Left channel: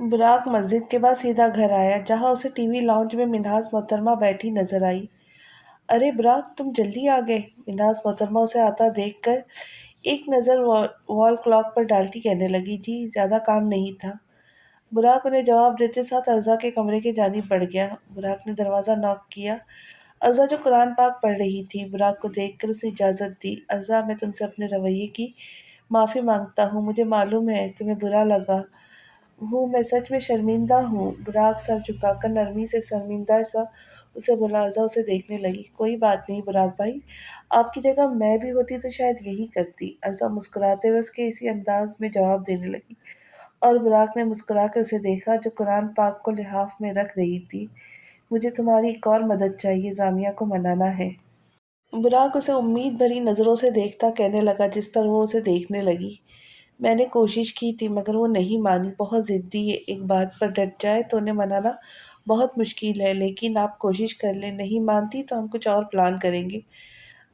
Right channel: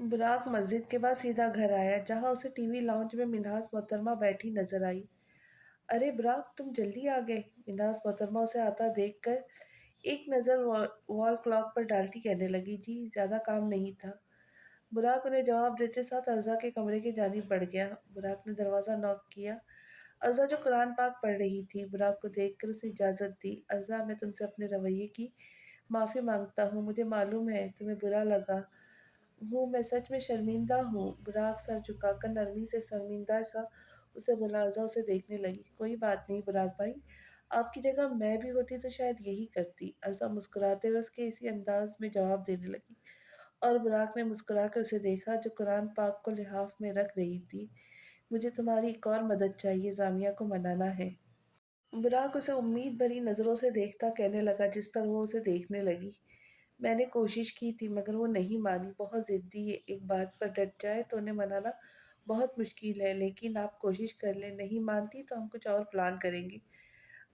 براق مسجد کے بعد سیدھا گھر آیا جہاں اسے ٹی وی لاؤنج میں منہاس محترمہ بیٹھی نظر آئی۔ ارے براق تم جلدی آ گئے، منہاس محترمہ اسے آتا دیکھ کر ایک نظر وال کلاک پر ڈالتی کہنے لگی، جی زیادہ کام نہیں تھا۔ براق انہیں جواب دیتے ساتھ ارزا کے کمرے کی جانب بڑھ گیا۔ براق نے دروازہ ناک کیا۔ ارزا جو قرآن پاک پڑھ رہی تھی، براق کو دیکھ کر اسے اجازت دی۔ ارزا میں تم سے اپنے رویے کی معافی مانگتا ہوں، مجھے معلوم ہے تمہیں برا لگا ہوں، میں سچ میں شرمندہ ہوں۔ براق سر جھکا کر نرمی سے شرمندہ سا اسے بولا۔ ارزا اسے دیکھنے لگی۔ کوئی بات نہیں براق بھائی، آپ کی جگہ میں بھی ہوتی تو شاید یہی کرتی۔ ارزا مسکراتے ہوئے اس کے اسی انداز میں جواب دینے لگی اور براق نے مسکرا کر اسے دیکھا جو قرآن پاک کو لحاف میں رکھ رہی تھی۔ مجھے تمہاری ایک اور مدد چاہیے، زامیہ کو منانا ہے۔ براق اسے امید بھری نظروں سے دیکھتا کہنے لگا جس پر وہ اسے دیکھنے لگی، میں نے کوشش کی تھی مگر وہ نہیں مانی، بہت ضدی ہے، ایک بات پر ڈٹ جائے تو انہیں منانا بہت مشکل ہے، لیکن آپ کوشش کر لیں، نہیں مانتی تو ہم کچھ اور پلان کریں گے۔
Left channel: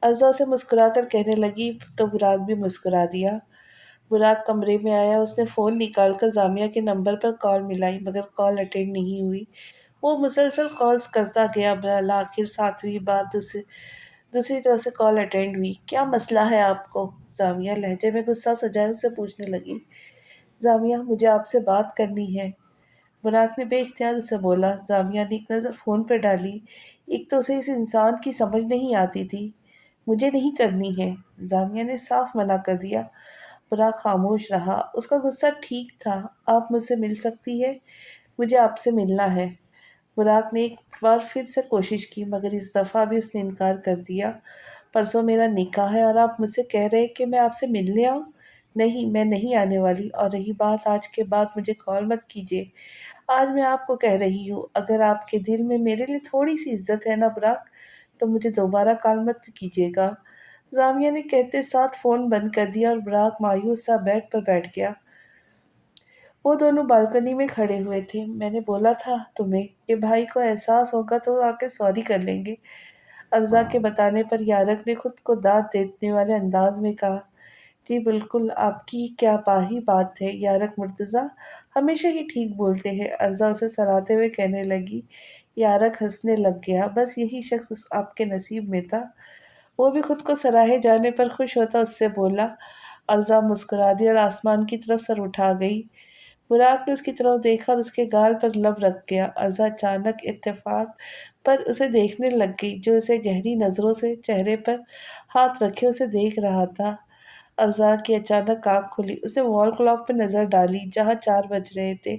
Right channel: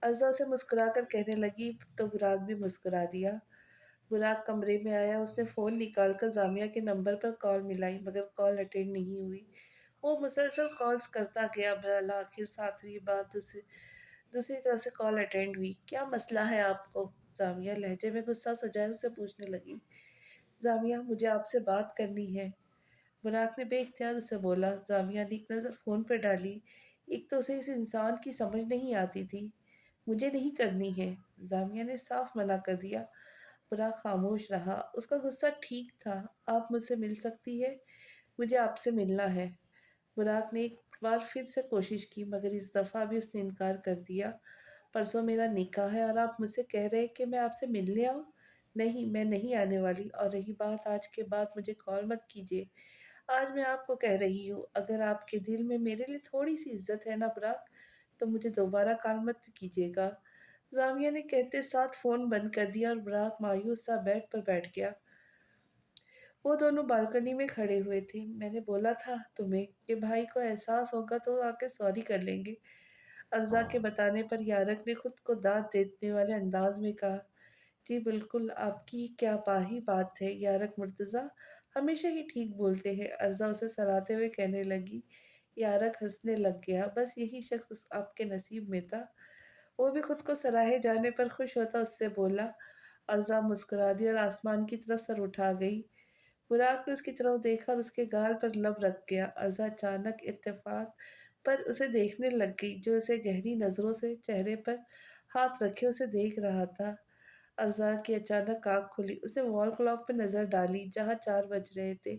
ارزا اسے مسکرا کر کہنے لگی تو براق بھی مسکرا دیا۔ براق کمرے میں آیا، اس نے فون نکال کر زامیہ کے نمبر پر کال ملائی مگر کال اٹینڈ نہیں ہوئی۔ وہ مسلسل کالز کرتا گیا، بالآخر ساتویں بار دوسری طرف سے کال اٹینڈ ہوئی۔ کیا مسئلہ ہے آپ کو؟ زامیہ لہجے میں غصہ سجائے اس سے پوچھنے لگی۔ زامیہ مجھے آپ سے بات کرنی ہے، براق نے بے اختیار اسے بولا۔ زامیہ نے ایک نظر فون پہ ڈالی، ایک تو اسے اس انسان کی سمجھ نہیں آتی تھی۔ مجھے نہیں کرنی ہے، زامیہ نے صاف منع کر دیا۔ براق خاموش رہا، اس کا غصہ ٹھیک تھا۔ آپ مجھ سے مل سکتی ہے، مجھے آپ سے ملنا ہے۔ براق نے ایک بار پھر سے کوشش کی مگر اس دفعہ بھی اس نے انکار کر دیا۔ پرسوں میرا نکاح ہے اور آپ مجھ سے کہہ رہے کہ میں آپ سے ملنے آؤں؟ نہیں، میں نہیں آنے والی، اور رہی بات آج کے بعد مجھے کال مت کیجیے۔ آج میں آپ کو کہہ رہی ہوں، اگر آپ کے دل میں میرے لیے تھوڑی سی عزت ہے نا براق، تو مجھے دوبارہ کال مت کیجیے گا۔ زامیہ نے کہتے ساتھ فون بند کر دیا اور براق مایوس سا بیڈ پر بیٹھ گیا۔ وہ دونوں بالکنی میں کھڑے ہوئے تھے۔ میں نے بولا تھا تمہیں کہ بھائی کو احساس ہوگا تو آ کے سوری کر لیں گے، ارزا کے بتانے پر یارق نے خود کو داد دینے والے انداز میں کہا۔ جی بالکل، آپ کی کیا پاہی بات ہے یارق مرتضیٰ، ہمیشہ ہی ٹھیک بولتے ہیں، ارزا اسے سراہتے ہوئے کہنے لگی۔ یارق ہنسنے لگ گیا، بس یہی شخص آپ کے نصیب میں تھا۔ وہ بھی خود کو سراہے جانے پر خوش ہوتا اس سے بولا۔ ارزا مسکرا دی اور آسمان کی طرف سر اٹھا گئی۔ براق نے اس کی طرف دیکھا اور اس کے گال پر لب رکھ گیا۔ ارزا اچانک اتفاق پر اسے دیکھنے لگ گئی جو اسے گہری نظروں سے چہرے پر ہاتھ رکھے اسے دیکھ رہا تھا۔ ارزا کی اچانک آنکھ کھلی، اس نے وال کلاک پہ نظر ڈالی جہاں 4 بج رہے تھے۔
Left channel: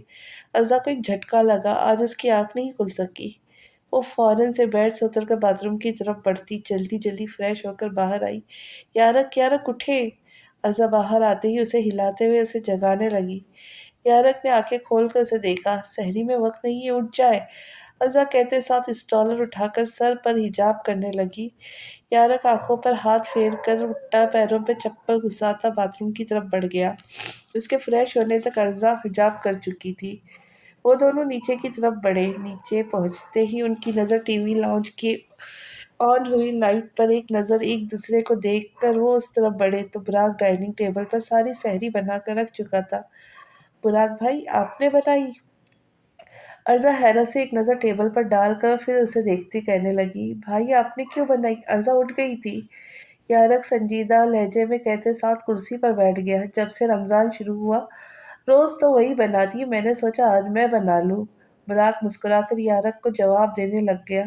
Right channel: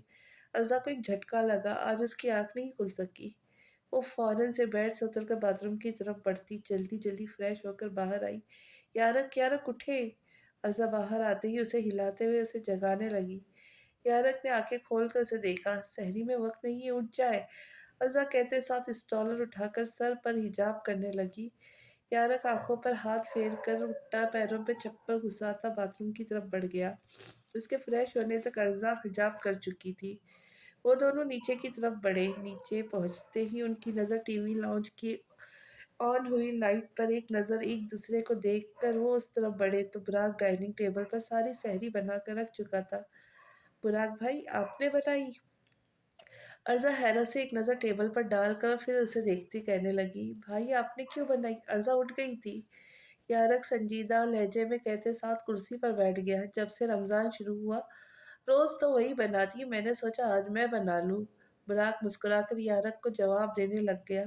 ارزا کو ایک جھٹکا لگا، آج اس کی آنکھ نہیں کھل سکی۔ وہ فوراً سے بیڈ سے اتر کر باتھ روم کی طرف بڑھتی جلدی جلدی فریش ہو کر باہر آئی۔ یارق یارق اٹھے! ارزا باہر آتے ہی اسے ہلاتے ہوئے اسے جگانے لگی۔ یارق نے آنکھیں کھول کر اسے دیکھا۔ سحری میں وقت نہیں ہے، اٹھ جائے، ارزا کہتے ساتھ اسٹالر اٹھا کر سر پر حجاب کرنے لگی۔ یارق آنکھوں پر ہاتھ پھیر کر اٹھا، پیروں پہ چپل گھساتا باتھ روم کی طرف بڑھ گیا۔ اس کے فریش ہونے تک ارزا حجاب کر چکی تھی۔ وہ دونوں نیچے کی طرف بڑھے۔ نیچے پہنچتے ہی ان کی نظر ٹی وی لاؤنج کی آن ہوئی لائٹ پر ایک نظر ایک دوسرے کو دیکھ کر وہ اس طرف بڑھے تو براق ڈائننگ ٹیبل پر ساری سحری بنا کر رکھ چکا تھا۔ براق بھائی آپ نے بنائی؟ ارزا حیرت سے ایک نظر ٹیبل پر ڈال کر پھر اسے دیکھتی کہنے لگی، بھائی آپ نے کیوں بنائی؟ ارزا اٹھ گئی تھی۔ یارق سنجیدہ لہجے میں کہتے ساتھ کرسی پر بیٹھ گیا۔ جب سے رمضان شروع ہوا روز تو وہی بناتی ہے، میں نے سوچا آج میں بنا لوں۔ براق مسکرا کر یارق کو جواب دینے لگ گیا۔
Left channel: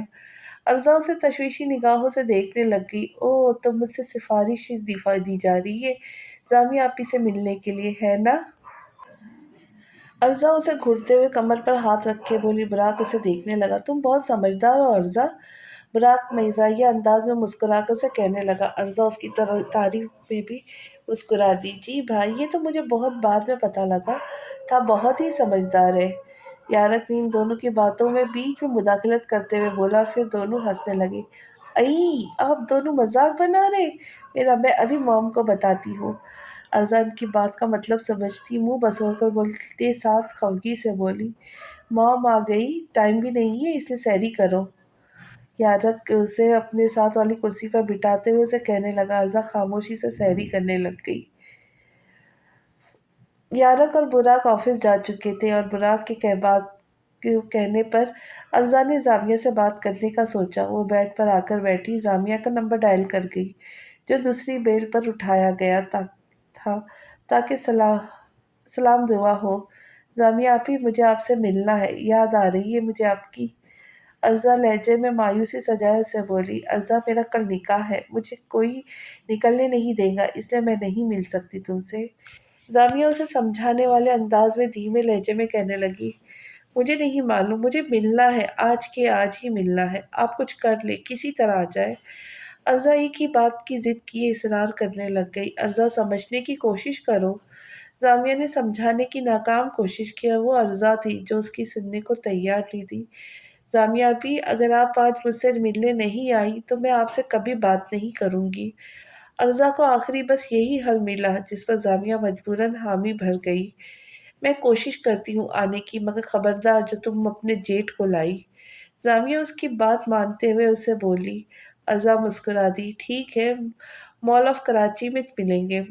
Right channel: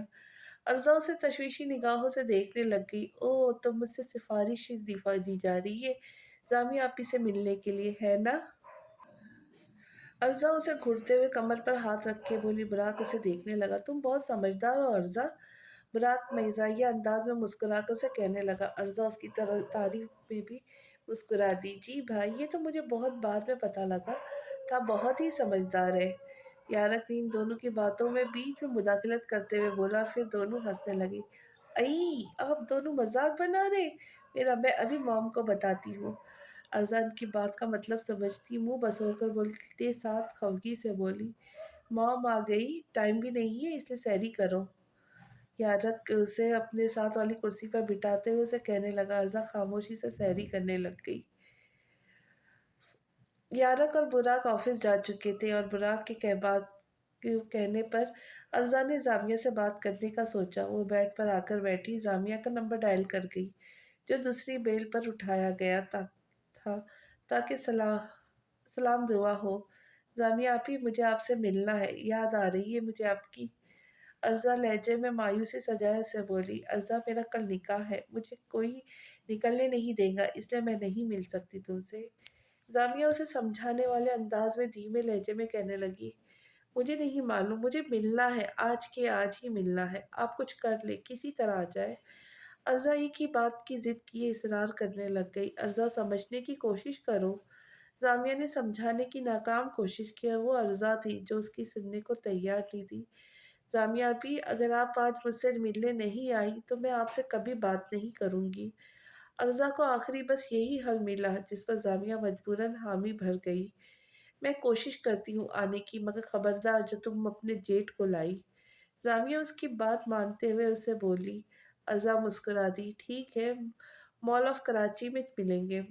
ارزا اسے تشویشی نگاہوں سے دیکھنے لگ گئی۔ اوہ تو مجھ سے سفارش دی جا رہی ہے زامیہ آپی سے ملنے کے لیے، ہے نا؟ ارزا اسے گھٹتے ہوئے کمر پر ہاتھ رکھ کے بولی۔ براق اسے دیکھنے لگا۔ تم بہت سمجھدار ہو ارزا، براق مزاحیہ انداز میں مسکرا کر اسے کہنے لگا۔ ارزا اس کی تعریف میں بھی مسکرا دی۔ جی بھائی، یہ تو مجھے بہت بعد میں پتہ لگا تھا، بہت ہی سمجھدار ہے، یارق نے ان دونوں کی باتوں میں بیچ میں مداخلت کرتے ہوئے بولا اور پھر دونوں ہنسنے لگے۔ ائی آپ دونوں مذاق بنا رہے، میں ابھی موم کو بتاتی ہوں۔ ارزا ان کی بات کا مطلب سمجھتی منہ بسور کر بولتے ساتھ خفگی سے بولی، موم آ گئی، ٹائم بھی نہیں ہے اس لیے سحری کرو۔ یارق اسے اپنے ساتھ والی کرسی پر بٹھاتے ہوئے اسے کہنے لگا۔ ارزا خاموشی سے سحری کرنے لگ گئی۔ यारक और बुराक ऑफिस जा चुके थे और बुराक के कहने पर अरजा ने जामिया से बात करने का सोचा। वो बेड पर आकर बैठी जामिया का नंबर डायल कर गई, जो दूसरी बेल पर उठाया गया था ताकि सलाम दुआ हो। जामिया आप ही, मुझे आपसे मिलना है, याद आ रही है मुझे आपकी। अरजा लहजे में मायूसी सजाए उसे बोली, अरजा मेरा कल निकाह है, मुझे कोई निकलने नहीं देगा, इसलिए मैं नहीं मिल सकती तुमसे। जामिया उसे समझाने वाले अंदाज में धीमे लहजे में कहने लगी, मुझे नहीं मालूम, मुझे मिलना है, आज के आज ही मिलना है, आप कुछ कर ले, किसी तरह आ जाए। अरजा एक ही बात की जिद किए इसरार करने लग गई, अरजा समझने की कोशिश करो। जामिया ने समझाने की नाकाम कोशिश की और वो अरजा थी जो उसकी सुनने को तैयार नहीं थी। जामिया भी, अगर आप आज मुझसे मिलने नहीं आई तो मैं आपसे कभी बात नहीं करूंगी। अरजा को आखिरी बस यही हल मिला, जिस पर जामिया मजबूरन हामी भर गई। मैं कोशिश करती हूँ आने की, मगर खबरदार जो तुम अपने जेठ को लाई। जामिया उसकी बात मानते हुए उसे बोली। अरजा मुस्कुरा दी, ठीक है, मॉल ऑफ कराची में मिलेंगे।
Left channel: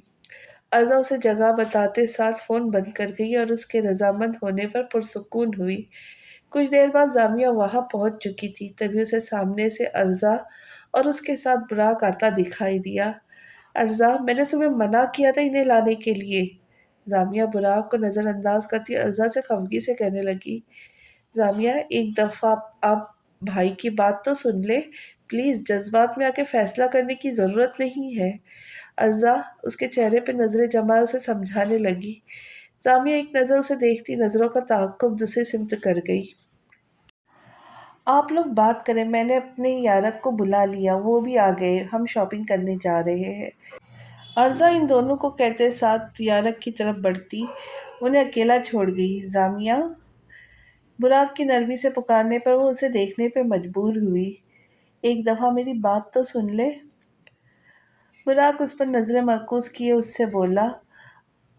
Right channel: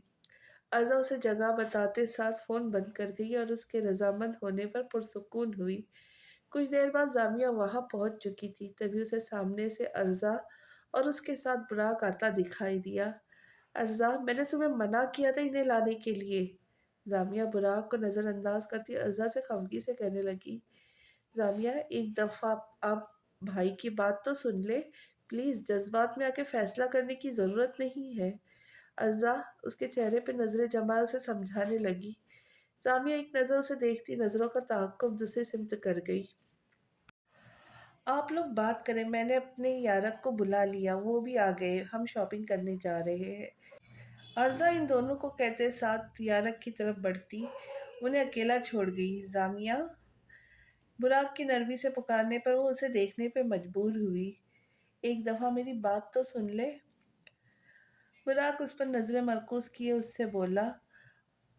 अरजा उसे जगह बताते साथ फोन बंद कर गई और उसके रजामंद होने पर पुरसुकून हुई। कुछ देर बाद जामिया वहां पहुंच चुकी थी, तभी उसे सामने से अरजा और उसके साथ बुराक आता दिखाई दिया। अरजा, मैंने तुम्हें मना किया था इन्हें लाने के लिए। जामिया बुराक को नजरअंदाज करती अरजा से खफगी से कहने लगी, जामिया एक दफा आप भाई की बात तो सुन ले, प्लीज, जज्बात में आके फैसला करने की जरूरत नहीं है। अरजा उसके चेहरे पे नजरें जमाए उसे समझाने लगी। जामिया एक नजर उसे देखती नजरों का ताक़ुब दूसरी सिमत कर गई। आप लोग बात करें, मैंने अपने यारक को बुला लिया, वो भी आ गए, हम शॉपिंग करने जा रहे हैं। अर्जा इन दोनों को कहते साथ यारक की तरफ बढ़ती उन्हें अकेला छोड़ गई। जामिया बुराक की नरमी से पुकारने पर वो उसे देखने पे मजबूर हुई। एक दफा मेरी बात तो सुन ले। बुराक उस पर नजरें मरकूज किए उससे बोला,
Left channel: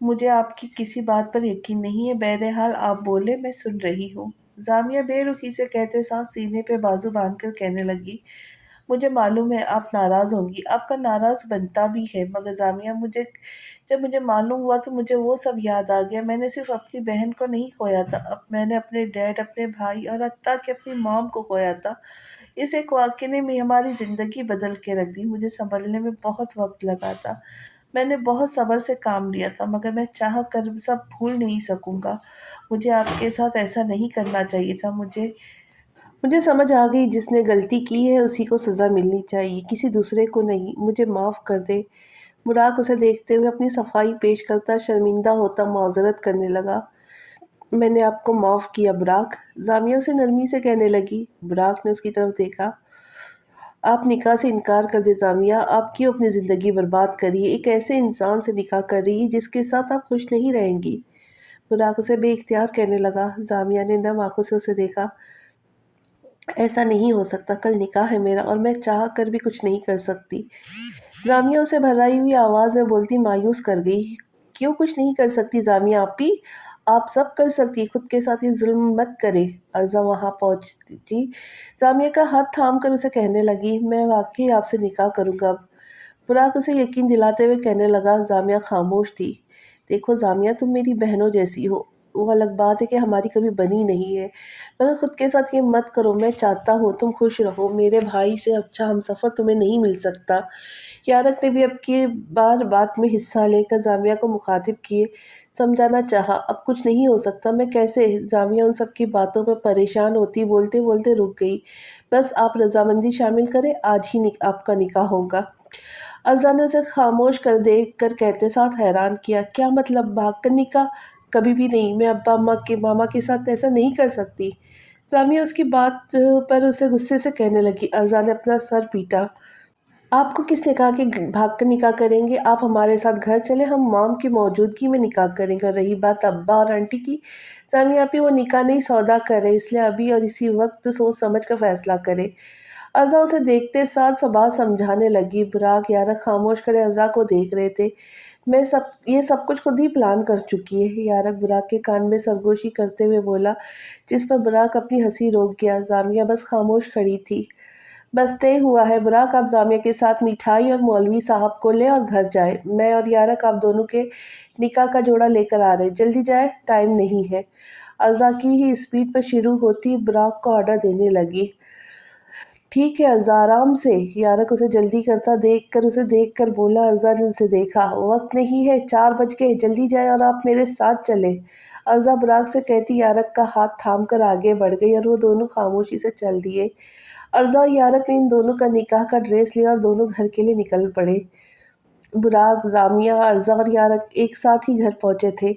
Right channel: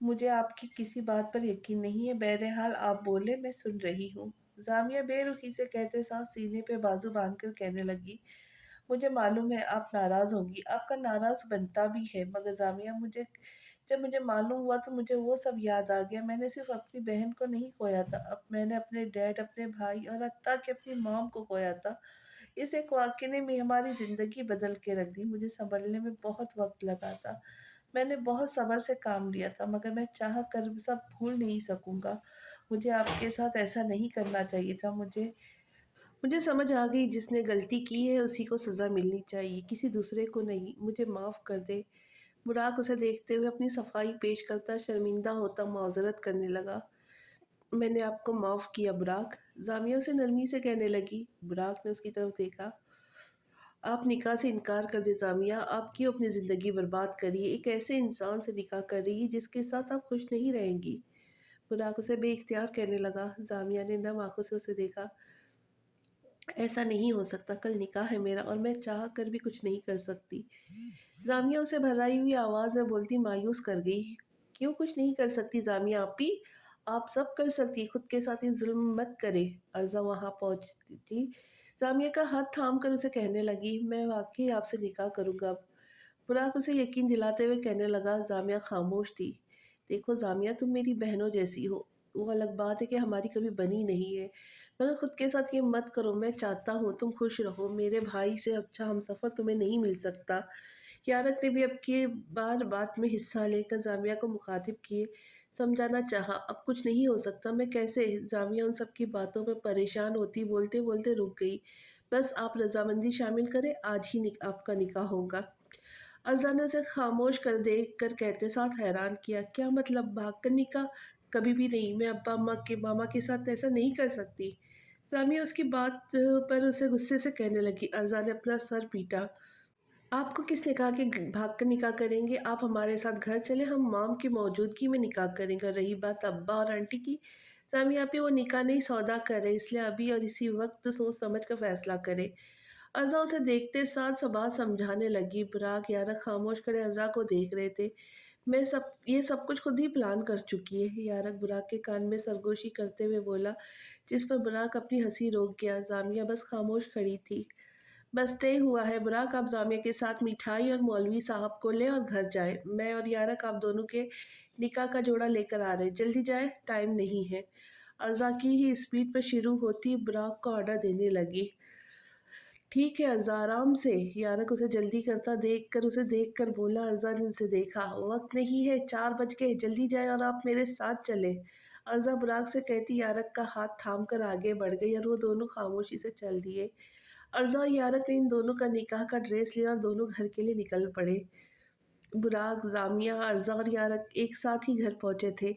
मुझे आपकी किसी बात पर यकीन नहीं है, बहरहाल आप बोले, मैं सुन रही हूँ। जामिया बेरुखी से कहते साथ सीने पे बाजू बांधकर कहने लगी, मुझे मालूम है आप नाराज होंगी, आपका नाराज बनता भी है, मगर जामिया जब मुझे मालूम हुआ तो मुझे वो सब याद आ गया। मैंने सिर्फ अपनी बहन को नहीं खोया था, अब मैंने अपने डैड, अपने भाई और हत्ता कि अपनी मॉम को खोया था। इस एक वाक़ये ने हमारी ज़िंदगी बदल के रख दी। मुझे संभलने में बहुत वक्त लगा था, मैंने बहुत सब्र से काम लिया था, मगर मैं चाह कर सब भूल नहीं सकूंगा। मुझे आपके साथ ऐसा नहीं करना चाहिए था। मुझे समझ आ गई, जिसने गलती की है उसी को सज़ा मिलनी चाहिए, किसी दूसरे को नहीं। मुझे माफ़ कर दे। बुराक उसे देखते हुए अपनी सफाई पेश करता शर्मिंदा होता माजरत करने लगा। मैंने आपको माफ़ किया बुराक, जामिया से नरमी से कहने लगी। बुराक ने उसकी तरफ देखा। आप निकाह से इनकार कर दे जामिया, आप क्यों अपनी ज़िंदगी बर्बाद करिए, एक ऐसे इंसान से निकाह कर रही है जिसके साथ आप खुश नहीं रहेंगी। बुराक उसे बेइख्तियार कहने लगा। जामिया ने नम आंखों से उसे देखा। ऐसा नहीं हो सकता, कल निकाह है मेरा और मैं चाह कर भी कुछ नहीं कर सकती। जामिया उसे भर्राई हुई आवाज़ में बोलती मायूस कर गई। क्यों कुछ नहीं कर सकती जामिया आपी, आप सब कर सकती, खुद के साथ ये जुल्म मत करे। अर्जा वहाँ पहुँचती जामिया का हाथ थाम कर उसे कहने लगी, मैं वाकई आपसे निकाह करूँगा अब। बुराक उसे यकीन दिलाते हुए कहने लगा। जामिया खामोश थी। देखो जामिया, तुम मेरी बहनों जैसी हो, वो अलग बात है कि हमारी कभी बनी नहीं है, मगर खुद के साथ ये मत करो। मैं चाहता हूँ तुम खुश रहो, मेरे भाई से अच्छा हमसफ़र तुम्हें नहीं मिल सकता। यारक ने भी अब की बार बात में हिस्सा लेकर जामिया को मुखातिब किए समझाना चाहा, अब कुछ नहीं हो सकता, मैं कैसे। जामिया उन सब की बातों पर परेशान होती बोलते बोलते रुक गई। बस आप रजामंदी शामिल करें, आज ही आपका निकाह होगा। अरजा ने उसे खामोश कर देख कर कहते साथ हैरान किया, क्या मतलब, भाग कर निकाह? कभी भी नहीं, मैं अब्बा अम्मा के मामा के साथ ऐसा नहीं कर सकती। जामिया उसकी बात पर उसे गुस्से से कहने लगी। अरजा ने अपना सर पीटा। आपको किसने कहा कि भाग कर निकाह करेंगे? आप हमारे साथ घर चले, हम मॉम की मौजूदगी में निकाह करेंगे। और रही बात अब्बा और आंटी की, जामिया आपी वो निकाह नहीं सौदा कर रहे, इसलिए अभी और इसी वक्त सोच समझ कर फैसला करे। अज़ा उसे देखते साथ बात समझाने लगी। बुराक यारक खामोश खड़े अज़ा को देख रहे थे। मैं ये सब कुछ खुद ही प्लान कर चुकी है, यारक बुराक के कान में सरगोशी करते हुए बोला, जिस पर बुराक अपनी हंसी रोक गया। जामिया बस खामोश खड़ी थी। बस तय हुआ है बुराक, आप जामिया के साथ मिठाई और मौलवी साहब को ले और घर जाए। मैं और यारक आप दोनों के निकाह का जोड़ा लेकर आ रहे, जल्दी जाए, टाइम नहीं है। अर्जा की ही स्पीड पर शुरू होती बुराक को ऑर्डर देने लगी। ठीक है अर्जा, आराम से। यारक उसे जल्दी करता उसे देख कर बोला। अर्जा ने उसे देखा। वक्त नहीं है, 4 बज गए, जल्दी जाए और आप मेरे साथ चले। अर्जा बुराक से कहती यारक का हाथ थाम कर आगे बढ़ गई और वो दोनों खामोशी से चल दिए। अर्जा और यारक ने इन दोनों का निकाह का ड्रेस लिया और दोनों घर के लिए निकल पड़े। बुराक, जामिया, अर्जा और यारक एक साथ ही घर पहुंचे थे।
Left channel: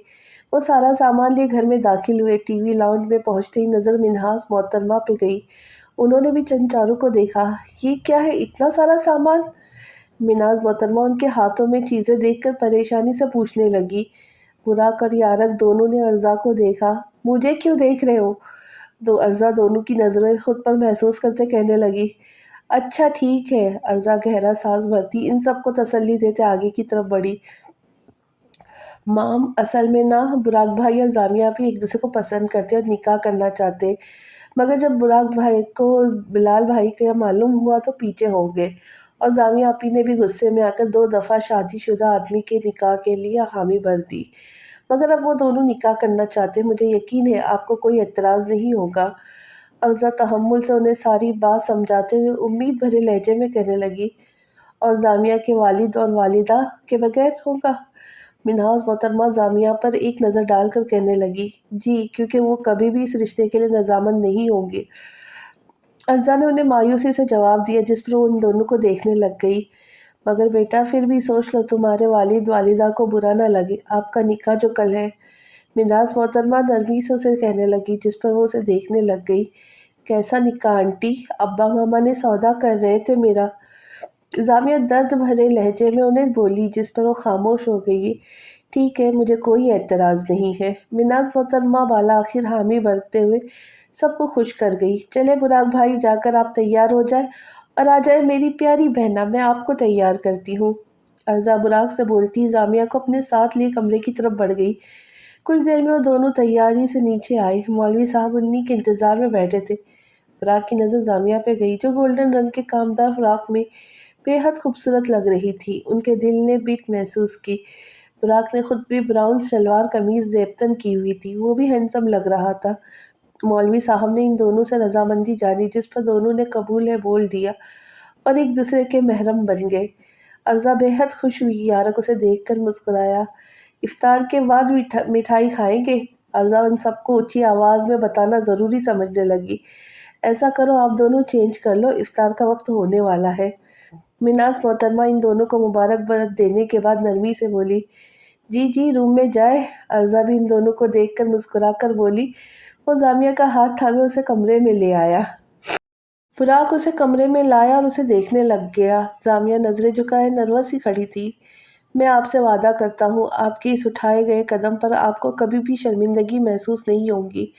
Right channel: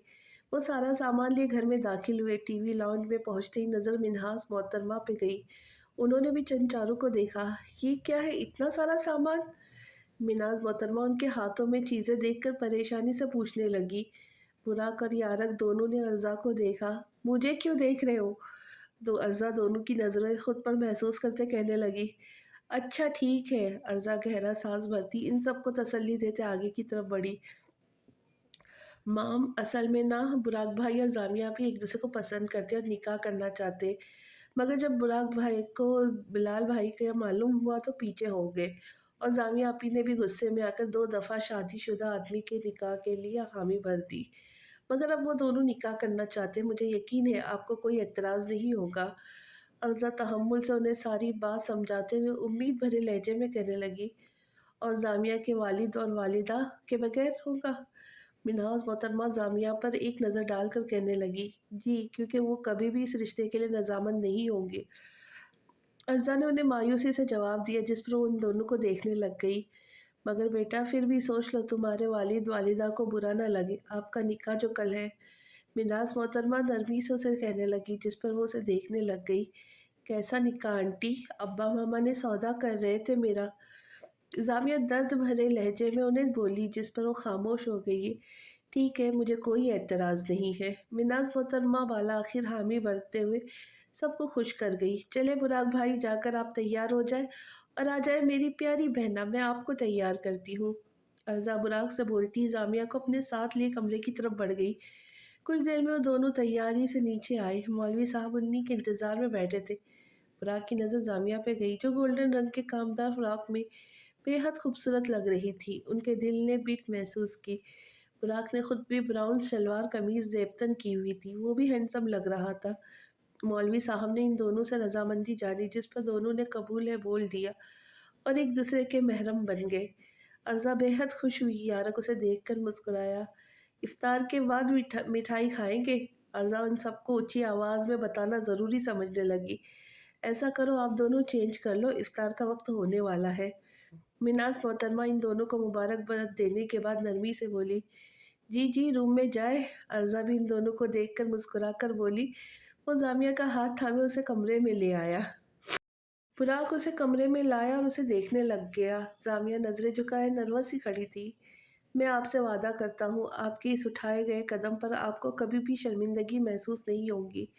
वो सारा सामान लिए घर में दाखिल हुए। टीवी लाउंज में पहुंचते ही नजर मिन्हास मोहतरमा पे गई। उन्होंने भी चंद को देखा। ये क्या है, इतना सारा सामान? मिन्हास मोहतरमा उनके हाथों में चीजें देखकर परेशानी से पूछने लगी। बुराक और यारक दोनों ने अर्जा को देखा। मुझे क्यों देख रहे हो? दो अर्जा दोनों की नजरें खुद पर महसूस करते कहने लगी। अच्छा ठीक है। अर्जा गहरा सांस भरती इन सबको तसल्ली देते आगे की तरफ बढ़ी। माम, असल में ना बुराक भाई और जामिया भी एक दूसरे को पसंद करते और निकाह करना चाहते, मगर जब बुराक भाई को बिलाल भाई का मालूम हुआ तो पीछे हो गए। और जामिया आपी ने भी गुस्से में आकर 2 दफ़ा शादीशुदा आदमी के निकाह के लिए हामी भर दी। मगर अब वो दोनों निकाह करना चाहते, मुझे यकीन है आपको कोई एतराज़ नहीं होगा। अर्जा तहम्मुल से उन्हें सारी बात समझाते हुए उम्मीद भरे लहजे में कहने लगी। और जामिया के वालिद और वालिदा के बगैर होगा? मिन्हाज मोहतरमा जामिया पर एक नज़र डालकर कहने लगी। जी, क्योंकि वो कभी भी इस रिश्ते के लिए रजामंद नहीं होंगे। अर्जा ने उन्हें मायूसी से जवाब दिया, जिस पर वो उन दोनों को देखने लग गई। मगर बेटा, फिर भी सोच लो, तुम्हारे वालिद वालिदा को बुरा ना लगे, आपका निकाह जो कल है। मिन्हाज मोहतरमा नरमी से उसे कहने लगी, जिस पर वो उसे देखने लग गई। कैसा निकाह आंटी? अब्बा मामा ने सौदा कर रहे थे मेरा। जामिया दर्द भरे लहजे में उन्हें बोली, जिस पर वो खामोश हो गई। ठीक है, मुझे कोई एतराज़ नहीं है। मिनाज मोहतरमा बाला आखिर हामी भरते हुए सबको खुश कर गई। चले बुराक भाई, जाकर आप तैयार हो जाए और आ जाए मेरी प्यारी बहना, मैं आपको तैयार करती हूँ। अर्जा बुराक से बोलती जामिया को अपने साथ लिए कमरे की तरफ बढ़ गई। कुछ देर में वो दोनों तैयारी से नीचे आए। मौलवी साहब उन्हीं के इंतजार में बैठे थे। बुराक की नज़र जामिया पे गई, जो गोल्डन रंग के कामदार फ्रॉक में बेहद खूबसूरत लग रही थी। उनके दिल ने बीट महसूस की। बुराक ने खुद भी ब्राउन शलवार कमीज जेबतन की हुई थी, वो भी हैंडसम लग रहा था। मौलवी साहब ने इन दोनों से रजामंदी जानी, जिस पर दोनों ने कबूल है बोल दिया और एक दूसरे के महरम बन गए। अर्जा बेहद खुश हुई। यारक उसे देखकर मुस्कुराया। इफ्तार के बाद मिठाई खाएंगे? अर्जा उन सबको ऊंची आवाज में बताना जरूरी समझने लगी। ऐसा करो, आप दोनों चेंज कर लो, इफ्तार का वक्त होने वाला है। मिनास मोहतरमा इन दोनों को मुबारकबाद देने के बाद नरमी से बोली, जी जी, रूम में जाए। अर्जा भी इन दोनों को देखकर मुस्कुराकर बोली। वो जामिया का हाथ थामे उसे कमरे में ले आया। बुराक उसे कमरे में लाया और उसे देखने लग गया। जामिया नजरें झुकाए नर्वस ही खड़ी थी। मैं आपसे वादा करता हूँ, आपके इस उठाए गए कदम पर आपको कभी भी शर्मिंदगी महसूस नहीं होगी।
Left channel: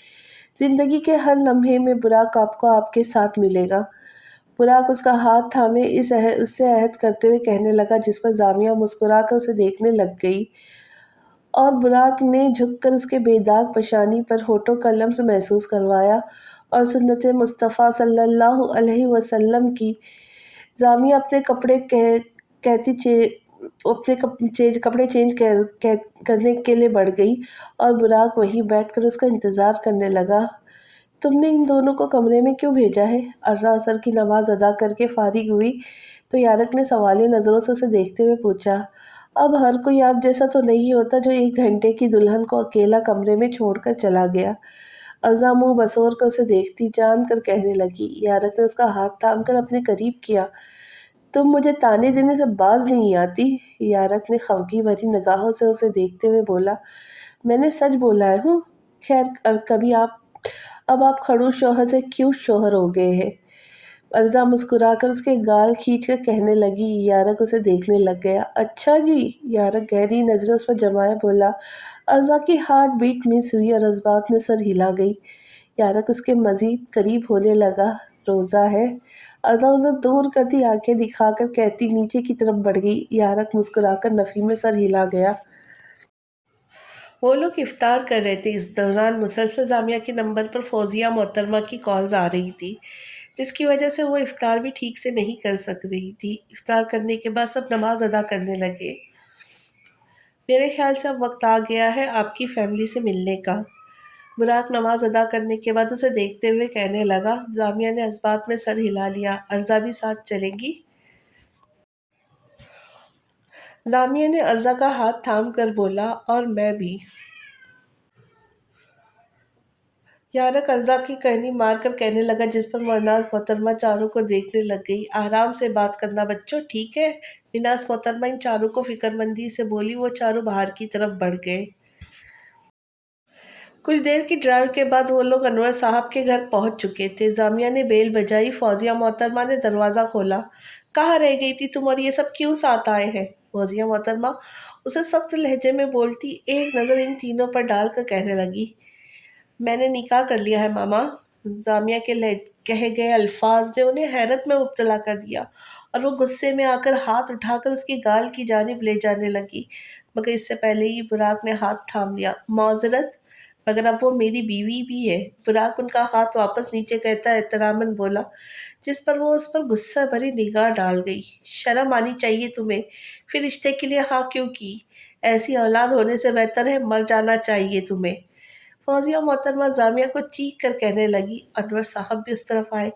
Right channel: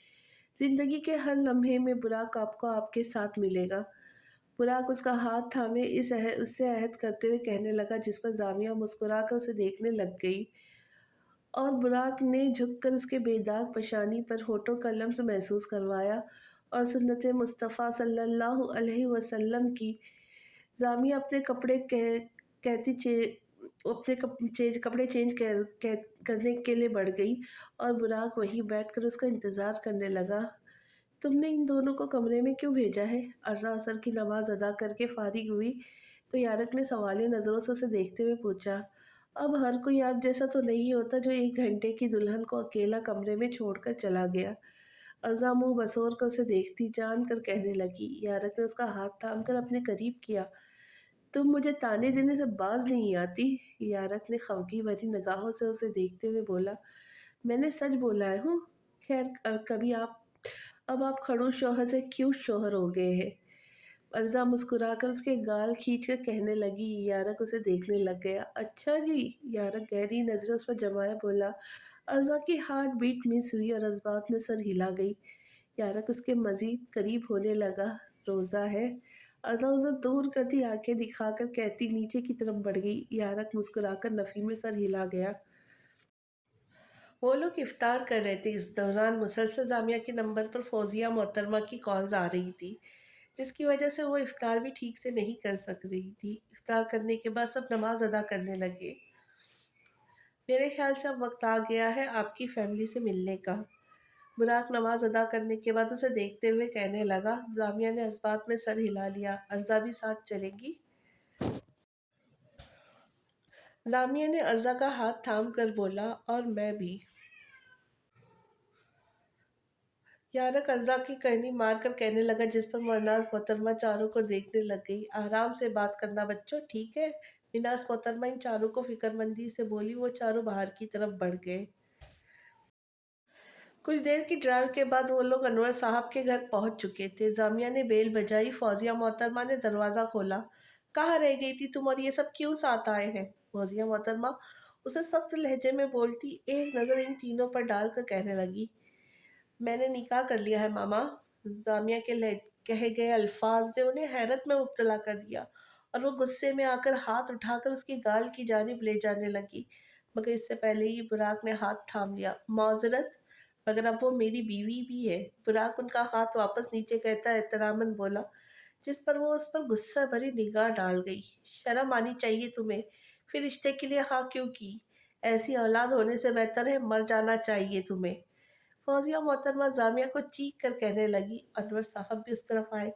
जिंदगी के हर लम्हे में बुराक आपको आपके साथ मिलेगा। बुराक उसका हाथ थामे उससे अहद करते हुए कहने लगा, जिस पर जामिया मुस्कुराकर उसे देखने लग गई। और बुराक ने झुककर उसके बेदाग पेशानी पर होठों का लम्स महसूस करवाया और सुन्नत मुस्तफ़ा सल्लल्लाहु अलैहि वसल्लम की। जामिया अपने कपड़े कह, कहती चे अपने कपड़े चेंज करने के लिए बढ़ गई और बुराक वहीं बैठकर उसका इंतज़ार करने लगा। तुमने इन दोनों को कमरे में क्यों भेजा है? अर्जा असर की नमाज अदा करके फारिग हुई तो यारक ने सवालिया नज़रों से उसे देखते हुए पूछा, अब हर कोई आप जैसा तो नहीं होता जो 1 घंटे की दुल्हन को अकेला कमरे में छोड़कर चला गया। अर्जा मुंह बसोर कर उसे देखती जान कर कहने लगी। यारक ने उसका हाथ थाम कर अपने करीब किया। तुम मुझे ताने देने से बाज नहीं आती? यारक ने खफगी भरी निगाहों से उसे देखते हुए बोला। मैंने सच बोला है हूँ। खैर, कभी आप अब आप खड़ूस शौहर से क्यों शौहर हो गए हैं? अर्जा मुस्कुराकर उसके गाल खींचकर कहने लगी। यारक उसे देखने लग गया। अच्छा जी। यारक गहरी नजरें उस पर जमाए बोला। अर्जा की हार्ट बीट मिस हुई और जज्बात में सर हिला गई। यारक उसके मजीद करीब होने लगा। रोज़ा है? अर्जा उसे दूर करती आंखें दिखाकर कहती नीचे की तरफ बढ़ गई। यारक मुस्कुराकर नफी में सर हिला गया। वो लोग इफ्तार कर रहे थे। इस दौरान मुसलसल जामिया के नंबर पर फौजिया मोहतरमा की कॉल्स आ रही थी। جس کی وجہ سے وہ افطار بھی ٹھیک سے نہیں کر سک رہی تھی۔ افطار کرنے کے بعد سب نماز ادا کرنے لگے۔ میرے خیال سے اب وقت آ گیا ہے آپ کی فیملی سے ملنے کا۔ براق نماز ادا کرنے کے بعد اسے دیکھتے ہوئے کہنے لگا۔ جامعہ نے اس بات میں سر ہلا لیا۔ ارزا بھی ساتھ چلے گی؟ جامعہ نے ارزا کا ہاتھ تھام کر بولا، اور میں بھی۔ یارق ارزا کی کہنی مار کر کہنے لگا، جس پر مرناز محترمہ چاروں کو دیکھنے لگ گئی۔ آرام سے بات کرنا بچوں، ٹھیک ہے؟ مرناز محترمہ ان چاروں کو فکر مندی سے بولی۔ وہ چاروں باہر کی طرف بڑھ گئے۔ کچھ دیر کی ڈرائیو کے بعد وہ لوگ انور صاحب کے گھر پہنچ چکے تھے۔ جامعہ نے بیل بجائی۔ فوزیہ محترمہ نے دروازہ کھولا۔ کہاں رہ گئی تھی تم، اور یہ سب کیوں ساتھ آئے ہیں؟ فوزیہ محترمہ اسے سخت لہجے میں بولتی ایک نظر ان تینوں پر ڈال کر کہنے لگی، میں نے نکاح کر لیا ہے ماما۔ جامعہ کے کہے گئے الفاظ نے انہیں حیرت میں مبتلا کر دیا، اور وہ غصے میں آ کر ہاتھ اٹھا کر اس کی گال کی جانب لے جانے لگی، مگر اس سے پہلے ہی براق نے ہاتھ تھام لیا۔ معذرت، مگر اب وہ میری بیوی بھی ہے۔ براق ان کا ہاتھ واپس نیچے کہتا احتراماً بولا، جس پر وہ اس پر غصہ بھری نگاہ ڈال گئی۔ شرم آنی چاہیے تمہیں، پھر رشتے کے لیے ہاں کیوں کی؟ ایسی اولاد ہونے سے بہتر ہے مر جانا چاہیے تمہیں۔ فوزیہ محترمہ جامعہ کو چیخ کر کہنے لگی۔ انور صاحب بھی اس طرف آئے۔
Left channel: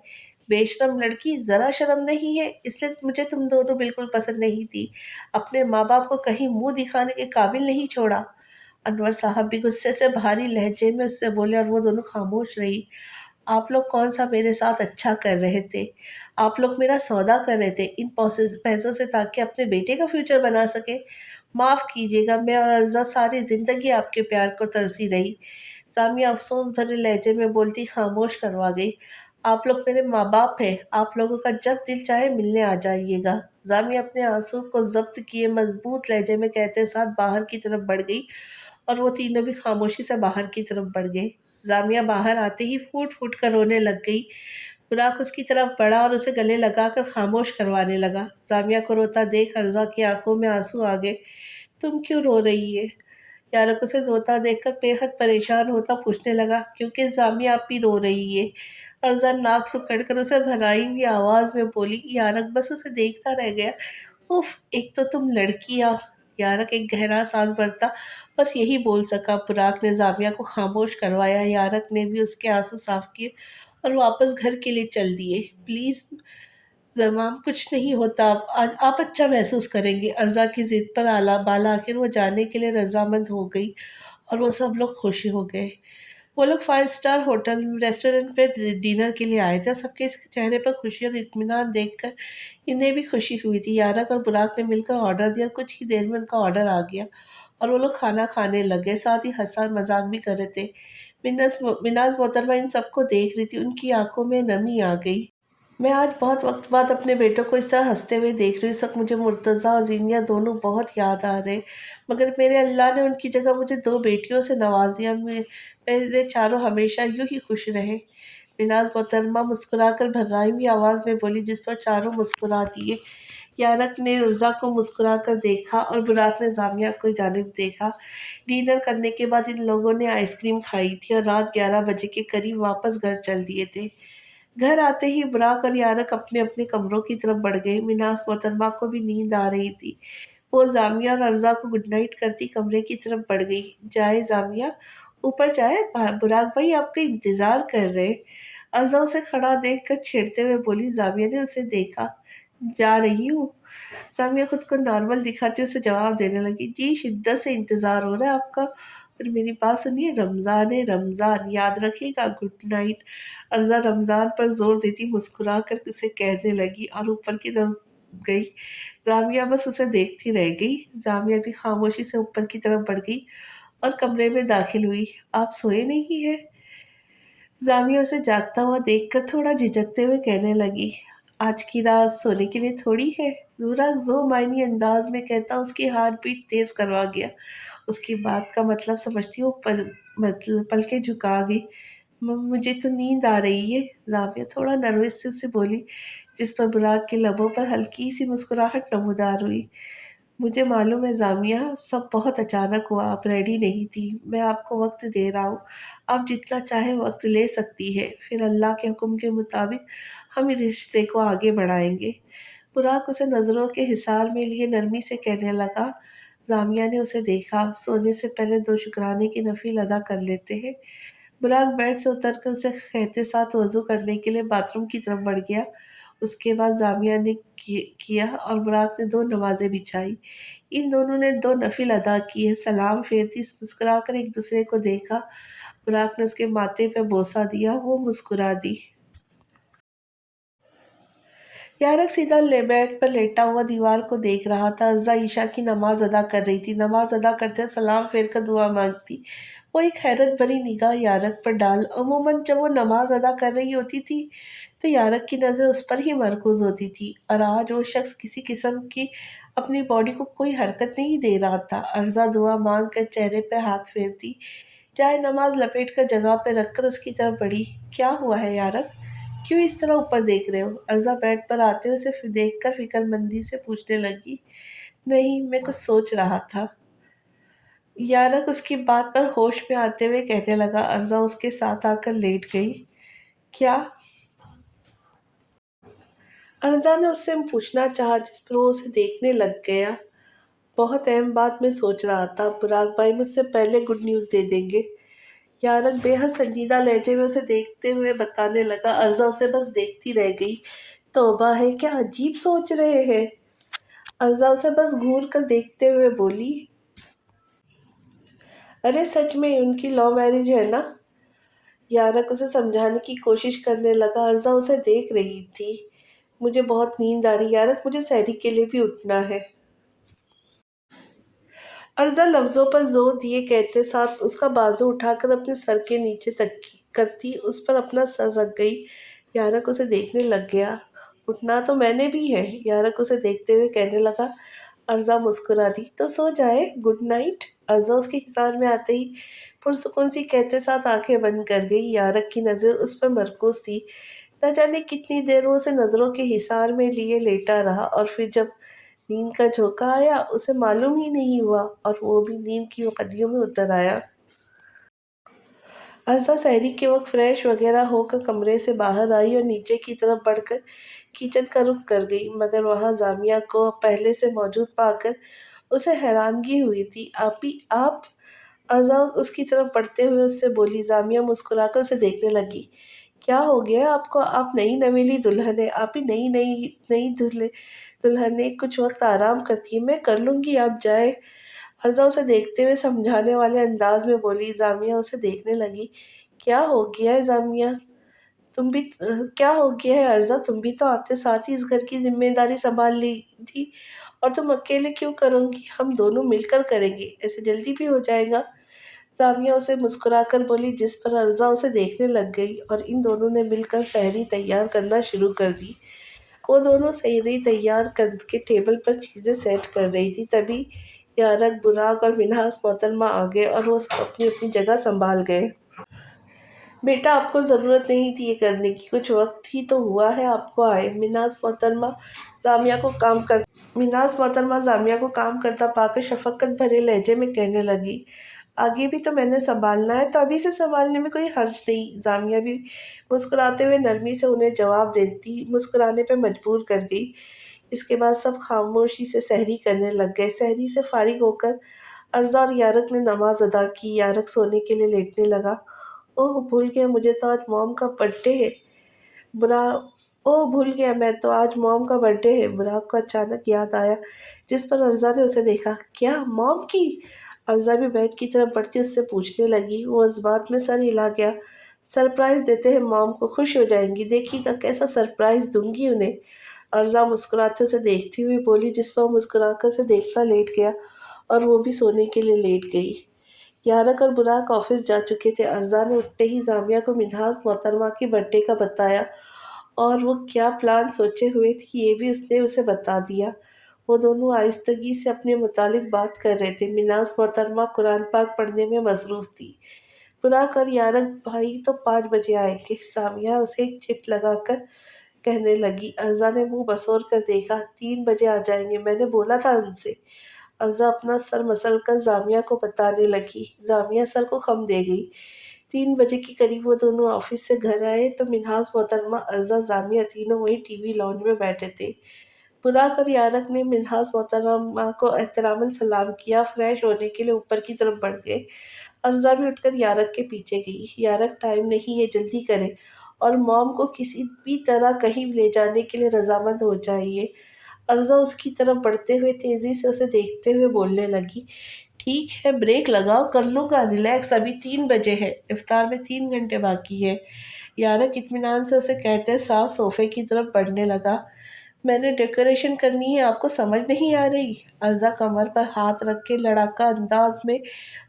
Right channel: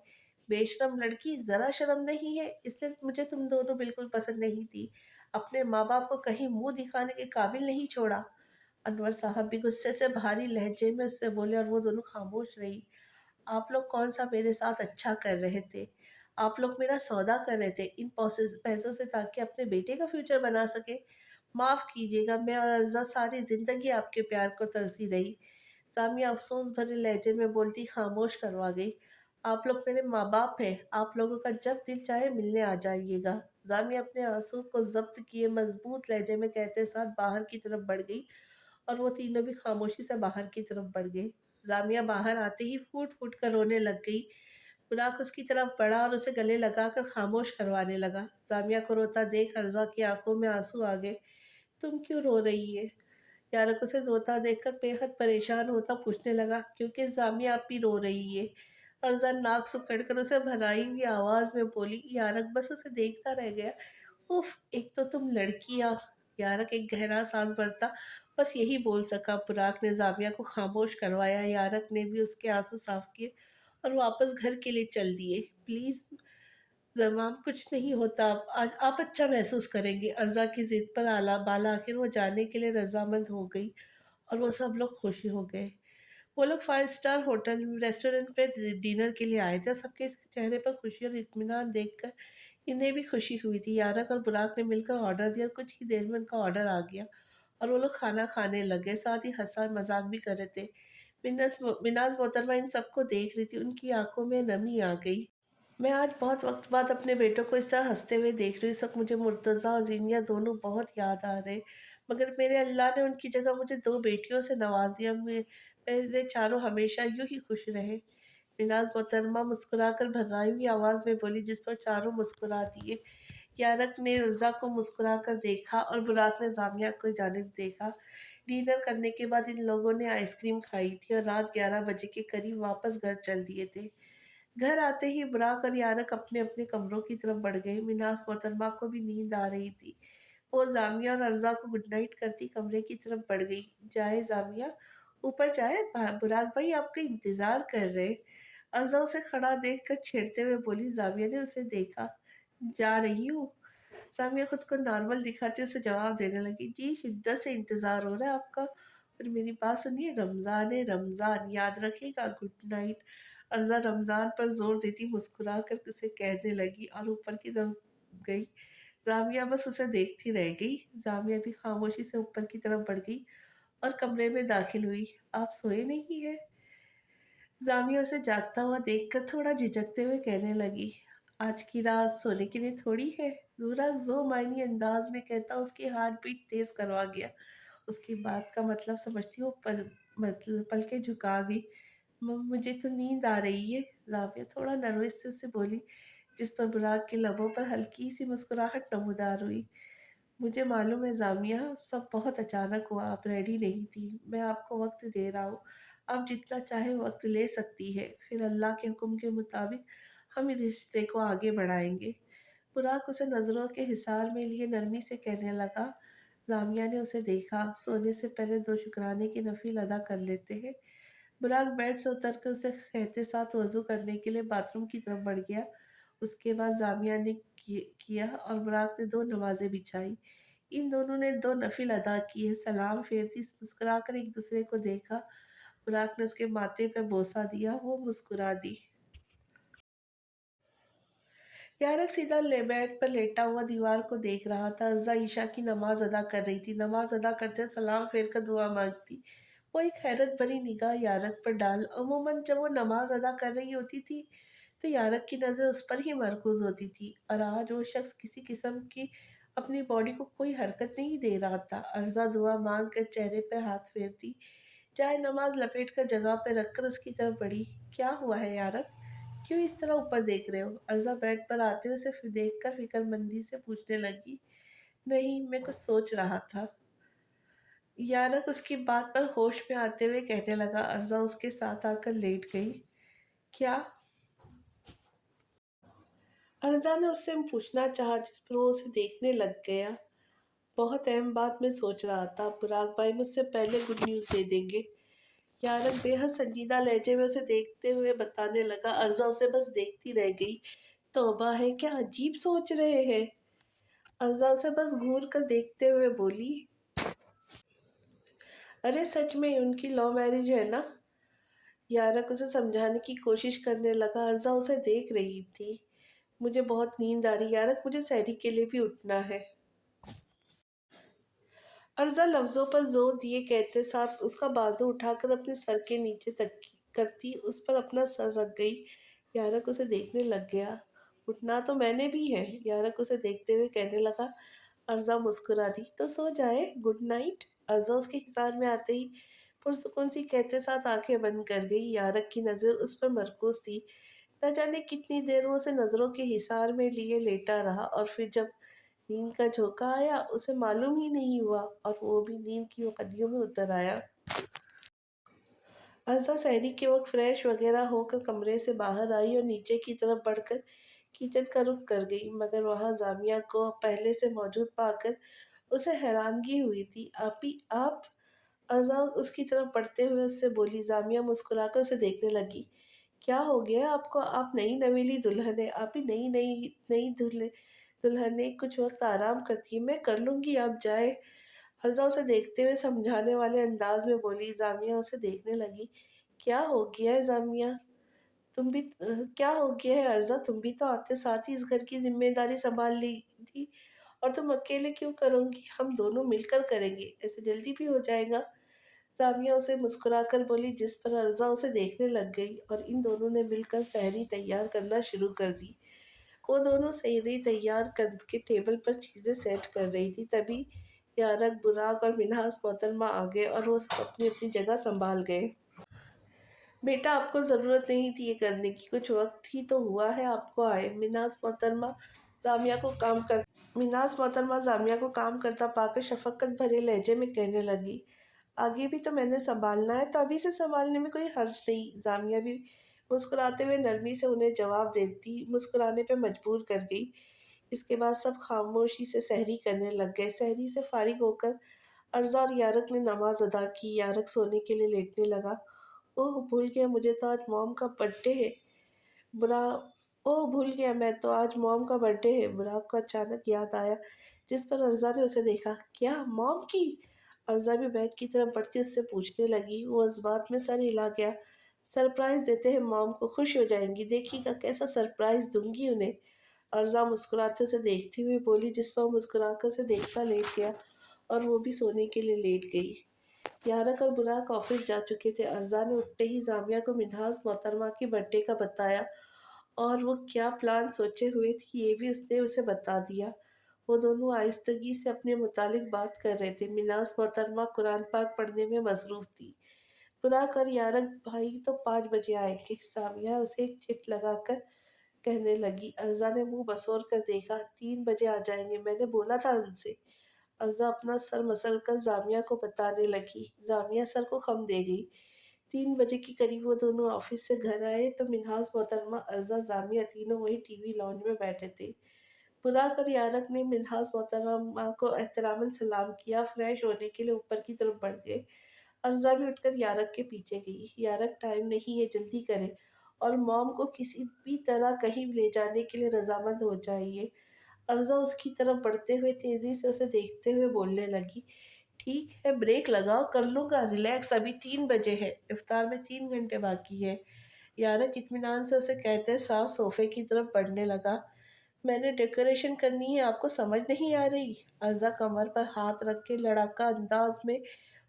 بے شرم لڑکی، ذرا شرم نہیں ہے؟ اس لیے مجھے تم دونوں بالکل پسند نہیں تھی، اپنے ماں باپ کو کہیں منہ دکھانے کے قابل نہیں چھوڑا۔ انور صاحب بھی غصے سے بھاری لہجے میں اس سے بولے، اور وہ دونوں خاموش رہی۔ آپ لوگ کون سا میرے ساتھ اچھا کر رہے تھے؟ آپ لوگ میرا سودا کر رہے تھے ان پیسوں سے، تاکہ اپنے بیٹے کا فیوچر بنا سکے۔ معاف کیجیے گا، میں اور ارزا ساری زندگی آپ کے پیار کو ترسی رہی۔ جامعہ افسوس بھرے لہجے میں بولتی خاموش کروا گئی۔ آپ لوگ میرے ماں باپ ہیں، آپ لوگوں کا جب دل چاہے ملنے آ جائیے گا۔ جامعہ اپنے آنسو کو ضبط کیے مضبوط لہجے میں کہتے ساتھ باہر کی طرف بڑھ گئی، اور وہ تینوں بھی خاموشی سے باہر کی طرف بڑھ گئے۔ جامعہ باہر آتے ہی پھوٹ پھوٹ کر رونے لگ گئی۔ براق اس کی طرف بڑھا اور اسے گلے لگا کر خاموش کروانے لگا۔ جامعہ کو روتا دیکھ ارزا کی آنکھوں میں آنسو آ گئے۔ تم کیوں رو رہی ہے؟ یارق اسے روتا دیکھ کر بے حد پریشان ہوتا پوچھنے لگا۔ کیونکہ جامعہ آپ بھی رو رہی ہے۔ ارزا ناک سکڑ کر اسے بھرائی ہوئی آواز میں بولی۔ یارق بس اسے دیکھتا رہ گیا۔ اف، ایک تو تم لڑکیاں۔ یارق ایک گہرا سانس بھرتا بس یہی بول سکا۔ براق نے جامعہ کو خاموش کروایا۔ یارق نے بھی اس کے آنسو صاف کیے اور واپس گھر کے لیے چل دیے۔ پلیز زمام، کچھ نہیں ہوتا، آپ اچھا محسوس کریں گے۔ ارزا کی ضد پر بالآخر وہ جانے کے لیے رضامند ہو گئی، اور وہ سب لوگ خوشی ہو گئے۔ وہ لوگ 5 اسٹار ہوٹل ریسٹورنٹ پہ ڈنر کے لیے آئے تھے۔ سب کے چہرے پر خوشی اور اطمینان دیکھ کر انہیں بھی خوشی ہوئی تھی۔ یارق اور براق نے مل کر آرڈر دیا، اور کچھ ہی دیر میں ان کا آرڈر آ گیا، اور وہ لوگ کھانا کھانے لگے، ساتھ ہی ہنسا مذاق بھی کر رہے تھے۔ مناز محترمہ ان سب کو دیکھ رہی تھی، ان کی آنکھوں میں نمی آ گئی۔ میں آج بہت وقت بعد اپنے بیٹوں کو اس طرح ہنستے ہوئے دیکھ رہی ہوں۔ اس وقت مجھے مرتضیٰ اور زینیہ دونوں بہت یاد آ رہے ہیں، مگر میرے اللہ نے ان کی جگہ مجھے 2 بیٹیوں سے نواز دیا۔ میرے چاروں ہمیشہ یوں ہی خوش رہیں۔ مناز محترمہ مسکرا کر بھرائی ہوئی آواز میں بولی، جس پر چاروں مسکرا دیے۔ یارق نے ارزا کو مسکرا کر دیکھا، اور براق نے جامعہ کو جانب دیکھا۔ ڈنر کرنے کے بعد ان لوگوں نے آئس کریم کھائی تھی، اور رات 11 بجے کے قریب واپس گھر چل دیے تھے۔ گھر آتے ہی براق اور یارق اپنے اپنے کمروں کی طرف بڑھ گئے۔ مناز محترمہ کو بھی نیند آ رہی تھی۔ وہ جامعہ اور ارزا کو گڈ نائٹ کرتی کمرے کی طرف بڑھ گئی۔ جائے جامعہ، اوپر جائے، براق بھائی آپ کا انتظار کر رہے۔ ارزا اسے کھڑا دیکھ کر چھیڑتے ہوئے بولی۔ جامعہ نے اسے دیکھا۔ جا رہی ہوں۔ جامعہ خود کو نارمل دکھاتے اسے جواب دینے لگی، جی شدت سے انتظار ہو رہا ہے آپ کا، اور میری بات سنیے، رمضان ہے رمضان، یاد رکھے گا، گڈ نائٹ۔ ارزا رمضان پر زور دیتی مسکرا کر اسے کہنے لگی، اور اوپر کی طرف گئی۔ جامعہ بس اسے دیکھتی رہ گئی۔ جامعہ بھی خاموشی سے اوپر کی طرف بڑھ گئی اور کمرے میں داخل ہوئی۔ آپ سوئے نہیں ہیں؟ جامعہ اسے جاگتا ہوا دیکھ کر تھوڑا جھجکتے ہوئے کہنے لگی، آج کی رات سونے کے لیے تھوڑی ہے۔ براق ذو معنی انداز میں کہتا اس کی ہارٹ بیٹ تیز کروا گیا۔ اس کی بات کا مطلب سمجھتی وہ پلکیں جھکا گئی۔ مجھے تو نیند آ رہی ہے، جامعہ تھوڑا نروس سے اسے بولی، جس پر براق کے لبوں پر ہلکی سی مسکراہٹ نمودار ہوئی۔ مجھے معلوم ہے زامیہ، سب بہت اچانک ہوا، آپ ریڈی نہیں تھی، میں آپ کو وقت دے رہا ہوں، آپ جتنا چاہیں وقت لے سکتی ہے، پھر اللہ کے حکم کے مطابق ہم اس رشتے کو آگے بڑھائیں گے۔ براق اسے نظروں کے حصار میں لیے نرمی سے کہنے لگا۔ زامیہ نے اسے دیکھا، سونے سے پہلے دو شکرانے کی نفل ادا کر لیتے ہیں۔ براق بیڈ سے اتر کر اسے کہتے ساتھ وضو کرنے کے لیے باتھ روم کی طرف بڑھ گیا۔ اس کے بعد زامیہ نے کیا اور براق نے دو نمازیں بچھائی۔ ان دونوں نے دو نفل ادا کیے، سلام پھیرتی مسکرا کر ایک دوسرے کو دیکھا۔ براق نے اس کے ماتھے پہ بوسہ دیا، وہ مسکرا دی۔ یارق سیدھا بیڈ پر لیٹا ہوا دیوار کو دیکھ رہا تھا۔ عرضہ عشاء کی نماز ادا کر رہی تھی، نماز ادا کرتے سلام پھیر کر دعا مانگتی۔ وہ ایک حیرت بھری نگاہ یارق پر ڈال۔ عموماً جب وہ نماز ادا کر رہی ہوتی تھی تو یارق کی نظر اس پر ہی مرکوز ہوتی تھی، اور آج وہ شخص کسی قسم کی اپنی باڈی کو کوئی حرکت نہیں دے رہا تھا۔ عرضہ دعا مانگ کر چہرے پہ ہاتھ پھیرتی، جائے نماز لپیٹ کر جگہ پہ رکھ کر اس کی طرف بڑھی۔ کیا ہوا ہے یارق؟ کیوں اس طرح اوپر دیکھ رہے ہو؟ عرضہ بیڈ پر آتے ہوئے اسے دیکھ کر فکر مندی سے پوچھنے لگی۔ نہیں، میں کچھ سوچ رہا تھا۔ یارق اس کی بات پر ہوش میں آتے ہوئے کہنے لگا۔ عرضہ اس کے ساتھ آ کر لیٹ گئی۔ کیا؟ عرضہ نے اس سے پوچھنا چاہا، جس پر وہ اسے دیکھنے لگ گیا۔ بہت اہم بات میں سوچ رہا تھا، براق بھائی مجھ سے پہلے گڈ نیوز دے دیں گے۔ یارق بے حد سنجیدہ لہجے میں اسے دیکھتے ہوئے بتانے لگا۔ عرضہ اسے بس دیکھتی رہ گئی۔ توبہ ہے، کیا عجیب سوچ رہے ہیں؟ عرضہ اسے بس گھور کر دیکھتے ہوئے بولی۔ ارے سچ میں ان کی لو میرج ہے نا؟ یارق اسے سمجھانے کی کوشش کرنے لگا۔ عرضہ اسے دیکھ رہی تھی۔ مجھے بہت نیند آ رہی یارق، مجھے سحری کے لیے بھی اٹھنا ہے۔ عرضہ لفظوں پر زور دیے کہتے ساتھ اس کا بازو اٹھا کر اپنے سر کے نیچے تک کرتی اس پر اپنا سر رکھ گئی۔ یارق اسے دیکھنے لگ گیا۔ اٹھنا تو میں نے بھی ہے، یارق اسے دیکھتے ہوئے کہنے لگا۔ عرضہ مسکرا دی۔ تو سو جائے، گڈ نائٹ۔ عرضہ اس کے حصار میں آتے ہی پرسکون سی کہتے ساتھ آنکھیں بند کر گئی۔ یارق کی نظر اس پر مرکوز تھی۔ نہ جانے کتنی دیر وہ اسے نظروں کے حصار میں لیے لیٹا رہا، اور پھر جب نیند کا جھونکا آیا اسے معلوم ہی نہیں ہوا، اور وہ بھی نیند کی وادیوں میں اتر آیا۔ عرضہ سحری کے وقت فریش وغیرہ ہو کر کمرے سے باہر آئی اور نیچے کی طرف بڑھ کر کچن کا رخ کر گئی، مگر وہاں زامیہ کو پہلے سے موجود پا کر اسے حیرانگی ہوئی تھی۔ آپی آپ؟ عرضہ اس کی طرف بڑھتے ہوئے اس سے بولی۔ زامیہ مسکرا کر اسے دیکھنے لگی۔ کیا ہو گیا آپ کو؟ آپ نئی نویلی دلہن ہے آپی، نئی نئی نئی دلہن نے کچھ وقت آرام کرتی ہے، میں کر لوں گی، آپ جائے۔ عرضہ اسے دیکھتے ہوئے سمجھانے والے انداز میں بولی۔ زامیہ اسے دیکھنے لگی۔ کیا ہو گیا ہے زامیہ؟ تم بھی کیا ہو گیا ہے عرضہ؟ تم بھی تو آتے ساتھ ہی اس گھر کی ذمہ داری سنبھال لی تھی، اور تم اکیلے کیوں کرو گی؟ ہم دونوں مل کر کریں گے، ایسے جلدی بھی ہو جائے گا۔ زامیہ اسے مسکرا کر بولی، جس پر عرضہ اسے دیکھنے لگ گئی، اور ان دونوں نے مل کر سحری تیار کرنا شروع کر دی۔ وہ دونوں سحری تیار کر کے ٹیبل پر چیزیں سیٹ کر رہی تھی، تبھی یارق، براق اور منہاس محترمہ آ گئے اور وہ اپنی اپنی جگہ سنبھال گئے۔ بیٹا آپ کو ضرورت نہیں تھی یہ کرنے کی، کچھ وقت ہی تو ہوا ہے آپ کو آئے۔ منہاس محترمہ زامیہ کو کام کرتا پا کر شفقت بھرے لہجے میں کہنے لگی۔ آگے بھی تو میں نے سنبھالنا ہے، تو ابھی سے سنبھالنے میں کوئی حرج نہیں۔ زامیہ بھی مسکراتے ہوئے نرمی سے انہیں جواب دیتی مسکرانے پہ مجبور کر گئی۔ اس کے بعد سب خاموشی سے سحری کرنے لگ گئے۔ سحری سے فارغ ہو کر عرضہ اور یارق نے نماز ادا کی۔ یارق سونے کے لیے لیٹنے لگا۔ اوہ بھول گیا، مجھے تو آج موم کا برتھ ڈے ہے۔ بھول گیا، میں تو آج موم کا برتھ ڈے ہے۔ براق کو اچانک یاد آیا، جس پر عرضہ نے اسے دیکھا۔ کیا موم کی؟ عرضہ بھی بیڈ کی طرف بڑھتی اس سے پوچھنے لگی۔ وہ اس بات میں سر ہلا گیا۔ سرپرائز دیتے ہیں موم کو، خوش ہو جائیں گی، دیکھیے گا کیسا سرپرائز دوں گی انہیں۔ عرضہ مسکراتے اسے دیکھتی ہوئی بولی، جس پر وہ مسکرا کر اسے دیکھ کر لیٹ گیا، اور وہ بھی سونے کے لیے لیٹ گئی۔ یارق اور براق آفس جا چکے تھے۔ عرضہ نے اٹھتے ہی زامیہ کو منہاس محترمہ کی برتھ ڈے کا بتایا، اور وہ کیا پلان سوچے ہوئے تھی یہ بھی اس نے اسے بتا دیا۔ وہ دونوں آہستگی سے اپنے متعلق بات کر رہے تھے۔ منہاس محترمہ قرآن پاک پڑھنے میں مصروف تھی۔ براق اور یارق بھائی تو 5 بجے آئیں گے، زامیہ اسے ایک چٹ لگا کر کہنے لگی۔ عرضہ نے منہ بسور کر دیکھا۔ 3 بجے آ جائیں گے، میں نے بولا تھا ان سے۔ ارزا اپنا سر مسل کر جامعہ کو بتانے لگی۔ جامعہ سر کو خم دے گئی۔ 3 بجے کے قریب وہ دونوں آفس سے گھر آئے تو منہاس محترمہ، ارزا، جامعہ تینوں وہی ٹی وی لاؤنج میں بیٹھے تھے۔ براق اور یارق نے منہاس محترمہ کو احتراماً سلام کیا، فریش ہونے کے لیے اوپر کی طرف بڑھ گئے۔ ارزا بھی اٹھ کر یارق کے پیچھے گئی۔ یارق، ٹائم نہیں ہے، جلدی کریں، اور موم کو کسی بھی طرح کہیں لے جانے کے لیے رضامند ہو جائیے۔ ارزا اس کی طرف بڑھتے ہوئے تیزی سے اسے دیکھتے ہوئے بولنے لگی، ٹھیک ہے، بریک لگاؤ، کر لوں گا، ریلیکس، ابھی 3 بجے ہے، افطار میں 3 گھنٹے باقی ہے۔ یارق اطمینان سے اسے کہتے ساتھ صوفے کی طرف بڑھنے لگا۔ میں نے ڈیکوریشن کرنی ہے، آپ کو سمجھ نہیں آ رہی؟ ارزا کمر پر ہاتھ رکھ کے لڑاکا انداز میں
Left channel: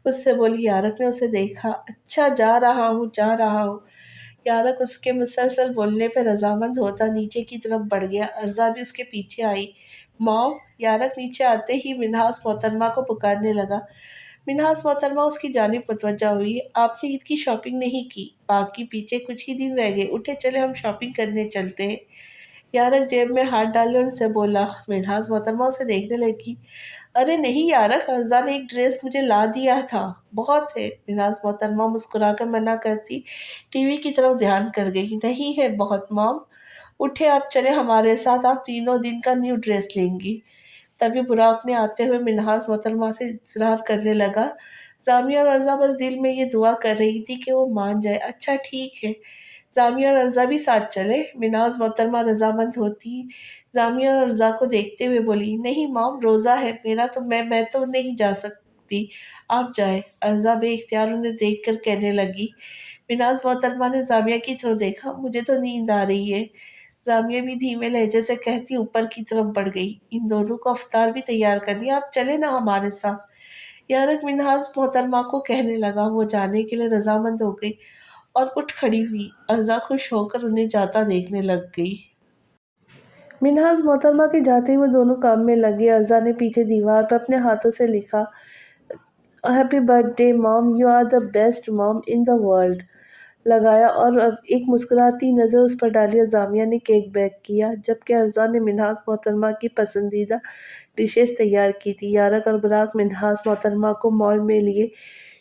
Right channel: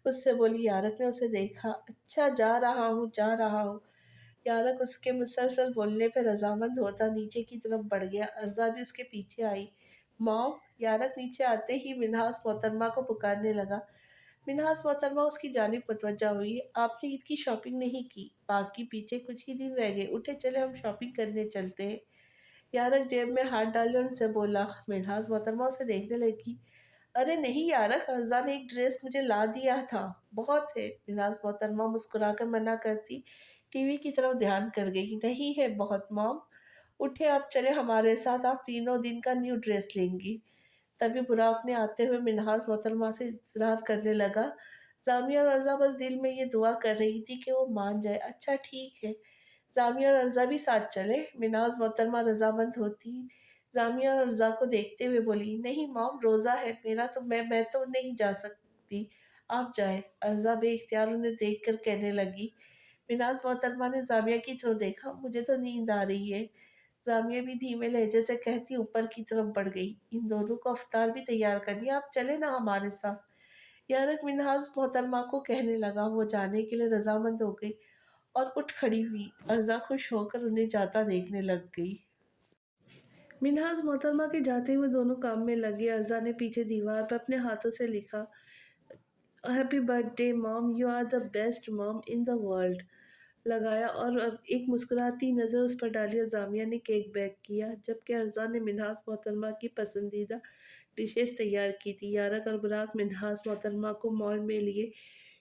اس سے بولی۔ یارق نے اسے دیکھا۔ اچھا، جا رہا ہوں، جا رہا ہوں۔ یارق اس کے مسلسل بولنے پہ رضامند ہوتا نیچے کی طرف بڑھ گیا۔ ارزا بھی اس کے پیچھے آئی۔ موم! یارق نیچے آتے ہی منہاس محترمہ کو پکارنے لگا۔ منہاس محترمہ اس کی جانب متوجہ ہوئی۔ آپ نے عید کی شاپنگ نہیں کی؟ باقی پیچھے کچھ ہی دن رہ گئے، اٹھے چلے ہم شاپنگ کرنے چلتے ہیں۔ یارق جیب میں ہاتھ ڈالے ان سے بولا۔ منہاس محترمہ اسے دیکھنے لگی۔ ارے نہیں یارق، ارزا نے ایک ڈریس مجھے لا دیا تھا، بہت ہے۔ منہاس محترمہ مسکرا کر منع کرتی ٹی وی کی طرف دھیان کر گئی۔ نہیں ہے بہت موم، اٹھے آپ چلے ہمارے ساتھ، آپ تینوں دن کا نیو ڈریس لیں گی۔ تبھی براق نے آتے ہوئے منہاس محترمہ سے اصرار کرنے لگا۔ جامعہ اور ارزا بس دل میں یہ دعا کر رہی تھی کہ وہ مان جائے۔ اچھا ٹھیک ہے، جامعہ اور ارزا بھی ساتھ چلے۔ منہاس محترمہ رضامند ہوتی جامعہ اور ارزا کو دیکھتے ہوئے بولی، نہیں موم، روزہ ہے میرا، تو میں تو نہیں جا سکتی، آپ جائیں۔ ارزا بے اختیار انہیں دیکھ کر کہنے لگی۔ منہاس محترمہ نے جامعہ کی طرف دیکھا۔ مجھے تو نیند آ رہی ہے۔ جامعہ بھی دھیمے لہجے سے کہتی اوپر کی طرف بڑھ گئی۔ ان دونوں کو افطار بھی تیار کرنی ہے، آپ چلے نا ہمارے ساتھ۔ یارق منہاس محترمہ کو کہنے لگا۔ وہ جانے کے لیے رضامند ہو گئی اور اٹھ کھڑی ہوئی۔ ارزا خوش ہو کر انہیں جاتا دیکھنے لگ گئی۔ منہاس محترمہ کے جاتے ہی وہ دونوں کام میں لگے۔ ارزا نے پیچھے دیوار پر اپنے ہاتھوں سے لکھا، happy birthday mom, you are the best mom in the world لگایا اور اب ایک مسکراتی نظر اس پر ڈالی اور جامعہ نے کیک بیک کیا، جبکہ ارزا نے منہاس محترمہ کی پسندیدہ ڈشز تیار کی تھی۔ یارق اور براق منہاس محترمہ کو مال میں لیے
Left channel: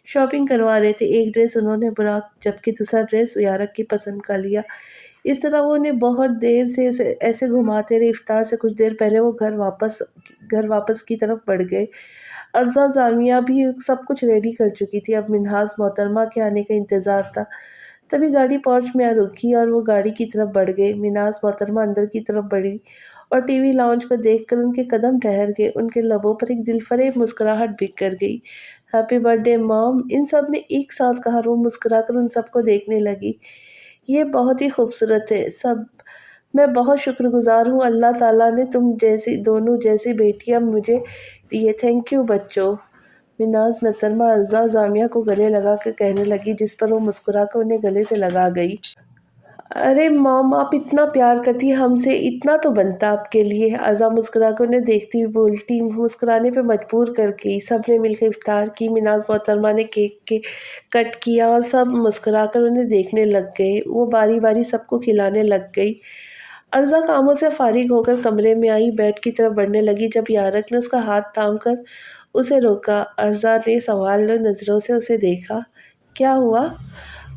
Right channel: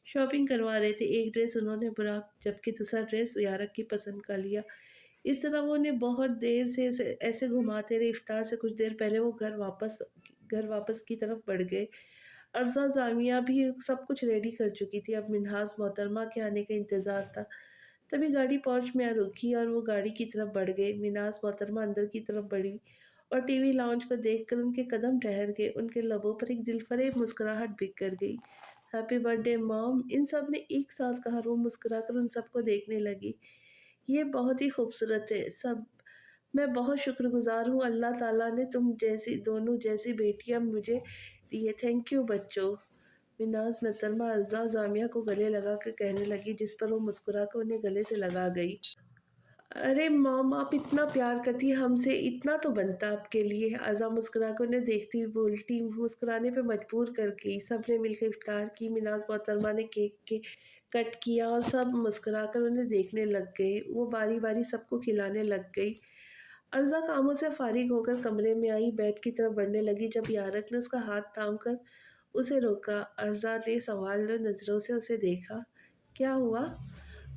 شاپنگ کروا رہے تھے۔ ایک ڈریس انہوں نے براق جبکہ دوسرا ڈریس یارق کی پسند کا لیا۔ اس طرح وہ انہیں بہت دیر سے ایسے گھماتے رہے۔ افطار سے کچھ دیر پہلے وہ گھر واپس کی طرف بڑھ گئے۔ ارزا جامعہ بھی سب کچھ ریڈی کر چکی تھی، اب منہاس محترمہ کے آنے کا انتظار تھا۔ تبھی گاڑی پورچ میں آ رکی اور وہ گاڑی کی طرف بڑھ گئے۔ منہاس محترمہ اندر کی طرف بڑھی اور ٹی وی لاؤنج کو دیکھ کر ان کے قدم ٹھہر گئے۔ ان کے لبوں پر ایک دلفریب مسکراہٹ بکھر گئی۔ ہیپی برتھ ڈے موم، ان سب نے ایک ساتھ کہا۔ روح مسکرا کر ان سب کو دیکھنے لگی۔ یہ بہت ہی خوبصورت ہے سب، میں بہت شکر گزار ہوں، اللہ تعالیٰ نے تم جیسی دونوں جیسی بیٹیاں مجھے دی ہے، تھینک یو بچوں۔ منہاس محترمہ ارزا جامعہ کو گلے لگا کر کہنے لگی، جس پر وہ مسکرا کر انہیں گلے سے لگا گئی۔ ارے موم، آپ اتنا پیار کرتی ہیں ہم سے، اتنا تو بنتا آپ کے لیے۔ ارزا مسکرا کر انہیں دیکھتی ہوئی بولتی، مسکرانے پہ مجبور کر گئی۔ سب نے مل کر افطار کی۔ منہاس محترمہ نے کیک کٹ کیا اور سب مسکرا کر انہیں دیکھنے لگ گئے۔ وہ باری باری سب کو کھلانے لگ گئی۔ ارزا کاموں سے فارغ ہو کر کمرے میں آئی، بیڈ کی طرف بڑھنے لگی جب یارق نے اس کا ہاتھ تھام کر اسے روکا۔ ارزا نے سوالو نظروں سے اسے دیکھا۔ کیا ہوا؟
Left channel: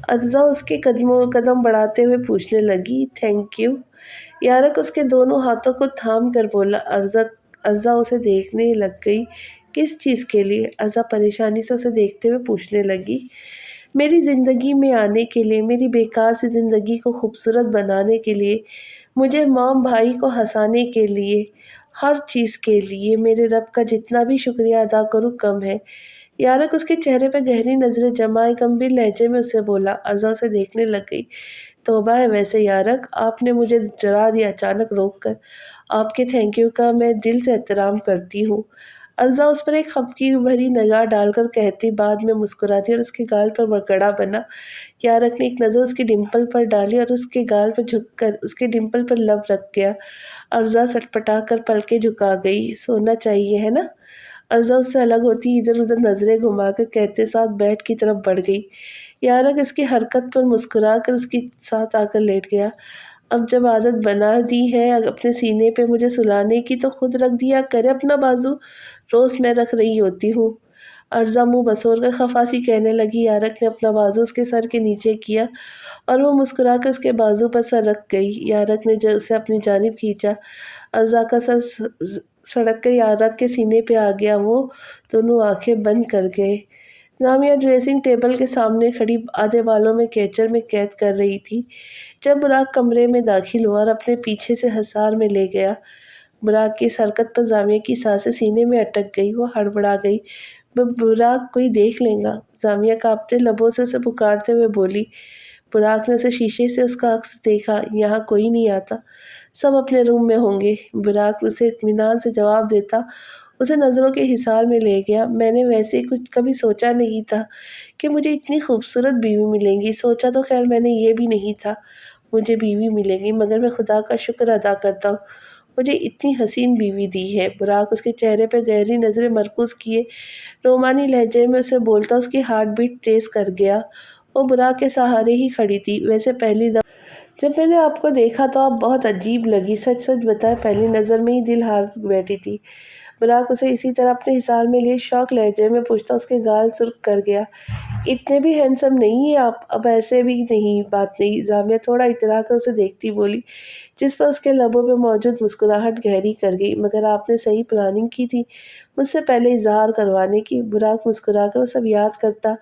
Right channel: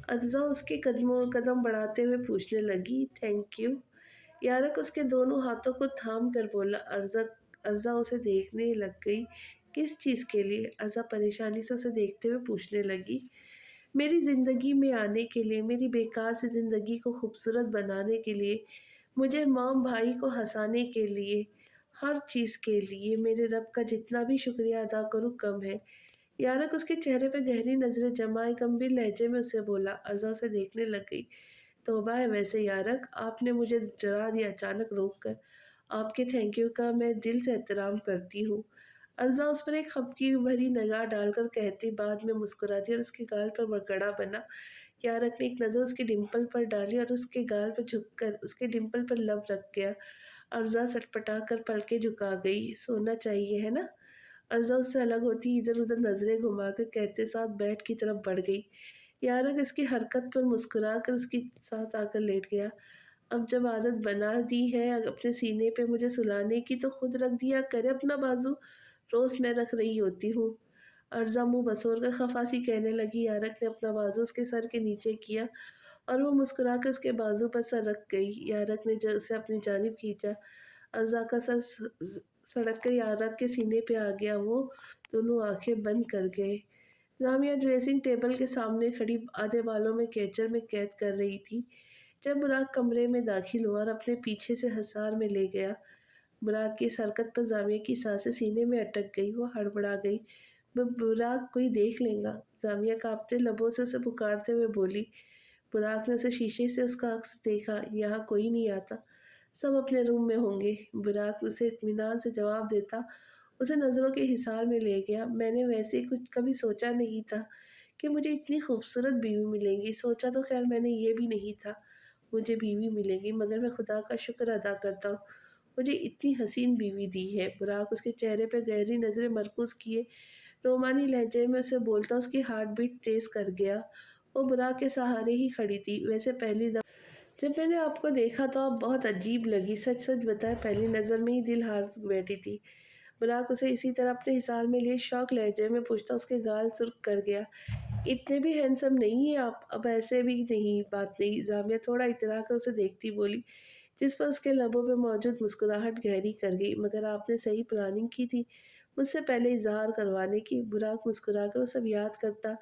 ارزا اس کے قدم بڑھاتے ہوئے پوچھنے لگی۔ تھینک یو، یارق اس کے دونوں ہاتھوں کو تھام کر بولا۔ ارزا اسے دیکھنے لگ گئی۔ کس چیز کے لیے؟ ارزا پریشانی سے اسے دیکھتے ہوئے پوچھنے لگی۔ میری زندگی میں آنے کے لیے، میری بیکار سی زندگی کو خوبصورت بنانے کے لیے، مجھے موم بھائی کو ہنسانے کے لیے، ہر چیز کے لیے میرے رب کا جتنا بھی شکریہ ادا کروں کم ہے۔ یارق اس کے چہرے پہ گہری نظریں جمائے گمبھیر لہجے میں اسے بولا۔ ارزا اسے دیکھنے لگ گئی۔ توبہ ہے ویسے یارق، آپ نے مجھے ڈرا دیا اچانک روک کر، آپ کے تھینک یو کا میں دل سے احترام کرتی ہوں۔ ارزا اس پر ایک خفگی بھری نگاہ ڈال کر کہتی، بعد میں مسکراتی اور اس کے گال پر مکڑا بنا۔ یارق نے ایک نظر اس کی ڈمپل پر ڈالی اور اس کے گال پر جھک کر اس کے ڈمپل پر لب رکھ گیا۔ ارزا سٹپٹا کر پلکیں جھکا گئی۔ سونا چاہیے ہے نا؟ ارزا اس سے الگ ہوتی ادھر ادھر نظریں گھما کر کہتے ساتھ بیڈ کی طرف بڑھ گئی۔ یارق اس کی حرکت پر مسکرا کر اس کے ساتھ آ کر لیٹ گیا۔ اب جب عادت بنا دی ہے اپنے سینے پہ مجھے سلانے کی تو خود رکھ دیا کرے اپنا بازو۔ روز میں رکھ رہی ہوتی ہوں۔ ارزا منہ بسور کر خفا سی کہنے لگی۔ یارک نے اپنا بازو اس کے سر کے نیچے کیا اور وہ مسکرا کر اس کے بازو پر سر رکھ گئی۔ یارک نے اسے اپنی جانب کھینچا۔ ارزا کا سر سڑک کر یارک کے سینے پہ آ گیا۔ وہ دونوں آنکھیں بند کر گئے۔ زامیہ ڈریسنگ ٹیبل کے سامنے کھڑی آدھے بالوں میں کیچر میں قید کر رہی تھی جب براق کمرے میں داخل ہوا اور اپنے پیچھے سے حصار میں لے گیا۔ براق کی اس حرکت پر زامیہ کی سانسیں سینے میں اٹک گئی۔ وہ ہڑبڑا گئی۔ براق کوئی دیکھ لے گا۔ زامیہ کانپتے لبوں سے اسے پکارتے ہوئے بولی۔ براق نے اسے شیشے سے اس کا عکس دیکھا۔ یہاں کوئی نہیں آتا، سب اپنے روم میں ہوں گے۔ براق اسے اطمینان سے جواب دیتا اسے نظروں کے حصار میں لے گیا۔ میں نے ویسے کچھ کبھی سوچا نہیں تھا کہ مجھے اتنی خوبصورت بیوی ملے گی۔ سوچا تو خیر میں نے یہ بھی نہیں تھا مجھے بیوی ملے گی، مگر میں خدا کا شکر ادا کرتا ہوں مجھے اتنی حسین بیوی دی ہے۔ براق اس کے چہرے پہ گہری نظریں مرکوز کیے رومانی لہجے میں اسے بولتا اس کی ہارٹ بیٹ تیز کر گیا۔ وہ براق کے سہارے ہی کھڑی تھی۔ ویسے پہلی دفعہ جب میں نے آپ کو دیکھا تو آپ بہت عجیب لگی، سچ سچ بتائیں پہلی نظر میں ہی دل ہار بیٹھی تھی۔ براق اسے اسی طرح اپنے حصار میں لیے شوق لہجے میں پوچھتا اس کے گال سرخ کر گیا۔ اتنے بھی ہینڈسم نہیں ہیں آپ، اب ایسے بھی نہیں، بات نہیں۔ زامیہ تھوڑا اترا کر اسے دیکھتی بولی، جس پر اس کے لبوں پہ موجود مسکراہٹ گہری کر گئی۔ مگر آپ نے صحیح پلاننگ کی تھی مجھ سے پہلے اظہار کروانے کی۔ براق مسکرا کر وہ سب یاد کرتا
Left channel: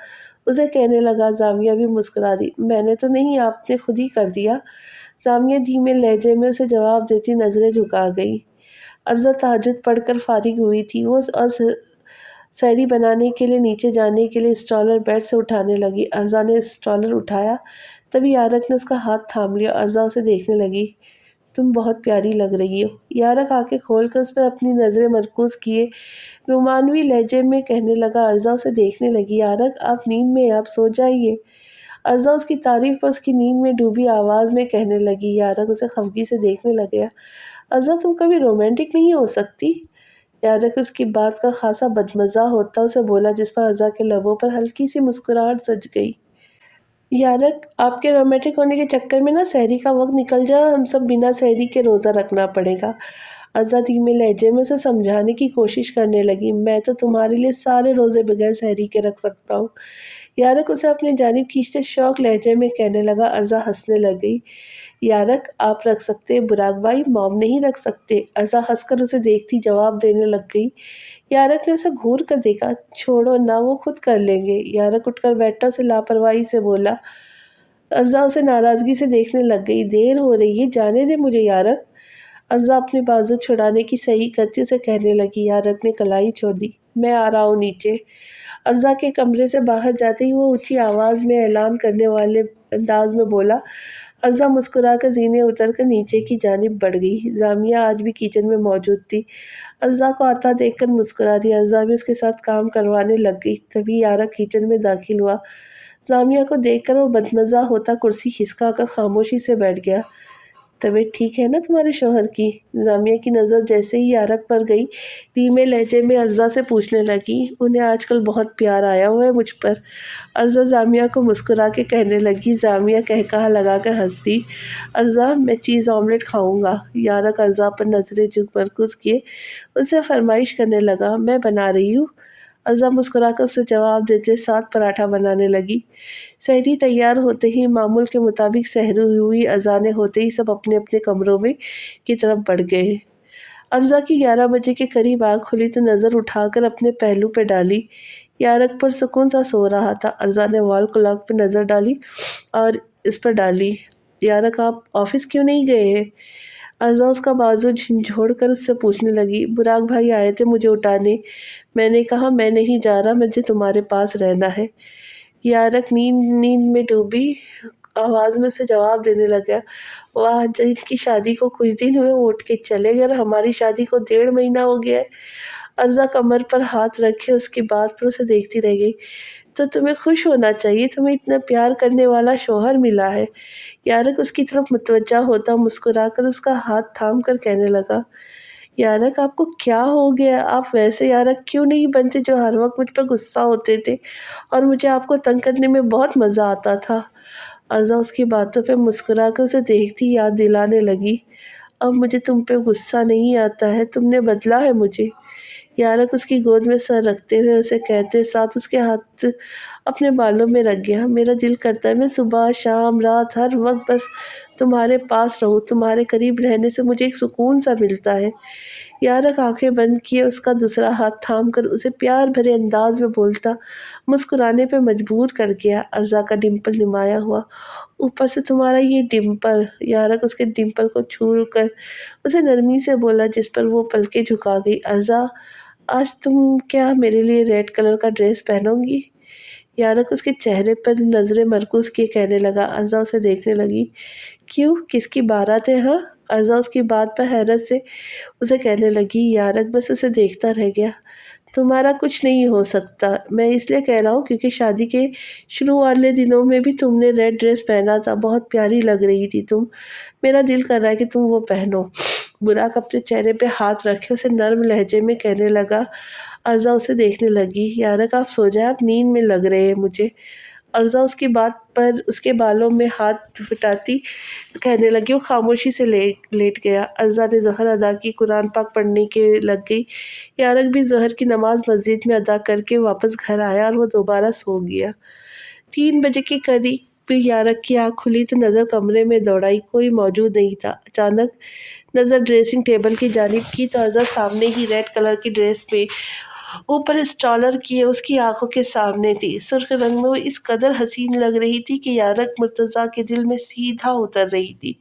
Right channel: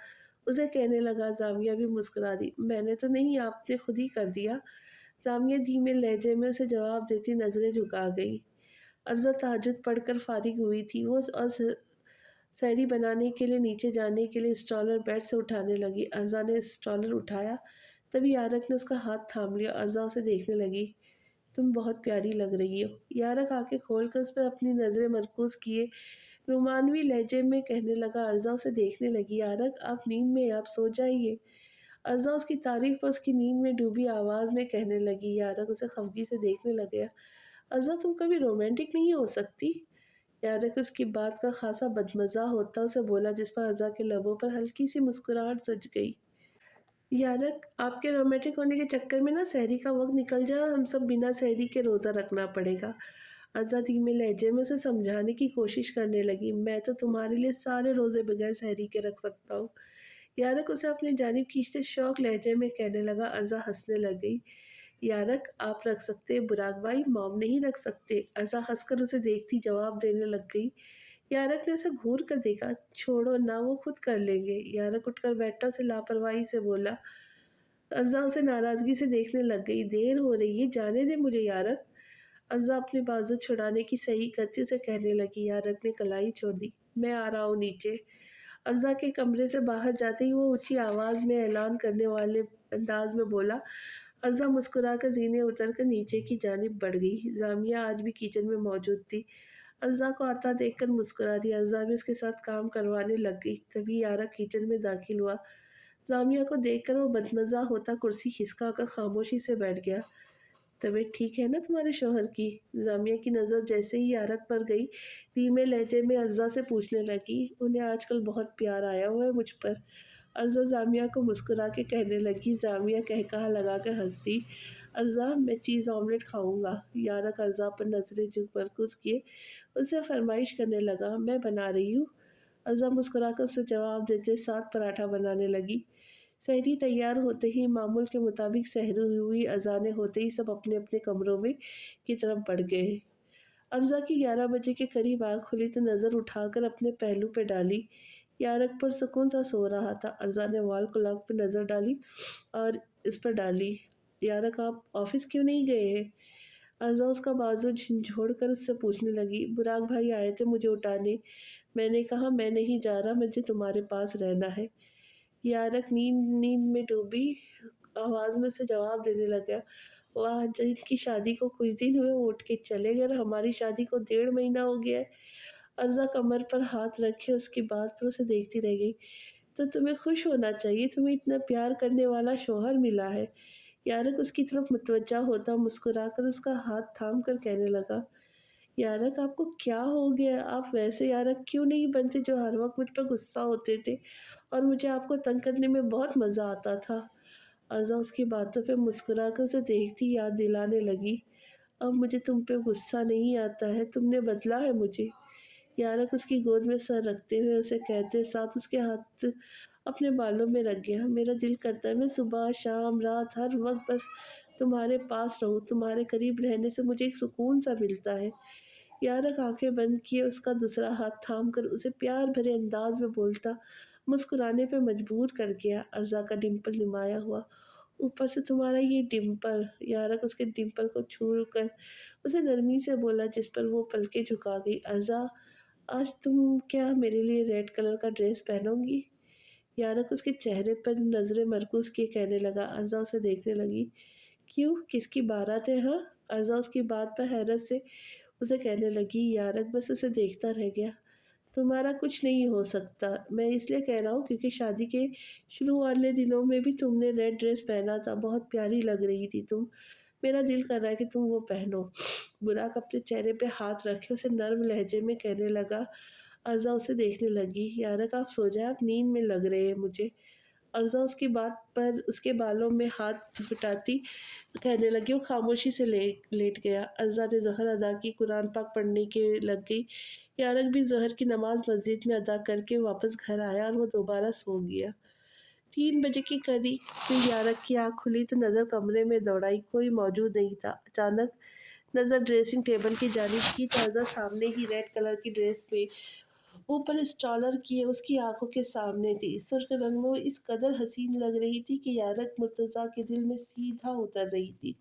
اسے کہنے لگا۔ زامیہ بھی مسکرا دی۔ میں نے تو نہیں، آپ نے خود ہی کر دیا۔ زامیہ دھیمے لہجے میں اسے جواب دیتی نظریں جھکا گئی۔ ارزا تہجد پڑھ کر فارغ ہوئی تھی۔ وہ سحری بنانے کے لیے نیچے جانے کے لیے اسٹالر بیڈ سے اٹھانے لگی۔ ارزا نے اسٹالر اٹھایا تبھی یارک نے اس کا ہاتھ تھام لیا۔ ارزا اسے دیکھنے لگی۔ تم بہت پیاری لگ رہی ہو۔ یارک آنکھیں کھول کر اس پر اپنی نظریں مرکوز کیے رومانوی لہجے میں کہنے لگا۔ ارزا اسے دیکھنے لگی۔ یارک آپ نیند میں ہیں، آپ سو جائیے۔ ارزا اس کی تعریف پر اس کی نیند میں ڈوبی آواز میں کہنے لگی۔ یارک اسے خفگی سے دیکھنے لگا۔ ارزا تم کبھی رومانٹک نہیں ہو سکتی؟ یارک اس کی بات کا خاصا بدمزہ ہوتا اسے بولا، جس پر ارزا کے لبوں پر ہلکی سی مسکراہٹ سج گئی۔ یارک آپ کے رومانٹک ہونے کے چکر میں سحری کا وقت نکل جائے اور ہم سب بنا سحری کے روزہ رکھنا پڑے گا۔ ارزا دھیمے لہجے میں اسے سمجھانے کی کوشش کرنے لگی۔ میں تو تمہارے لیے سارے روزے بغیر سحری کے رکھ سکتا ہوں۔ یارک اسے اپنی جانب کھینچتے شوق لہجے میں کہنے لگا۔ ارزا ہنسنے لگ گئی۔ یارک آپ رکھ سکتے، براق بھائی موم نہیں رکھ سکتے۔ ارزا ہنس کر اسے دیکھتی جواب دینے لگ گئی۔ یارک نے اسے گھور کر دیکھا۔ چھوڑو نہ، وہ خود کر لیں گے۔ یارک اٹھ کر بیٹھا اسے لاپرواہی سے بولا۔ ارزا اسے ناراضگی سے دیکھنے لگ گئی۔ دیر ہو رہی ہے، جانے دے مجھے یارک۔ ارزا اپنے بازو چھڑانے کی صحیح کرتی اسے کہنے لگی۔ یارک نے کلائی چھوڑ دی۔ میں آ رہا ہوں نیچے۔ ارزا کے کمرے سے باہر جاتے ہی وہ اونچی آواز میں اعلان کرنے والے انداز میں بولا۔ ارزا مسکرا کر زینے اتر کر نیچے کی جانب بڑھ گئی۔ زامیہ آج بھی کچن میں موجود تھی۔ ارزا کو آتا دیکھ کر مسکرا دی۔ ارزا بھی اس کے ساتھ کام کروانے لگ گئی۔ تبھی یارک کچن میں داخل ہوا۔ زامیہ کو دیکھ کر وہ بدمزہ ہوتا کرسی کھسکا کر خاموشی سے بیٹھ گیا۔ طبیعت ٹھیک ہے نا تمہارے شوہر کی؟ زامیہ کی نظر جیسے ہی یارک پر گئی دھیمے لہجے میں ارزا سے پوچھنے لگی۔ انہیں آج کل بہت پیار آیا ہوا ہے مجھ پر۔ ارزا زامیہ کو مسکرا کے کہنے لگی۔ زامیہ قہقہا لگا کر ہنس دی۔ ارزا میں چیز آملیٹ کھاؤں گا۔ یارک ارزا پر نظریں مرکوز کیے اس سے فرمائش کرنے لگا۔ میں بنا رہی ہوں۔ ارزا مسکرا کر اسے جواب دیتے ساتھ پراٹھا بنانے لگی۔ سحری تیار ہوتے ہی معمول کے مطابق سحری ہوئی۔ اذانیں ہوتے ہی سب اپنے اپنے کمروں میں کی طرف بڑھ گئے۔ ارزا کی 11 بجے کے قریب آنکھ کھلی تو نظر اٹھا کر اپنے پہلو پہ ڈالی۔ یارک پرسکون سا سو رہا تھا۔ ارزا نے وال کلاک پہ نظر ڈالی اور اس پر ڈالی۔ یارک آپ آفس کیوں نہیں گئے ہیں؟ ارزا اس کا بازو جھنجھوڑ کر اس سے پوچھنے لگی۔ براق بھائی آئے تھے مجھے اٹھانے، میں نے کہا میں نہیں جا رہا، مجھے تمہارے پاس رہنا ہے۔ یارک نیند میں ڈوبی آواز میں اسے جواب دینے لگا۔ واہ، جن کی شادی کو کچھ دن ہوئے وہ اٹھ کے چلے گئے اور ہماری شادی کو 1.5 مہینہ ہو گیا ہے۔ ارزا کمر پر ہاتھ رکھے اس کی بات پر اسے دیکھتی رہ گئی۔ تو تمہیں خوش ہونا چاہیے، تمہیں اتنا پیار کرنے والا شوہر ملا ہے۔ یارک اس کی طرف متوجہ ہوتا مسکرا کر اس کا ہاتھ تھام کر کہنے لگا۔ یارک آپ کو کیا ہو گیا؟ آپ ویسے یارک کیوں نہیں بنتے جو ہر وقت مجھ پر غصہ ہوتے تھے اور مجھے آپ کو تنگ کرنے میں بہت مزہ آتا تھا۔ ارزا اس کی باتوں پہ مسکرا کر اسے دیکھتی یاد دلانے لگی۔ اب مجھے تم پہ غصہ نہیں آتا ہے، تم نے بدلا ہے مجھے۔ यारक उसकी गोद में सर रखते हुए उसे कहते साथ उसके हाथ अपने बालों में रख गया। मेरा दिल करता है मैं सुबह शाम रात हर वक्त बस तुम्हारे पास रहूं, तुम्हारे करीब रहने से मुझे एक सुकून सा मिलता है। यारक आंखें बंद किए उसका दूसरा हाथ थाम कर उसे प्यार भरे अंदाज में बोलता, मुस्कुराने पे मजबूर कर गया। अर्जा का डिम्पल निमाया हुआ, ऊपर से तुम्हारा ये डिम्पल। यारक उसके डिम्पल को छू कर उसे नरमी से बोला, जिस पर वो पलके झुका गई। अर्जा, आज तुम क्या मेरे लिए रेड कलर का ड्रेस पहनोगी? यारक उसके चेहरे पर नजरें मरकूज किए कहने लगा। अर्जा उसे देखने लगी। क्यों, किसकी बारात है हाँ? अर्जा उसकी बात पर हैरत से उसे कहने लगी। यारक बस उसे देखता रह गया। तुम्हारा कुछ नहीं हो सकता, मैं इसलिए कह रहा हूँ क्योंकि शादी के शुरू वाले दिनों में भी तुमने रेड ड्रेस पहना था, बहुत प्यारी लग रही थी तुम। मेरा दिल कर रहा है कि तुम वो पहनो। बुराक अपने चेहरे पे हाथ रखे उसे नर्म लहजे में कहने लगा। अर्जा उसे देखने लगी। यारक आप सो जाए, आप नींद में लग रहे हैं मुझे। अर्जा उसकी बात पर उसके बालों में हाथ फिटाती कहने लगी। वो खामोशी से लेट गया। अर्जा ने ज़ोहर अदा की, कुरान पाक पढ़ने के लग गई। यारक भी ज़ोहर की नमाज मस्जिद में अदा करके वापस घर आया और वो दोबारा सो गया। 3 बजे के करीब यारक की आँख खुली तो नज़र कमरे में दौड़ाई, कोई मौजूद नहीं था। अचानक नज़र ड्रेसिंग टेबल की जानिब की तो अर्जा सामने ही रेड कलर की ड्रेस में ऊपर स्टॉलर किए उसकी आंखों के सामने थी। सुर्ख रंग में वो इस कदर हसीन लग रही थी कि यारक मुर्तज़ा के दिल में सीधा उतर रही थी।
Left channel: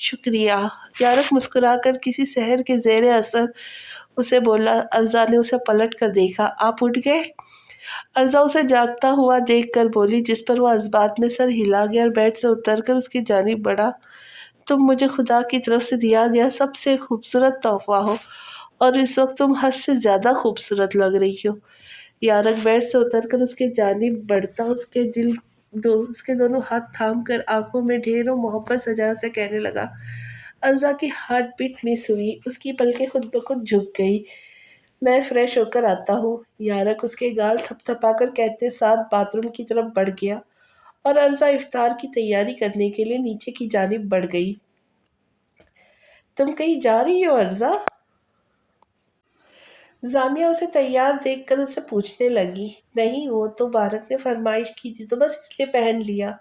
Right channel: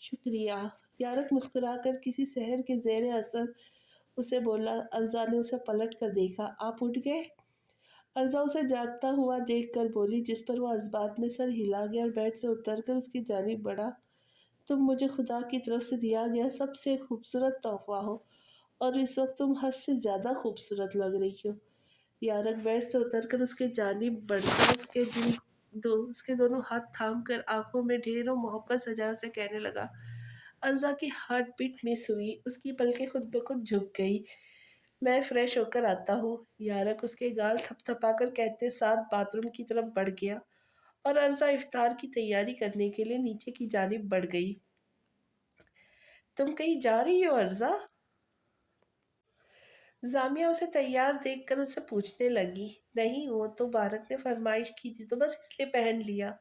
शुक्रिया। यारक मुस्कुराकर किसी शहर के ज़ेरे असर उसे बोला। अर्जा ने उसे पलट कर देखा। आप उठ गए? अर्जा उसे जागता हुआ देख कर बोली, जिस पर वो इस्बात में सर हिला गया और बेड से उतरकर उसकी जानिब बढ़ा। तुम मुझे खुदा की तरफ से दिया गया सबसे खूबसूरत तोहफा हो और इस वक्त तुम हद से ज़्यादा खूबसूरत लग रही हो। यारक बेड से उतरकर उसके जानिब बढ़ता उसके दोनों हाथ थाम कर आंखों में ढेरों मोहब्बत सजा से कहने लगा। अर्जा की हार्ट बीट मिस हुई, उसकी पलकें खुद ब खुद झुक गई। मैं फ्रेश होकर आता हूँ। यारक उसके गाल थपथपाकर कहते साथ बाथरूम की तरफ बढ़ गया और अर्जा इफ्तार की तैयारी करने के लिए नीचे की जानिब बढ़ गई। तुम कहीं जा रही हो अर्जा? जामिया उसे तैयार देखकर उससे पूछने लगी। नहीं, वो तो बारक ने फरमाइश की थी तो बस इसलिए पहन लिया।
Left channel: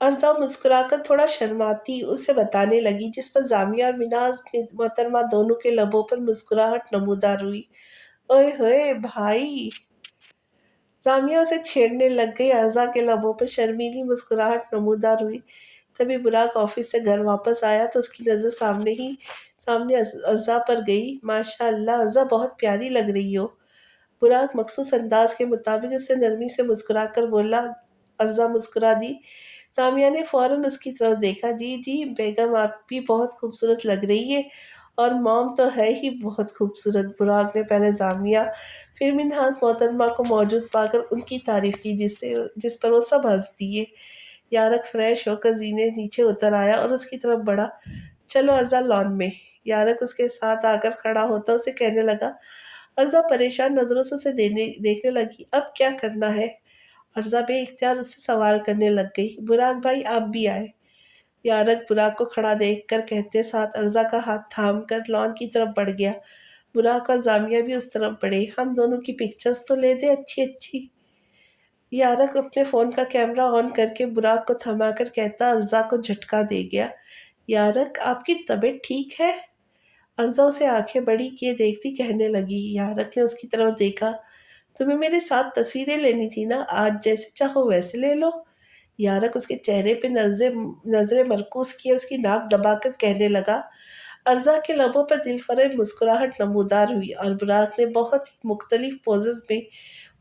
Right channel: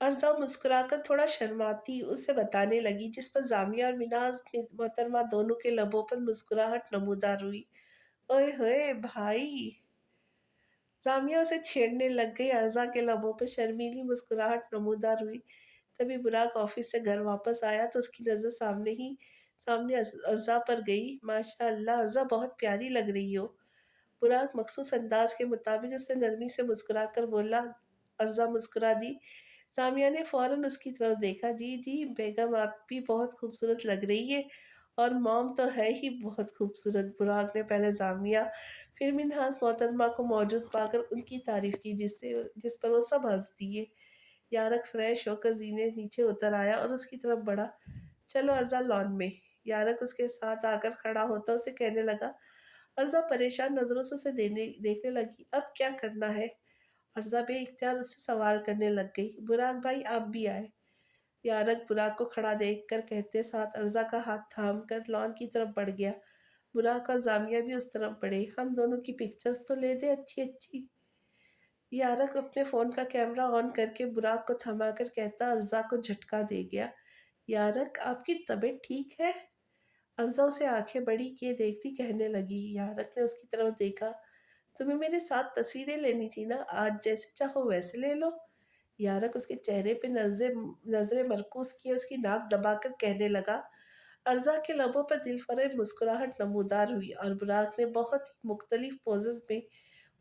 अर्जा मुस्कुराकर थोड़ा शर्माती उसे बताने लगी, जिस पर जामिया और मिनाज मोहतरमा दोनों के लबों पर मुस्कुराहट नमूदार हुई। ओए होए भाई! जामिया उसे छेड़ने लग गई। अर्जा के लबों पर शर्मीली मुस्कुराहट नमूदार हुई। तभी बुराक ऑफिस से घर वापस आया तो उसकी नज़र सामने अर्जा पर गई। माशाअल्लाह अर्जा, बहुत प्यारी लग रही हो। बुराक मखसूस अंदाज के मुताबिक उससे नरमी से मुस्कुरा कर बोला। अर्जा मुस्कुरा दी। सामिया ने फौरन उसकी तरफ देखा। जी जी बेगम, आप भी बहुत खूबसूरत लग रही है और मॉम तो है ही बहुत खूबसूरत। बुराक ने पहले जामिया फिर मिन्हाज मोहतरमा को मौजूद पाकर उनकी तारीफ की, जिस पर वो सब हंस दिए। यारक फ्रेश होकर जीने नीचे उतर आया और उसकी तरफ बढ़ा। चलो अर्जा, लॉन में। यारक उसके साथ आकर खड़ा होता उसे कहने लगा। अर्जा परेशान नजरों से उसे देखने लगी। अब क्या करना है? अर्जा बेइख्तियार उससे सवाल करने लग गई। बुराक भाई, आप भी आए। यारक बुराक को खड़ा देखकर कहते साथ अर्जा का हाथ थाम कर लॉन की तरफ बढ़ गया। बुराक और जामिया भी उस तरफ बढ़े। हम दोनों की पिक्चर्स तो ले दे अच्छी अच्छी। यारक अपने फोन का कैमरा ऑन करके बुराक को थमाकर कहता अर्जा को झटका दे गया। यारक, आपकी तबीयत ठीक है? अर्जा उसे आंखें बड़ी किए देखती कहने लगी। यारक ने उसकी तरफ देखा। तुम्हें मेरे साथ तस्वीरें लेनी थी ना, आज जैसे चाहो वैसे ले लो। यारक उसके चेहरे पे नजरें मरकूज किए उसकी नाक दबाकर कहने लगा। अर्जा के लबों पर दिलफरेब मुस्कुराहट नमूदार हुई और बुराक ने बहुत ही मुख्तलिफ पोजेस में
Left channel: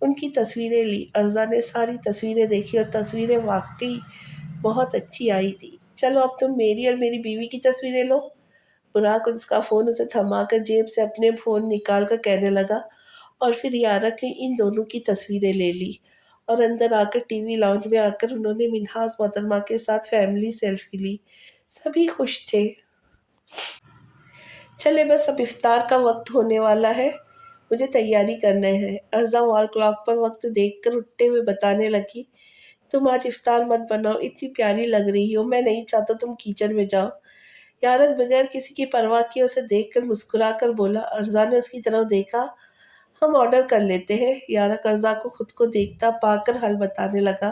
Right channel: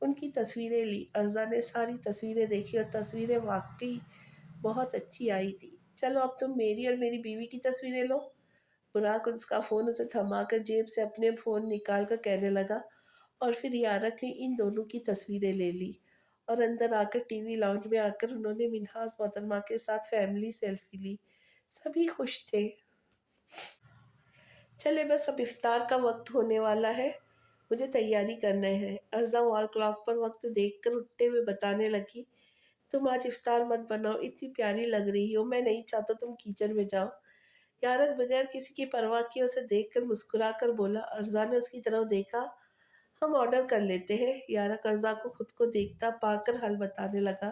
उनकी तस्वीरें ली। अर्जा ने सारी तस्वीरें देखी और तस्वीरें वाकई बहुत अच्छी आई थी। चलो अब तुम मेरी और मेरी बीवी की तस्वीरें लो। बुराक उसका फ़ोन उसे थमाकर जेब से अपने फ़ोन निकाल कर कहने लगा। और फिर यारक ने इन दोनों की तस्वीरें ले ली और अंदर आकर टीवी लाउंज में आकर उन्होंने मिन्हाज मोहतरमा के साथ फैमिली सेल्फी ली। सभी खुश थे। चले बस, अब इफ्तार का वक्त होने वाला है, मुझे तैयारी करने है। अर्जा वॉल क्लॉक पर वक्त देखकर उठते हुए बताने लगी। तुम आज इफ्तार मत बनाओ, इतनी प्यारी लग रही हो, मैं नहीं चाहता तुम किचन में जाओ। यारक बगैर किसी की परवाह किए उसे देखकर मुस्कुरा कर बोला। अर्जा ने उसकी तरफ देखा। हम ऑर्डर कर लेते हैं। यारक अर्जा को खुद को देखता पाकर हल बताने लगा।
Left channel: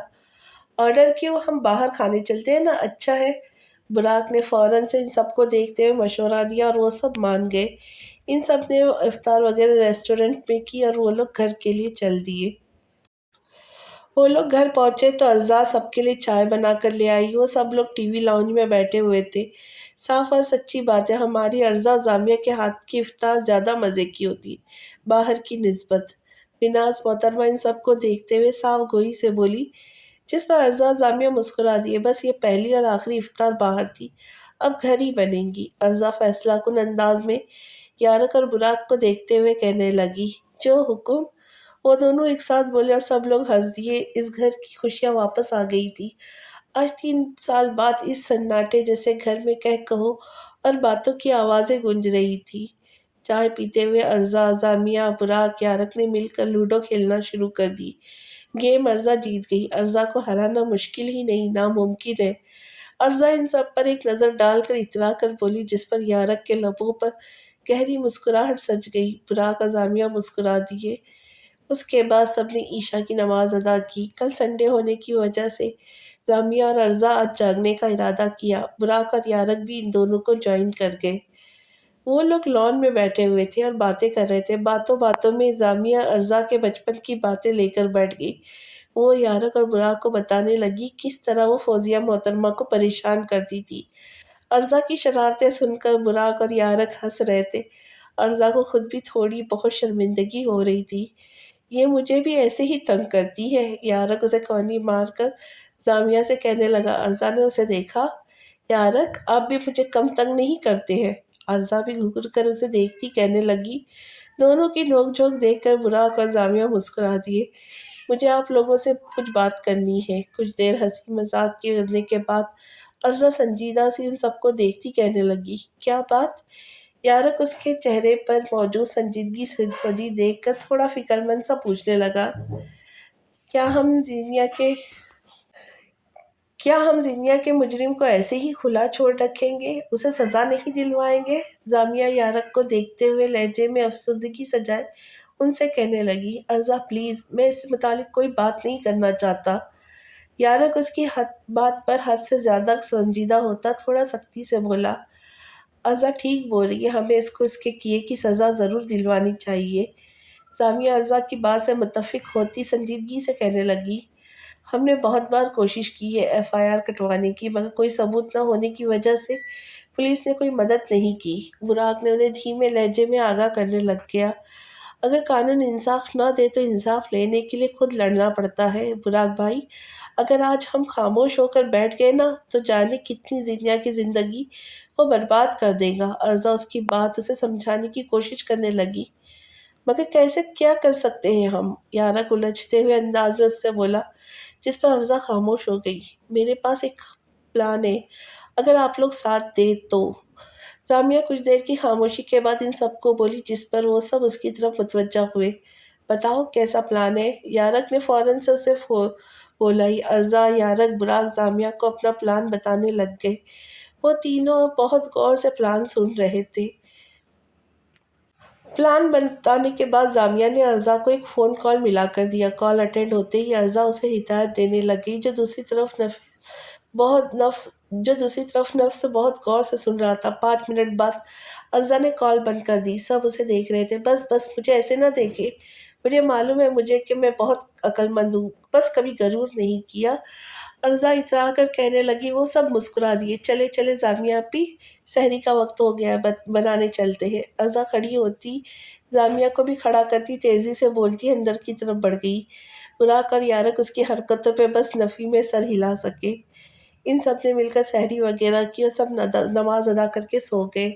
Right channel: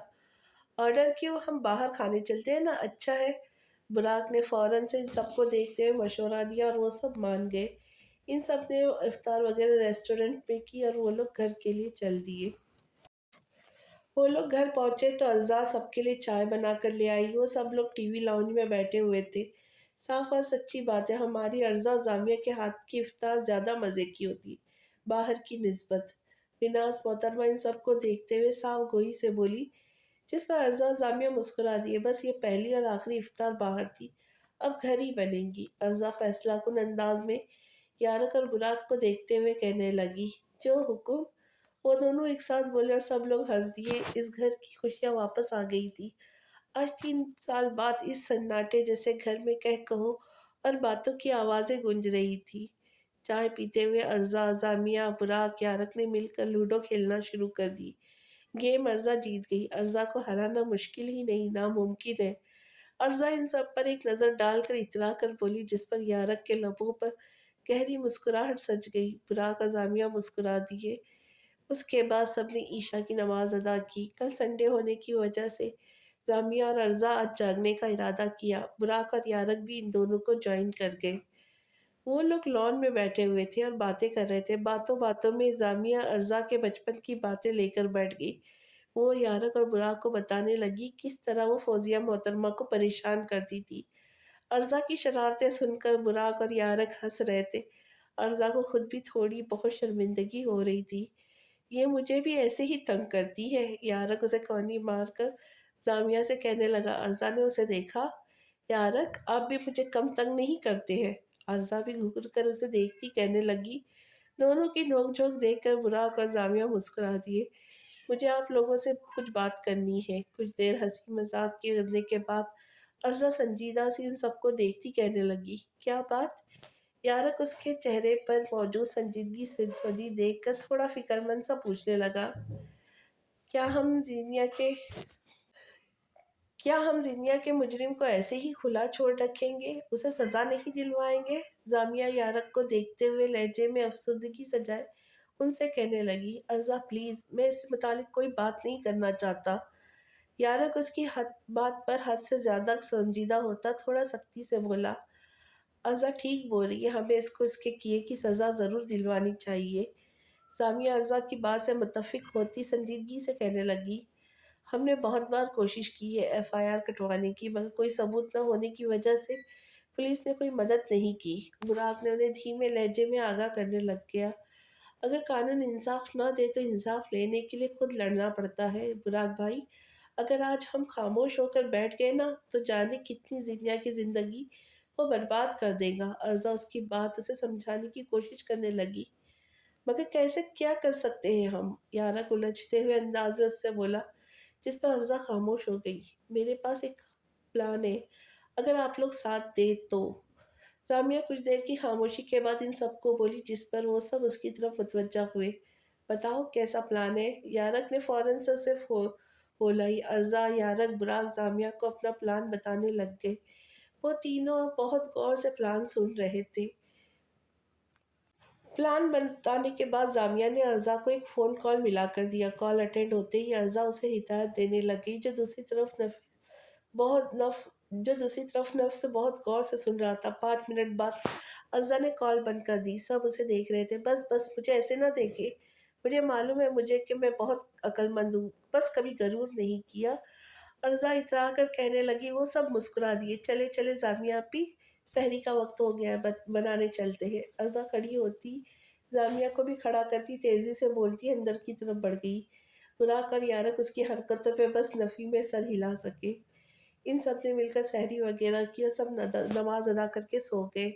ऑर्डर क्यों, हम बाहर खाने चलते हैं ना, अच्छा है। बुराक ने फौरन से इन सबको देखते हुए मशवरा दिया और वो सब मान गए। इन सब ने इफ्तार वगैरह रेस्टोरेंट में की और वो लोग घर के लिए चल दिए। वो लोग घर पहुंचे तो अर्जा सबके लिए चाय बना कर ले आई। वो सब लोग टीवी लाउंज में बैठे हुए थे। साफ और सच्ची बात है, हमारी अर्जा जामिया के हाथ की इफ्तार ज्यादा मजे की होती बाहर की निस्बत। बिनाज मोहतरमा इन सबको देखते हुए साफ गोई से बोली, जिस पर अर्जा जामिया मुस्कुरा दिए। बस ये पहली और आखिरी इफ्तार बाहर थी, अब घर ही बनेंगी। अर्जा फैसला कुन अंदाज में यारक और बुराक को देखते हुए कहने लगी, जो हुक्म। वो दोनों एक साथ बोले और सब लोग हंस दिए। इस घर की खुशियां वापस आ गई थी। आज 3 साल बाद इस सन्नाटे जैसे घर में कह कहो और बातों की आवाजें गूंज रही थी। चाय पीते हुए अर्जा, जामिया, बुराक, यारक ने मिलकर लूडो खेलना शुरू कर दी। गेम अर्जा जीत गई। अर्जा को हराना मुश्किल ही नहीं, नामुमकिन है। अर्जा इन सब पर एक नजर डालकर इतरा कर बोली, जिस पर यारक के लबों पर गहरी मुस्कुराहट सज गई। बुराक और जामिया मुस्कुरा दिए। उसके बाद सबने ईशा की नमाज अदा की। कल संडे होने की वजह से जामिया और अर्जा आज जागने का इरादा किया। बुराक और यारक भी इन दोनों को ज्वाइन कर गए। वो लोग लॉन में बैठे हुए थे और बातें कर रहे थे। बातों बातों में जामिया अर्जा के बचपन की बातें लेकर बैठ गई। वो यारक और बुराक को बताने लगी किस तरह वो फौजिया मोहतरमा को परेशान करती थी। अर्जा की शरारतें सुनकर बुराक और यारक हंस रहे थे। अर्जा को खुद भी थोड़ी बहुत शर्मिंदगी हो रही थी। ये मुझे भी ऐसे ही तंग करती है। यारक उसे कौनी मारकर जामिया से कहने लगा। अर्जा ने उसे देखा। यारक, आप भी मुझे कम तंग नहीं करते हैं। अर्जा भी घूर कर उसे देखती कहने लगी। दोनों की नोकझोंक देखकर बुराक और जामिया मुस्कुरा दिए। मुझे आप लोगों से कुछ बात करनी है। कुछ देर हंसी मजाक के करने के बाद अर्जा संजीदा सी इन सबको देखती कहने लगी, क्या बात। यारक उसके चेहरे पर मौजूद संजीदगी से सजी देखकर थोड़ा फिक्रमंद सा पूछने लगा, क्या हम जीनिया के क्या हम जिनिया के मुजरिम को ऐसे ही खुला छोड़ रखेंगे, उसे सजा नहीं दिलवाएंगे। जामिया यारक को देखते हुए लहजे में अफसुर्दगी सजाए उनसे कहने लगी, अर्जा प्लीज, मैं इस मुतालिक कोई बात नहीं करना चाहता। यारक उसकी बात पर हद से ज्यादा संजीदा होता थोड़ा सख्ती से बोला, अर्जा ठीक बोल रही है, हमें इसको इसके किए की सजा जरूर दिलवानी चाहिए। जामिया अर्जा की बात से मुतफिक होती संजीदगी से कहने लगी, हमने बहुत बार कोशिश की है एफआईआर कटवाने की, मगर कोई सबूत न होने की वजह से पुलिस ने कोई मदद नहीं की। बुराक ने उन्हें धीमे लहजे में आगाह करने लग गया, अगर कानून इंसाफ ना दे तो इंसाफ लेने के लिए खुद लड़ना पड़ता है। बुराक भाई, अगर आज हम खामोश होकर बैठ गए ना तो जाने कितनी जिंदगियां की जिंदगी वो बर्बाद कर देगा। अर्जा उसकी बात उसे समझाने की कोशिश करने लगी, मगर कैसे, क्या कर सकते हैं हम। यारक उलझते हुए अंदाज में उससे बोला, जिस पर अर्जा खामोश हो गई। मेरे पास एक प्लान है, अगर आप लोग साथ दे तो। जामिया कुछ देर की खामोशी के बाद इन सबको बोली, जिस पर वो सब उसकी तरफ मुतवज्जा हुए। बताओ कैसा प्लान है। यारक ने फौरन से उसे बोला ही। अर्जा, यारक, बुराक जामिया को अपना प्लान बताने लग गए। वो तीनों बहुत गौर से प्लान सुन रहे थे। प्लान बताने के बाद जामिया ने अर्जा को एक फ़ोन कॉल मिला कर दिया। कॉल अटेंड होते ही अर्जा उसे हिदायत देने लगी, जो दूसरी तरफ नफ्स बहुत गौर से सुन रहा था। 5 मिनट बाद अर्जा ने कॉल बंद कर दी। सब उसे देख रहे थे। बस बस, मुझे ऐसे ना देखे, मुझे मालूम है मुझे कि मैं बहुत अक्लमंद हूँ, बस कभी गरूर नहीं किया। अर्जा इतरा कर कहने लगी। वो सब मुस्कुरा दिए। चले चले जामिया अपी, सहरी का वक्त हो गया है, बनाने चलते हैं। अर्जा खड़ी होती, जामिया को भी खड़ा करती, तेजी से बोलती अंदर की तरफ बढ़ गई। बुराक और यारक उसकी हरकतों पे बस नफी में सर हिला सके। इन सब ने मिलकर सहरी वगैरह की और सब नमाज अदा करके सो गए।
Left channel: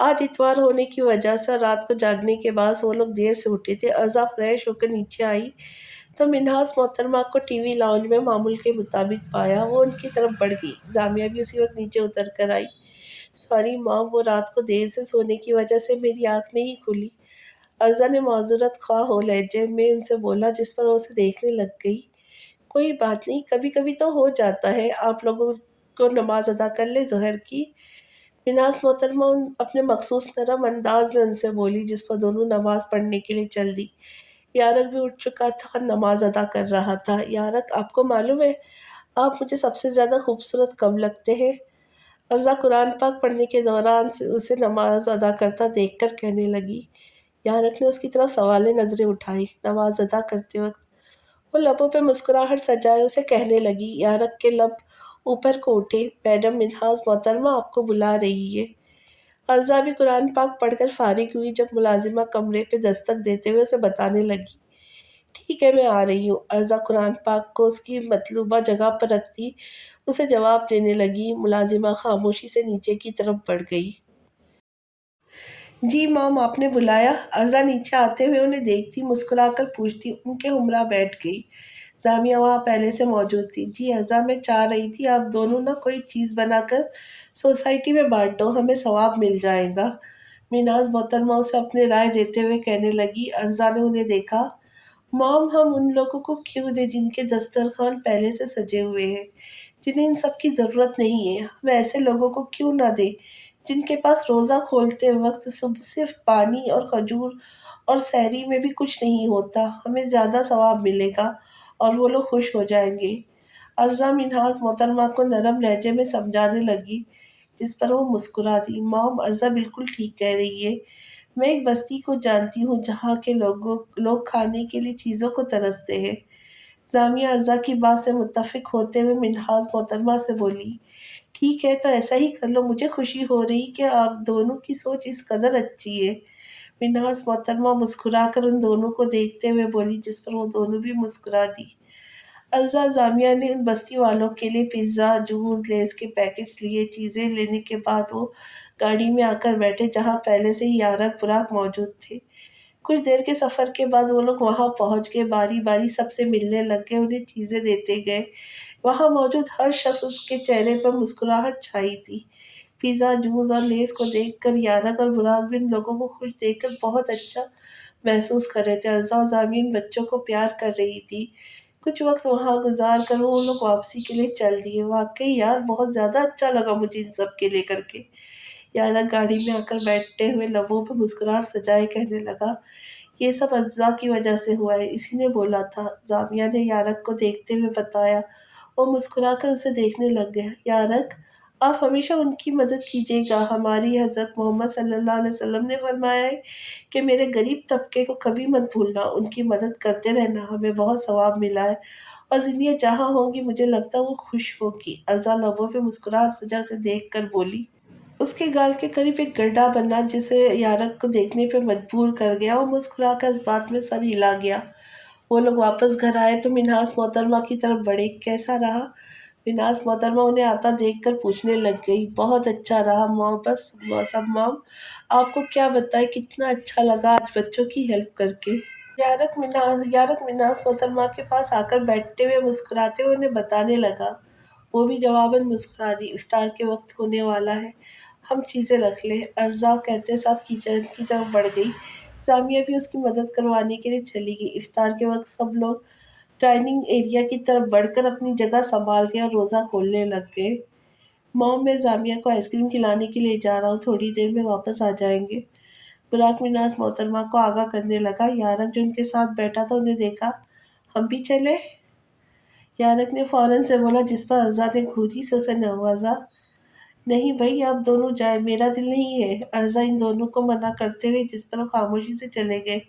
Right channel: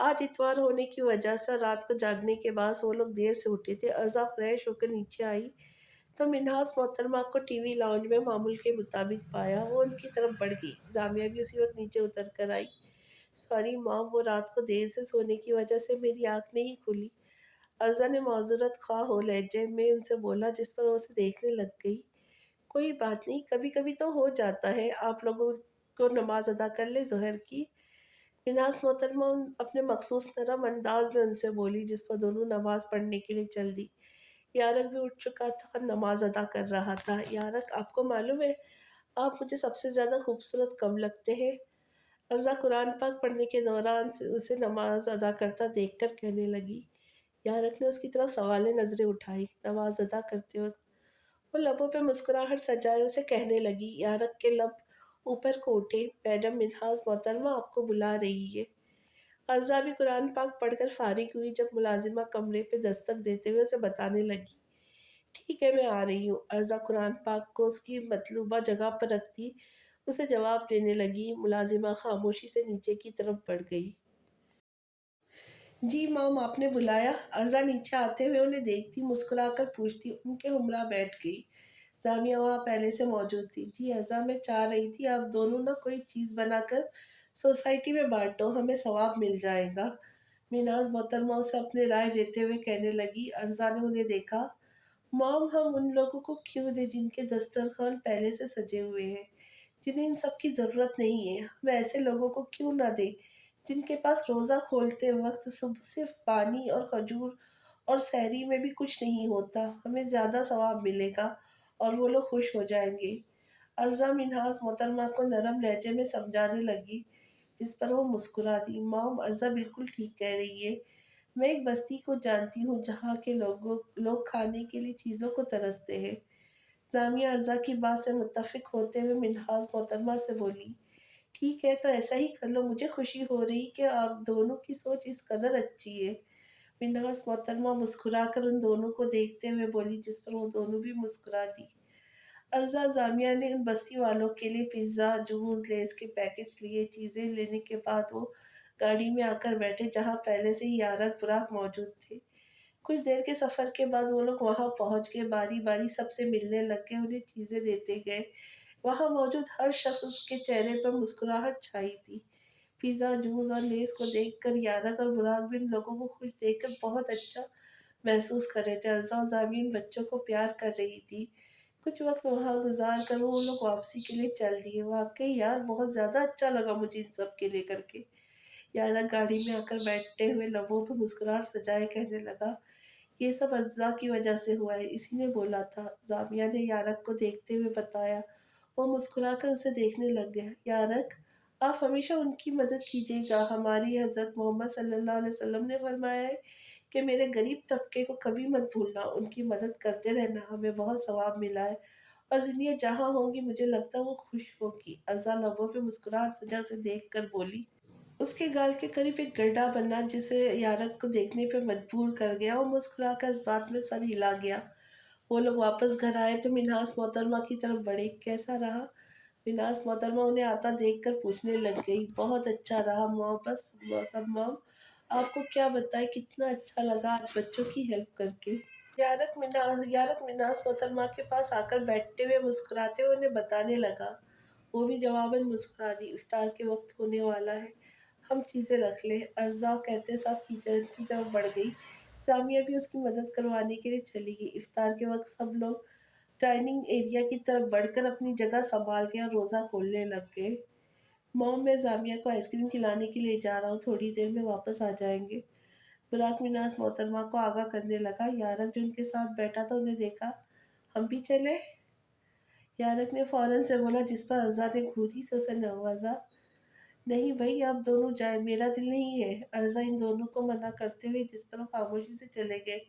आज इतवार होने की वजह से और रात को जागने के बाद वो लोग देर से उठे थे। अर्जा फ्रेश होकर नीचे आई तो मिन्हास मोहतरमा को टीवी लाउंज में मामूल के मुताबिक पाया। वो उनकी तरफ बढ़ गई। जामिया भी उसी वक्त नीचे उतर कर आई। सॉरी मॉम, वो रात को देर से सोने की वजह से मेरी आंख नहीं खुली। अर्जा ने माजूरत खा हो लहजे में उनसे बोला, जिस पर वो उसे देखने लग गई। कोई बात नहीं, कभी कभी तो हो जाता है। आप लोगों को नमाज अदा कर ले जोहर की। मिनाज मोहतरमा अपने मखसूस नरम अंदाज में उनसे बोली, जिस पर दोनों नमाज पढ़ने के लिए चल दी। यारक भी उठ चुका था और नमाज अदा कर रहा था। यारक, आपको मालूम है आप मुझे सबसे ज्यादा खूबसूरत कब लगते हैं? अर्जा कुरान पाक पढ़ने के दौरान उसे नमाज अदा करता देखकर कहने लगी। यारक ने उसकी तरफ सवाले नजरें उठाई। नमाज अदा करते वक्त वो लबों पे मुस्कुराहट सजाए उसे कहने लगी। यारक के लब ऊपर को उठे। मैडम मिन्हाज मोहतरमा आपको बुला रही है। अर्जा भी कुरान पाक पढ़कर फारिग हुई जब मुलाजिमा कमरे पे दस्तक देते हुए उसे बताने लगी, ठीक है मैं आ रही हूँ। अर्जा कुरान पाक को उसकी मतलूबा जगह पर रखती उसे जवाब देने लगी। मुलाजिमा खामोशी से नीचे की तरफ बढ़ गई। जी मॉम, आपने बुलाया? अर्जा नीचे आते हुए उन्हें देखती मुस्कुराकर पूछती। उनके हमरा बैठ गई। जामिया वहाँ पहले से मौजूद थी। जी अर्जा, मैं चाह रही थी आप दोनों ना कोई चीज़ बनाकर सोसाइटी में बांटो, हमें सवाब मिल जाएगा। मिनाज मोहतरमा उसे अपनी राय देते हुए कहने लगी। अर्जा ने उन्हें देखा। मॉम, हम उन लोगों को क्यों दें जिनके दस्तरखान पहले से सजे हुए हैं, जिन्हें इन सब की ज़रूरत नहीं है? हम ऐसे लोगों को क्यों ना दें जिनके पास रोज़ा खोलते वक्त सिर्फ पानी और खजूर और सहरी में भी कुछ नहीं होता? हमें ज़्यादा सवाब मिलेगा और वो लोग खुश हो जाएंगे। अर्जा मिन्हाज मोहतरमा को नरम लहजे में समझाने लगी, जिस पर वो मुस्कुरा दी। मॉम, अर्जा बिल्कुल ठीक कह रही है। मैं एक बस्ती को जानती हूँ जहाँ के लोग खाने के लिए चीज़ों को तरसते हैं। जामिया अर्जा की बात से मुत्तफिक होते हुए मिन्हाज मोहतरमा से बोली, ठीक है तो ऐसा ही कर लो। मुझे खुशी हो रही कि आप दोनों की सोच इस कदर अच्छी है। मिन्हाज मोहतरमा मुस्कुराकर उन दोनों को देखते हुए बोली, जिस पर वो दोनों भी मुस्कुरा दी। अर्जा जामिया ने उन बस्ती वालों के लिए पिज्ज़ा, जूस, लेस के पैकेट्स लिए। चीज़ें लेने के बाद वो गाड़ी में आकर बैठे जहाँ पहले से ही यारक बुराक मौजूद थे। कुछ देर के सफ़र के बाद वो लोग वहाँ पहुँच गए। बारी बारी सबसे मिलने लग गए, उन्हें चीज़ें देते गए। वहाँ मौजूद हर शख्स उसके चेहरे पर मुस्कुराहट छाई थी। पिज़्ज़ा, जूस और लेस को देखकर यारक और बुराक भी उन लोगों को खुश देखकर बहुत अच्छा महसूस कर रहे थे। अर्जा और जामीन बच्चों को प्यार कर रही थी। कुछ वक्त वहाँ गुजार कर वो लोग वापसी के लिए चल दिए। वाकई यार, बहुत ज़्यादा अच्छा लगा मुझे इन सब के लेकर के। यारक गाड़ी में आकर बैठते हुए लबों पर मुस्कुराहट सजाए कहने लगा, ये सब अज्जा की वजह से हुआ है, इसी ने बोला था। जामिया ने यारक को देखते हुए बताया। वो मुस्कुराकर उसे देखने लग गया। यारक, आप हमेशा उनकी मदद कीजिएगा। हमारी हज़रत मोहम्मद सल्लल्लाहु अलैहि वसल्लम ने फरमाया है कि मेरे गरीब तबके को कभी मत भूलना, उनकी मदद करते रहना, हमें बहुत सवाब मिला है और ज़िंदगी जहाँ होंगी मुझे लगता है वो खुश होगी। अर्जा लबों पे मुस्कुराहट सजा उसे देख कर बोली। उसके गाल के करीब एक गड्ढा बना जिसे यारक को देखने पे मजबूर कर गया। वो मुस्कुराकर इस बात में सर हिला गया। वो लोग वापस घर आए तो मिन्हास मोहतरमा की तरफ बढ़े। कैसा रहा? मिन्हास मोहतरमा उन्हें आता देखकर पूछने लग गई। बहुत अच्छा रहा मॉम, बस सब मॉम, आपको क्या बताए कितना अच्छा लगा आज बच्चों की हेल्प करके। यारक मिन्हास मोहतरमा के पास आकर बैठते हुए मुस्कुराते हुए उन्हें बताने लगा। वो भी जवाबन मुस्कुरा दी। इफ्तार के वक्त होने वाला है, हम चीज़ें रख लें। अर्जा कहते साथ किचन की तरफ बढ़ गई। जामिया भी उसकी मदद करवाने के लिए चली गई। इफ्तार के वक्त सब लोग डाइनिंग एरिया की तरफ बढ़कर अपनी जगह संभाल के और रोज़ा खोलने लग गए। मॉम, मैं जामिया को आइसक्रीम खिलाने के लिए जा रहा हूँ, थोड़ी देर में वापस आ जाएंगे। बुराक मिनास मोहतरमा को आगाह करने लगा। यारक जो उनके साथ बैठा था उन्हें देखा। हम भी चले? यारक ने फौरन से बोला, जिस पर अर्जा ने घूरी से उसे नवाजा। नहीं भाई, आप दोनों जाए, मेरा दिल नहीं है। अर्जा इन दोनों को मना करते हुए जिस पर वो खामोशी से चले गए।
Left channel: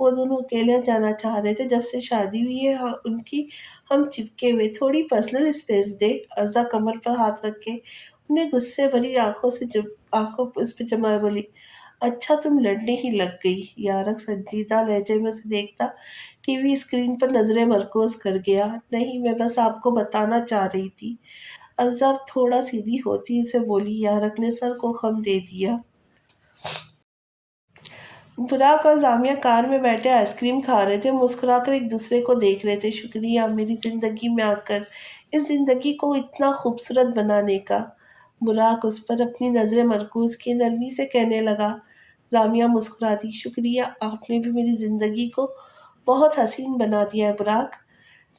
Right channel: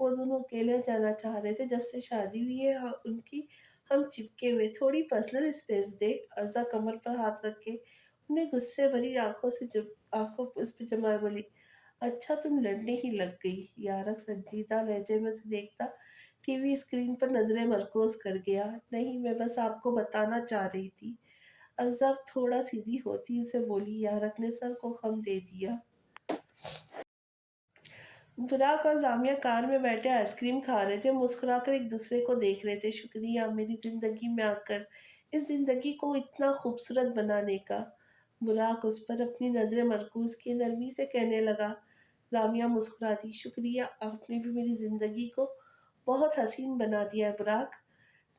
वो दोनों अकेले जाना चाह रहे थे। जब से शादी हुई है हाँ, उनकी हम चिपके हुए, थोड़ी पर्सनल स्पेस दे। अर्जा कमर पर हाथ रख के उन्हें गुस्से भरी आंखों उस पर जमा बोली, अच्छा तुम लड़ने ही लग गई। यारक संजीदा लहजे में उसे देखता टीवी स्क्रीन पर नजरें मरकूज कर गया। नहीं, मैं बस आपको बताना चाह रही थी। अज़ब थोड़ा सीधी होती उसे बोली। यारक ने सर को खम दे दिया। बुराक और जामिया कार में बैठे आइसक्रीम खा रहे थे, मुस्कुराकर एक दूसरे को देख रहे थे। शुक्रिया मेरी जिंदगी में आकर इस जिंदगी को इतना खूबसूरत बनाने का। बुराक उस पर अपनी नजरें मरकूज की नरमी से कहने लगा। जामिया मुस्कुरा दी। शुक्रिया, आपने भी मेरी जिंदगी को बहुत हसीन बना दिया है बुराक।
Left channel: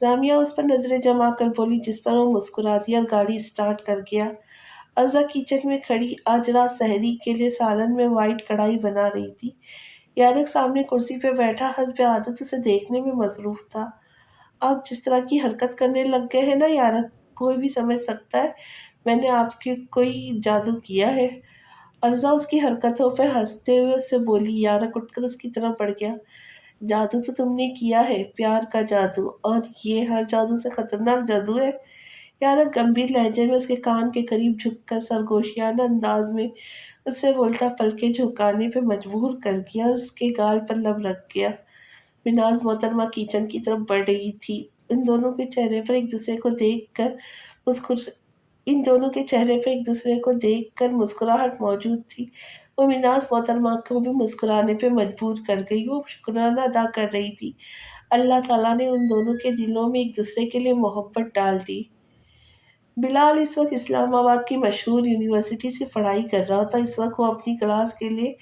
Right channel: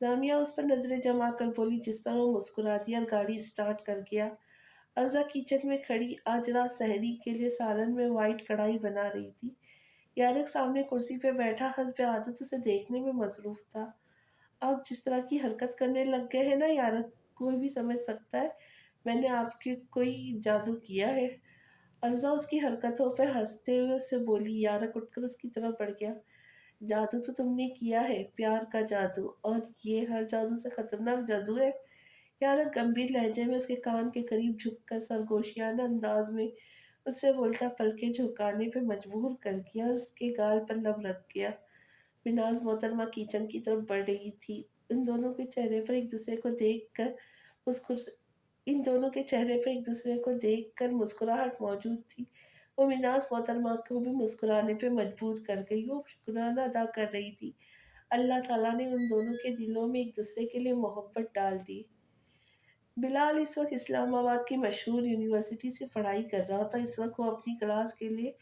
जामिया उस पर नजरें जमा कर बोली, जिस पर वो मुस्कुरा दिया और गाड़ी स्टार्ट कर गया। ارزا کچن میں کھڑی آج رات سحری کے لیے سالن میں وائٹ کڑھائی بنا رہی تھی۔ یارک سامنے کرسی پہ بیٹھا حسب عادت اسے دیکھنے میں مصروف تھا۔ آپ جس طرح کی حرکت کرنے لگ گئے ہیں نا یارک، کوئی بھی سمجھ سکتا ہے میں نے آپ کے کوئی جادو کیا ہے۔ ارزا اس کی حرکتوں پہ ہنستے ہوئے اس سے بولی۔ یارک اٹھ کر اس کی طرف بڑھ گیا۔ جادو تو تم نے کیا ہے، پیار کا جادو، اور یہ ہر جادو سے خطرناک جادو ہے۔ یارک گمبھیر لہجے میں اس کے کان کے قریب جھک کر سرگوشیانہ انداز میں اس سے بولتا پلکیں جھکانے پہ مجبور کر گیا اور اس کے گال پر لب رکھ گیا۔ مناز محترمہ کچن کی طرف بڑھ رہی تھی۔ ان دونوں کے چہرے پر ایک دوسرے کو دیکھ کر مسکر ان دونوں کے چہرے پہ ایک دوسرے کو دیکھ کر مسکراہٹ موجود تھی۔ وہ مناز محترمہ کو بھی مسکرانے پہ مجبور کر گئی۔ وہ شکرانہ ادا کر رہی تھی اللہ تعالیٰ نے ان دونوں کے دلوں میں ایک دوسرے کے لیے محبت ڈال دی۔ بلال اس وقت اسلام آباد کی مشہور یونیورسٹی سے پڑھائی کر رہا تھا۔ اس وقت وہ اپنی کلاس کے لیے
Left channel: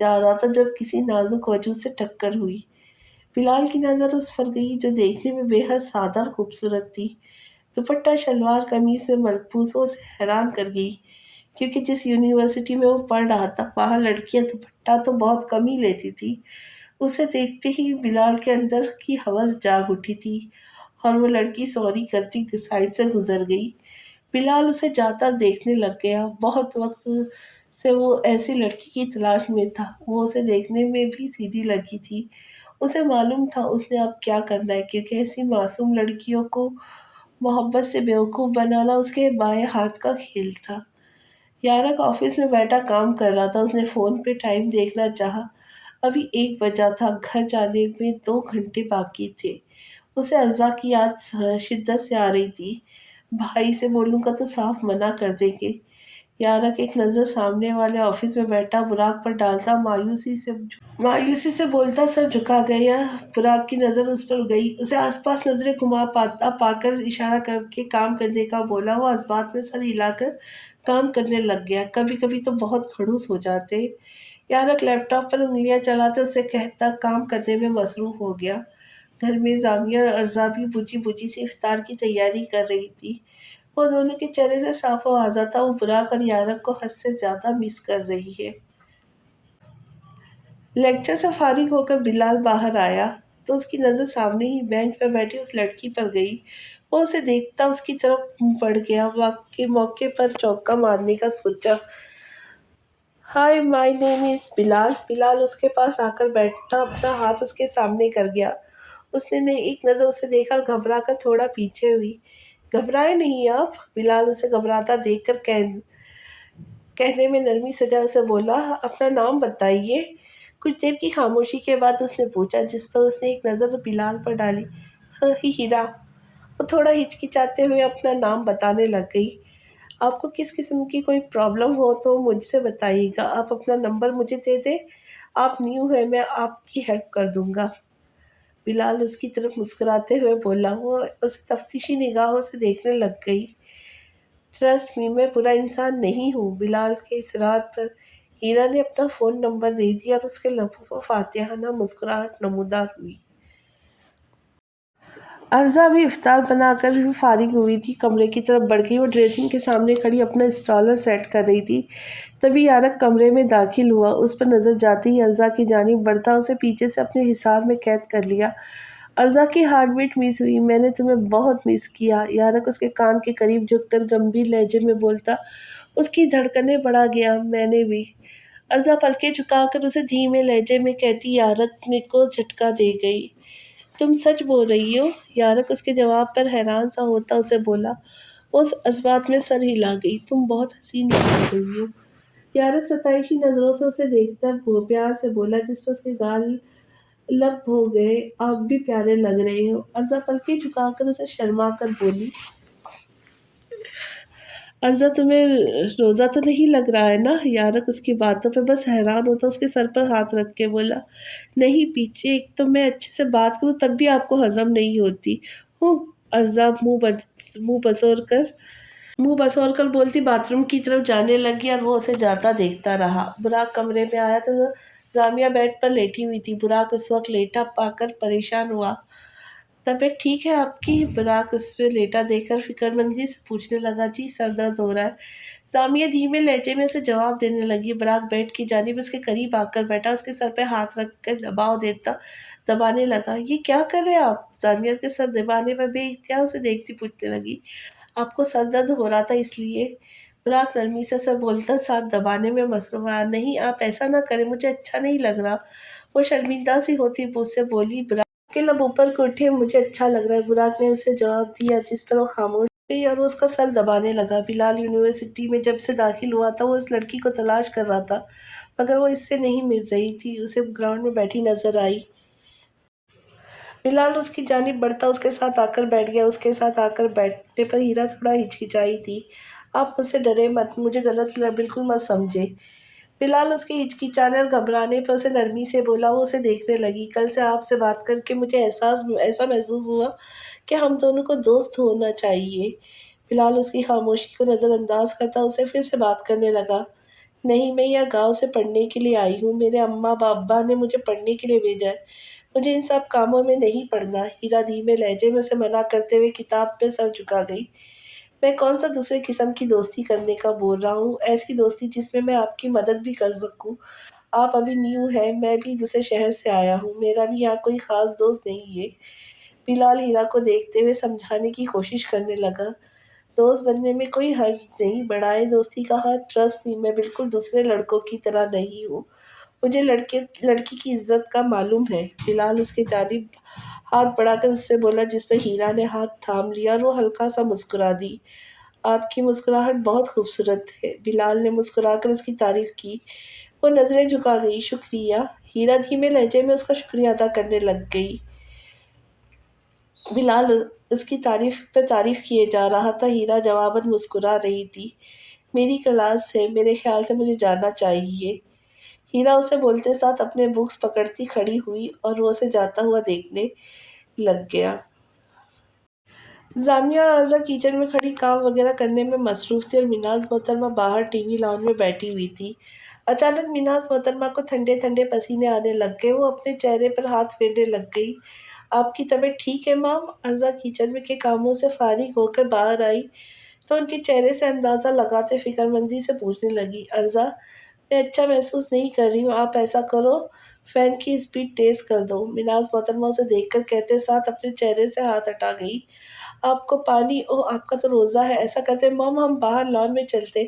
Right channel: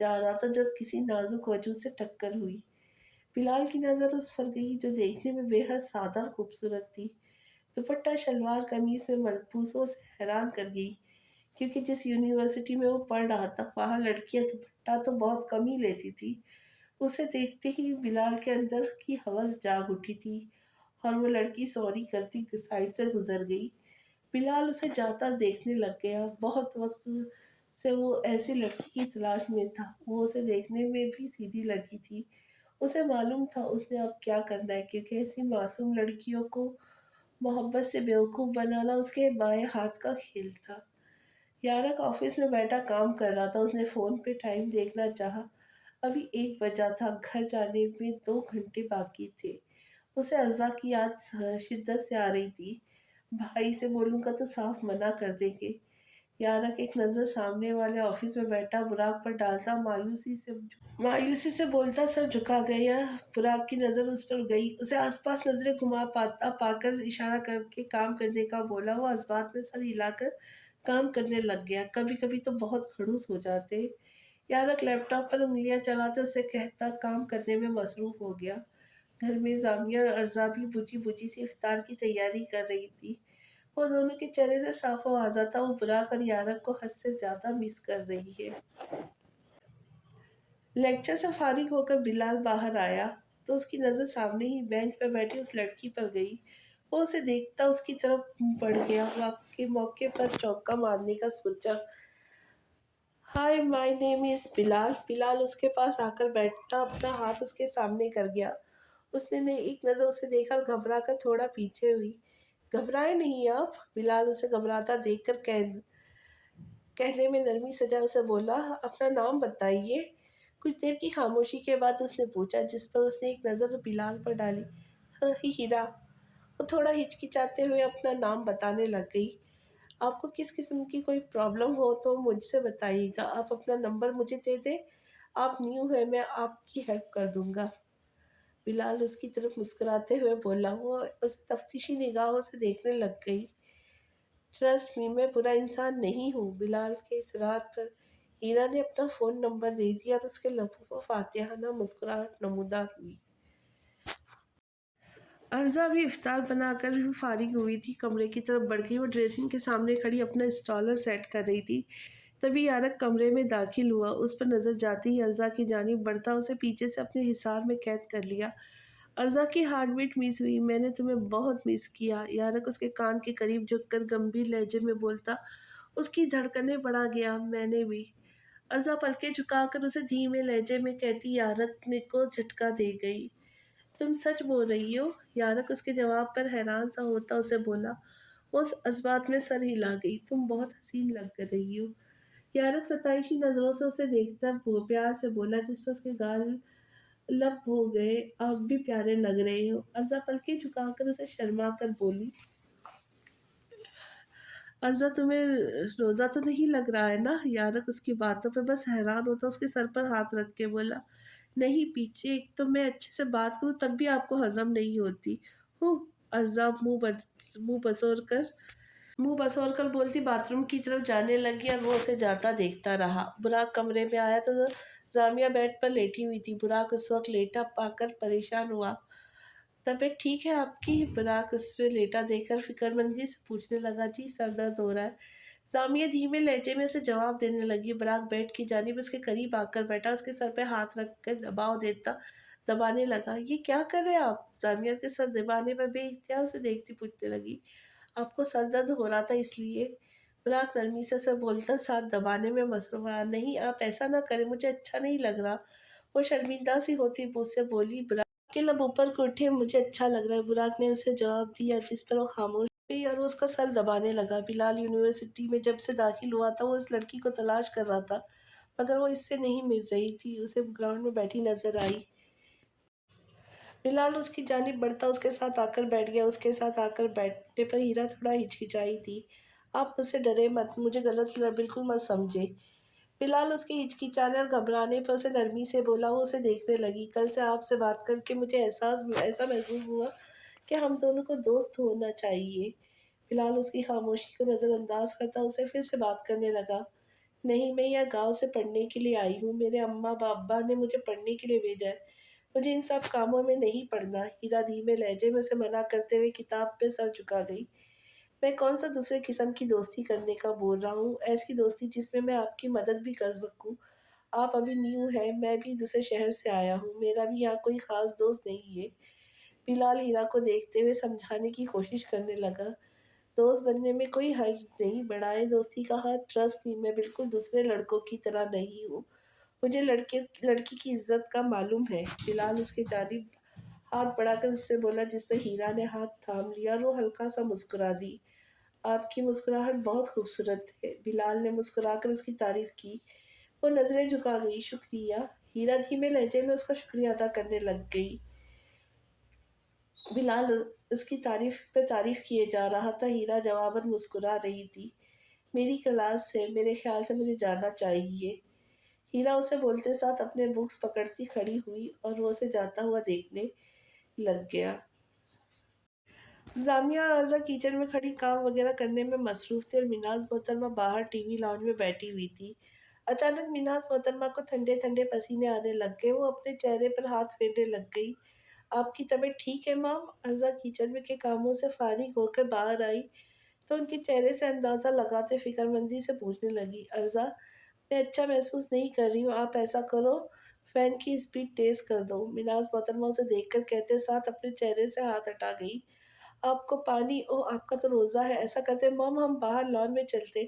جا رہا تھا جب کسی نازک وجود سے ٹکر ہوئی۔ بلال کی نظر اس پر گئی جو دیکھنے میں بے حد سادہ اور خوبصورت تھی۔ دوپٹہ شلوار قمیص میں ملبوس وہ اسے حیران کر گئی، کیونکہ جس یونیورسٹی میں وہ پڑھ رہا تھا وہاں لڑکیاں دوپٹہ تو بہت کم ہی لیتی تھی۔ اسے دیکھتے ہی بلال کے اندر کی ہوس جاگ اٹھی تھی اور وہ لڑکی سوری کرتی سائڈ سے گزر گئی۔ بلال اسے جاتا دیکھنے لگ گیا۔ بہت وقت سے وہ ایسی لڑکی کی تلاش میں تھا۔ وہ اسے دیکھنے میں بھی سیدھی لگی تھی۔ اسے معلوم تھا اس نے اب کیا کرنا ہے، کیونکہ ایسی معصوم لڑکیوں کو محبت سے بیوقوف بنانا اس کے بائیں ہاتھ کا کھیل تھا۔ یارک آفس میں بیٹھا کام کر رہا تھا۔ اس نے فون پہ ٹائم دیکھنا چاہا۔ ابھی 1 بجا تھا، گھر جانے میں 2 گھنٹے باقی تھے۔ اسے ارزا کی یاد شدت سے آ رہی تھی۔ بھائی سے بولوں گا تو صاف منع کر دیں گے۔ یارک ایک نظر سامنے والے آفس میں بیٹھا براق پر ڈالتا مایوسی سے بولتا سر جھکا گیا۔ براق کی نظر اس پر گئی۔ اسے آس پاس نظریں گھما پا کر اشارہ کر کے کام کرنے کا بولا۔ وہ اس بات میں سر ہلا کر کام کرنے لگ گیا۔ کبھی کبھی تو بہت کھڑوس ہو جاتے۔ یارک لیپ ٹاپ پر انگلیاں چلاتے اسے کہتا کام کرنے میں مصروف ہو گیا۔ گھر میں زامیہ اور ارزا بھی بجھی بجھی سے افطار کی تیاری کر رہی تھی۔ وہ دونوں کے چہرے سے صاف و واضح تھا وہ براق اور یارک کو حد سے زیادہ مس کر رہی ہے۔ لیکچر سے فارغ ہو کر بلال باہر آیا تو اس کی نظر سامنے ہی بینچ پر بیٹھی اس لڑکی پر گئی۔ وہ اسے دیکھتا اس کی طرف بڑھ گیا۔ موقع پر چوکا مارنے کا سوچا۔ ہائی مائی نیم از بلال۔ بلال اس کے پاس آ کر بیٹھا اپنا ہاتھ اس کے سامنے کر گیا۔ اس نے ایک نظر اسے دیکھا اور گھبرا کر تھوڑا پیچھے ہوئی۔ گھبرائے نہیں آپ؟ بلال اسے گھبراتا دیکھ کر کہنے میں نرمی سجا اسے بولا اپنا نام بتائیے۔ کچھ دیر کی خاموشی کے بعد اس نے پوچھا، جس پر اس نے ایک نظر بلال پر ڈالی۔ ہیرا۔ وہ تھوڑا ہچکچاتے ہوئے اپنا نام بتانے لگ گئی۔ آپ کو کس قسم کی کوئی پرابلم ہو تو مجھ سے بتائیے گا۔ آپ اپنا نمبر مجھے دے دیں۔ آپ نیو ہیں، میں آپ کی ہیلپ کر دوں گا۔ بلال اس کی طرف مسکراتے ہوئے بولا۔ وہ اسے تفتیشی نگاہوں سے دیکھنے لگ گئی۔ ٹرسٹ می، میں برا انسان نہیں ہوں۔ بلال کے اصرار پر ہیرا نے اپنا فون نمبر دے دیا اور اس کے لبوں پر فاتحانہ مسکراہٹ نمودار ہوئی۔ ارزا بھی افطار بنا کر فارغ ہوئی تھی، کمرے کی طرف بڑھ گئی۔ وہ ڈریسنگ کے سامنے کھڑی اپنا اسٹالر سیٹ کر رہی تھی۔ تبھی یارک کمرے میں داخل ہوا۔ اس پر نظر جاتے ہی ارزا کی جانب بڑھتا اسے پیچھے سے اپنے حصار میں قید کر لیا۔ ارزا کی ہارٹ بیٹ مس ہوئی۔ میں نے تمہیں بہت مس کیا۔ یارک اس کے کان کے قریب جھک کر گمبھیر لہجے میں بولتا۔ اس کی دھڑکنیں بڑھا گیا۔ میں نے بھی۔ ارزا پلکیں جھکا کر اسے دھیمے لہجے میں کہتی یارک کو جھٹکا دے گئی۔ تم سچ بول رہی ہو؟ یارک اس کے جواب پر حیران سا ہوتا اسے بولا۔ وہ اس بات میں سر ہلا گئی۔ تم بہت حسین لگ رہی ہو۔ یارک ستائشی نظروں سے اسے دیکھتا پیار سے بولا، جس پر اس کے گال لب ہو گئے۔ آپ بھی پیارے لگ رہے ہو۔ ارزا پلکیں جھکا کر اسے شرما کر بولی۔ ارزا تمہیں روزہ تو نہیں لگ رہا ہے نا؟ یارک اس کی باتوں پہ بس حیران ہوتا اس کے سر پر ہاتھ رکھ کے بولا۔ نہیں پیچھے، ایک تو میں اچھے سے بات کروں تب بھی آپ کو ہضم نہیں ہوتی۔ ارزا منہ بسور کر بولتی باتھ روم کی طرف جانے لگی اور وہ اسے جاتا دیکھتا رہا۔ براق کمرے میں آیا تو زامیہ بیڈ پر لیٹی ہوئی تھی۔ براق اس وقت لیٹا پا کر پریشان ہوا۔ طبیعت ٹھیک ہے آپ کی؟ براق اس پہ لیٹا دیکھ کر فکر مندی سے پوچھنے لگا۔ جی سر درد ہو رہا ہے، سامیہ دھیمے لہجے میں اسے جواب دینے لگی۔ براق بیڈ کی جانب اس کے قریب آ کر بیٹھا، اس کے سر پہ ہاتھ رکھ کر دبانے لگا۔ یہ کیا کر رہے آپ؟ سامیہ اس کے سر دبانے پر بے اختیار اسے دیکھتی پوچھنے لگی۔ آپ کو سر درد ہو رہا تھا اس لیے؟ براق نرمی سے سر بولتا ساتھ دبانے میں مصروف رہا۔ نہیں آپ ایسا نہ کریں، مجھے اچھا نہیں لگ رہا۔ وہ شرمندہ سی ہوتی مجھ سے بولی۔ براق کے لب اوپر کو اٹھے۔ مجھے اچھا لگ رہا ہے، براق نے اسے جواب دیا، جس پر وہ خاموش گئی اور وہ اس کا سر دبانے لگا۔ بلال یونیورسٹی میں جب سے داخل ہوا تھا وہ اس لڑکی کو تلاش کر رہا تھا، مگر وہ اس سے نہیں مل رہی تھی۔ اسے گراؤنڈ میں بیٹھی نظر آئی۔ بلال اس کی جانب بڑھتا اس کے ساتھ آ کر بیٹھ گیا۔ اس کے ساتھ آ کر بیٹھنے پر ہیرا تھوڑا ہچکچائی تھی۔ آپ مجھ سے ڈرے مت، مجھے غلط بالکل مت سمجھے۔ بلال اس کے ہچکچانے اور گھبرانے پر اسے نرمی سے بولا۔ وہ اسے دیکھنے لگی۔ کل سے آپ سے بات کر کے مجھے ایسا محسوس ہوا کہ ہم دونوں کو دوست ہونا چاہیے۔ بلال اس کی خاموشی کو نظر انداز کرتا اسے پھر سے بات کرنے لگا۔ نہیں، میں یہاں گاؤں سے پڑھنے کے لیے آئی ہوں، میرے اماں ابا نے مجھے پڑھنے کے لیے بھیجا ہے، مجھے ان سب کاموں میں نہیں پڑھنا۔ ہیرا دھیمے لہجے میں اسے منع کرتے ہوئے کتاب پہ سر جھکا گئی۔ میں کون سا دوسرے قسم کی دوستی کرنے کا بول رہا ہوں، ایسی دوستی جس میں آپ کی مدد بھی کر سکوں۔ آپ ابھی نیو ہیں، میں بھی دوسرے شہر سے آیا ہوں، میرا بھی یہاں کوئی خاص دوست نہیں ہے۔ بلال ہیرا کو دیکھتے ہوئے سمجھانے کی کوشش کرنے لگا۔ دوست بننے میں کوئی حرج نہیں، بڑھائے دوستی کا ہاتھ، ٹرسٹ می، میں بالکل دوسرے لڑکوں کی طرح نہیں ہوں، مجھے لڑکی کی عزت کا معلوم ہے۔ بلال اس کے جانب ہاتھ بڑھا کر اس سے بولا، جس پر ہیرا نے ہاتھ تھام لیا اور وہ ہلکا سا مسکرا دی۔ آپ کی مسکراہٹ بہت خوبصورت ہے۔ بلال نے مسکرا کر اس کی تعریف کی۔ وہ نظریں جھکا گئی۔ شکریہ۔ ہیرا دھیمے لہجے میں اس کا شکریہ ادا کرنے لگ گئی۔ بلال اس کی تعریف پہ تعریف کیے جا رہا تھا۔ ہیرا جواباً مسکرا رہی تھی۔ میری کلاس ہے، میرے خیال سے مجھے جانا چاہیے۔ ہیرا اسے بولتے ساتھ اپنے بکس پکڑتی کھڑی ہوئی اور وہ اسے جاتا ہوا دیکھنے لگ گیا۔ زامیہ اور عرضہ کچن میں کھڑی کام وغیرہ کرنے میں مصروف تھی اور مناز محترمہ باہر ٹی وی لاؤنج میں بیٹھی ہوئی تھی۔ اچانک مناز محترمہ کو ٹھنڈے ٹھنڈے پسینے آنے لگ گئے۔ وہ اپنے چہرے پر ہاتھ پھیرنے لگ گئی۔ آپ کی طبیعت ٹھیک ہے مام؟ عرضہ کچن میں کے کاموں سے فارغ ہو کر باہر آئی تو ان کے چہرے سے اندازہ لگاتے فکر مندی سے پوچھنے لگی۔ عرضہ میں اچھا محسوس نہیں کر رہی ہوں، آپ ایسا کرو فین کی اسپیڈ تیز کر دو۔ مناز محترمہ اسے دیکھ کر کہتے ساتھ اپنے چہرے سے ہاتھ ہٹا گئی۔ آپ کو پانی، آپ کا تو روزہ ہے، ایسا کرتے مام ہم باہر لان میں چلتے،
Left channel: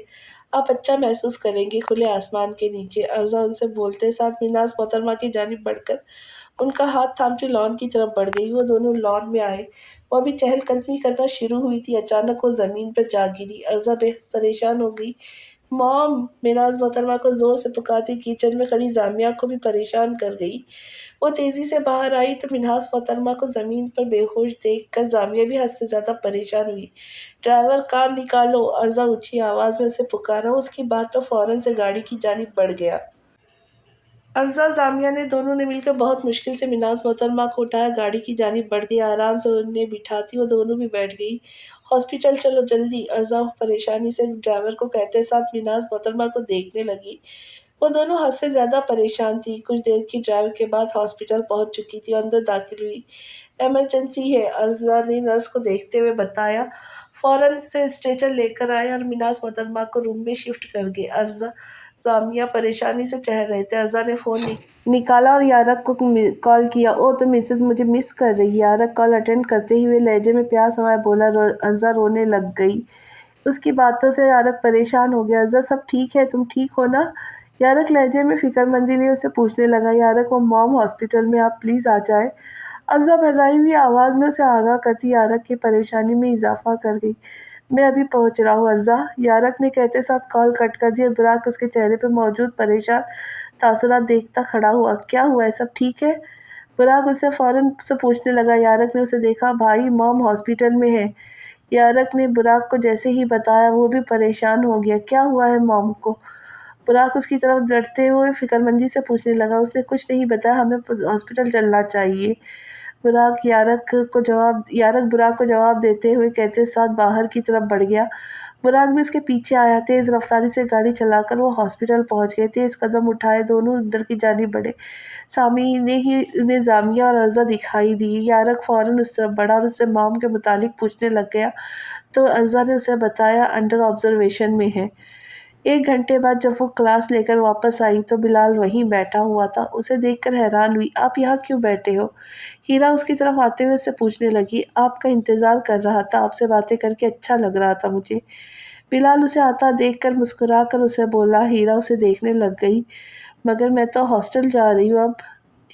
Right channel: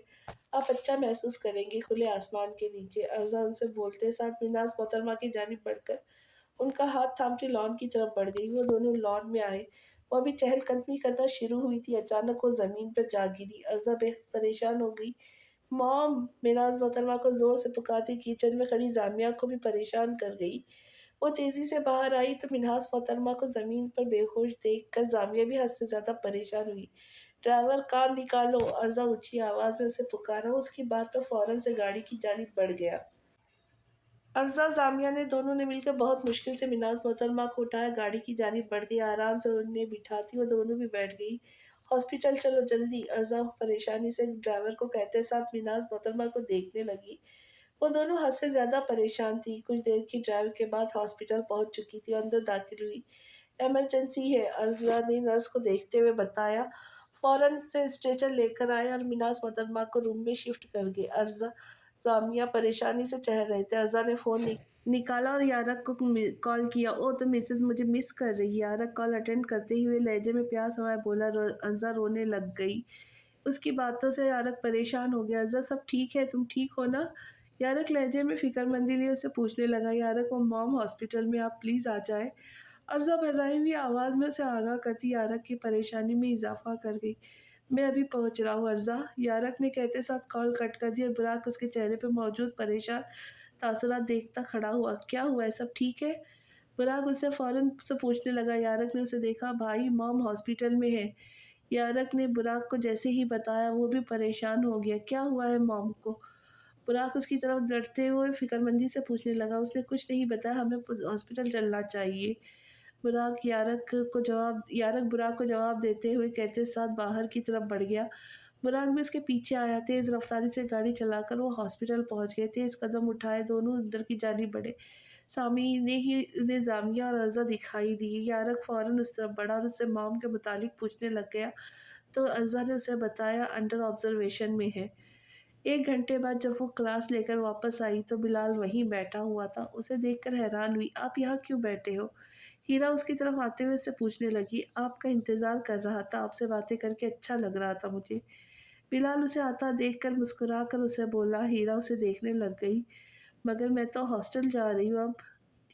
آپ اچھا محسوس کریں گے کھلے آسمان کے نیچے۔ عرضہ ان سے بولتے ساتھ مناز محترمہ کی جانب بڑھ کر ان کا ہاتھ تھامتی لان کی طرف بڑھ گئی۔ وہ دونوں لان میں آئے۔ وہ ابھی چہل قدمی کرنا شروع ہوئی تھی، اچانک وہ زمین پر جا گری۔ عرضہ بے حد پریشان ہو گئی۔ مام! مناز محترمہ کو زور سے پکارتی کچن میں کھڑی زامیہ کو بھی پریشان کر گئی۔ وہ تیزی سے باہر آئی تو مناز محترمہ کو زمین پر بے ہوش دیکھ کر زامیہ بھی حد سے زیادہ پریشان ہوئی۔ ڈرائیور کار نکالو! عرضہ اونچی آواز میں اسے پکارا۔ وہ اس کی بات پر فوراً سے گاڑی کی جانب بڑھ گیا۔ عرضہ زامیہ نے دونوں نے مل کر بہت مشکل سے مناز محترمہ کو اٹھایا، گاڑی کی جانب بڑھ گئی۔ آرام سے انہیں بٹھاتی وہ دونوں بھی بیٹھ گئی۔ ہاسپٹل چلو جلدی! عرضہ پریشانی سے ڈرائیور کو کہتے ساتھ مناز محترمہ کو دیکھنے لگی۔ وہ دونوں حد سے زیادہ پریشان تھی۔ کچھ دیر کی ڈرائیو کے بعد ہاسپٹل پہنچ چکی تھی اور اندر داخل ہوئی۔ ایمرجنسی ہے، عرضہ نے نرس کو دیکھتے ہوئے بتایا۔ فوراً سے اسٹریچر لے کر آئے اور مناز محترمہ کو روم میں شفٹ کر گئے۔ عرضہ زامیہ پریشانی سے ٹہر رہے تھے۔ عرضہ نے فون نکالا اور یارق کو کال کیا۔ او تو مسز مجھے مس کر رہی؟ یارق کال اٹینڈ کرتے ہوئے لہجے میں پیار سمایا بولا۔ عرضہ رونے لگ گئی۔ اس کی باتوں سے یارق پریشان ہو گیا۔ عرضہ سب ٹھیک ہے، تم ٹھیک ہو نا؟ یارق لہجے میں فکر مندی لیے اسے پوچھنے لگا۔ یارق وہ مام ہاسپٹل میں، آپ پلیز آ جائیں۔ عرضہ بھررائی ہوئی آواز میں اسے آگاہ کرتی یارق کی پریشانی میں اضافہ کر گئی۔ میں ابھی پہنچ رہا ہوں عرضہ، یارق نے کہتے ساتھ کال کٹ کر دی اور براق اس کے چہرے پہ موجود پریشان تاثرات دیکھتا کھڑا ہوا۔ کیا ہوا ہے، سب ٹھیک ہے؟ براق اس سے فوراً سے پوچھنے لگا۔ یارق نے اسے دیکھا۔ بھائی مام ہاسپٹل میں ہے۔ یارق نے براق کو جیسے ہی بتایا وہ بھی پریشان ہو گیا۔ کیا ہوا ہے مام کو؟ براق اس کی طرف ڈرتے ہوئے فکر مندی سے پوچھنے لگا۔ اس نے کچھ نہیں بتایا، ہمیں ہاسپٹل چلنا چاہیے۔ یارق براق کو جواب دیتے ہوئے کہتے ساتھ باہر کی طرف بڑھ گیا۔ बुराक भी उसके पीछे आया। तेज रफ्तारी से गाड़ी चलाकर वो हॉस्पिटल पहुंच गए। तेज कदम उठाए दोनों अंदर की जानिब बढ़े। सामने ही उन्हें जामिया और अर्जा दिखाई दी। यारक फौरन उस तरफ बढ़ा और उससे मॉम के मुतालिक पूछने लग गया, तो अर्जा ने उसे बताया अंडर ऑब्जर्वेशन में है। 1 घंटे बाद जब वो क्लास लेकर वापस आई तो बिलाल वहीं बैठा हुआ था। उसे देखकर हैरान हुई। आप यहाँ क्यों बैठे हो? हीरा उसकी तरफ आते हुए उससे पूछने लगी। आपका इंतजार कर रहा था, आपसे बातें करके अच्छा लग रहा था मुझे। बिलाल उसे आता देखकर मुस्कुरा कर उसे बोला। हीरा उसे देखने लग गई। मगर मैं तो हॉस्टल जा रही हूँ अब।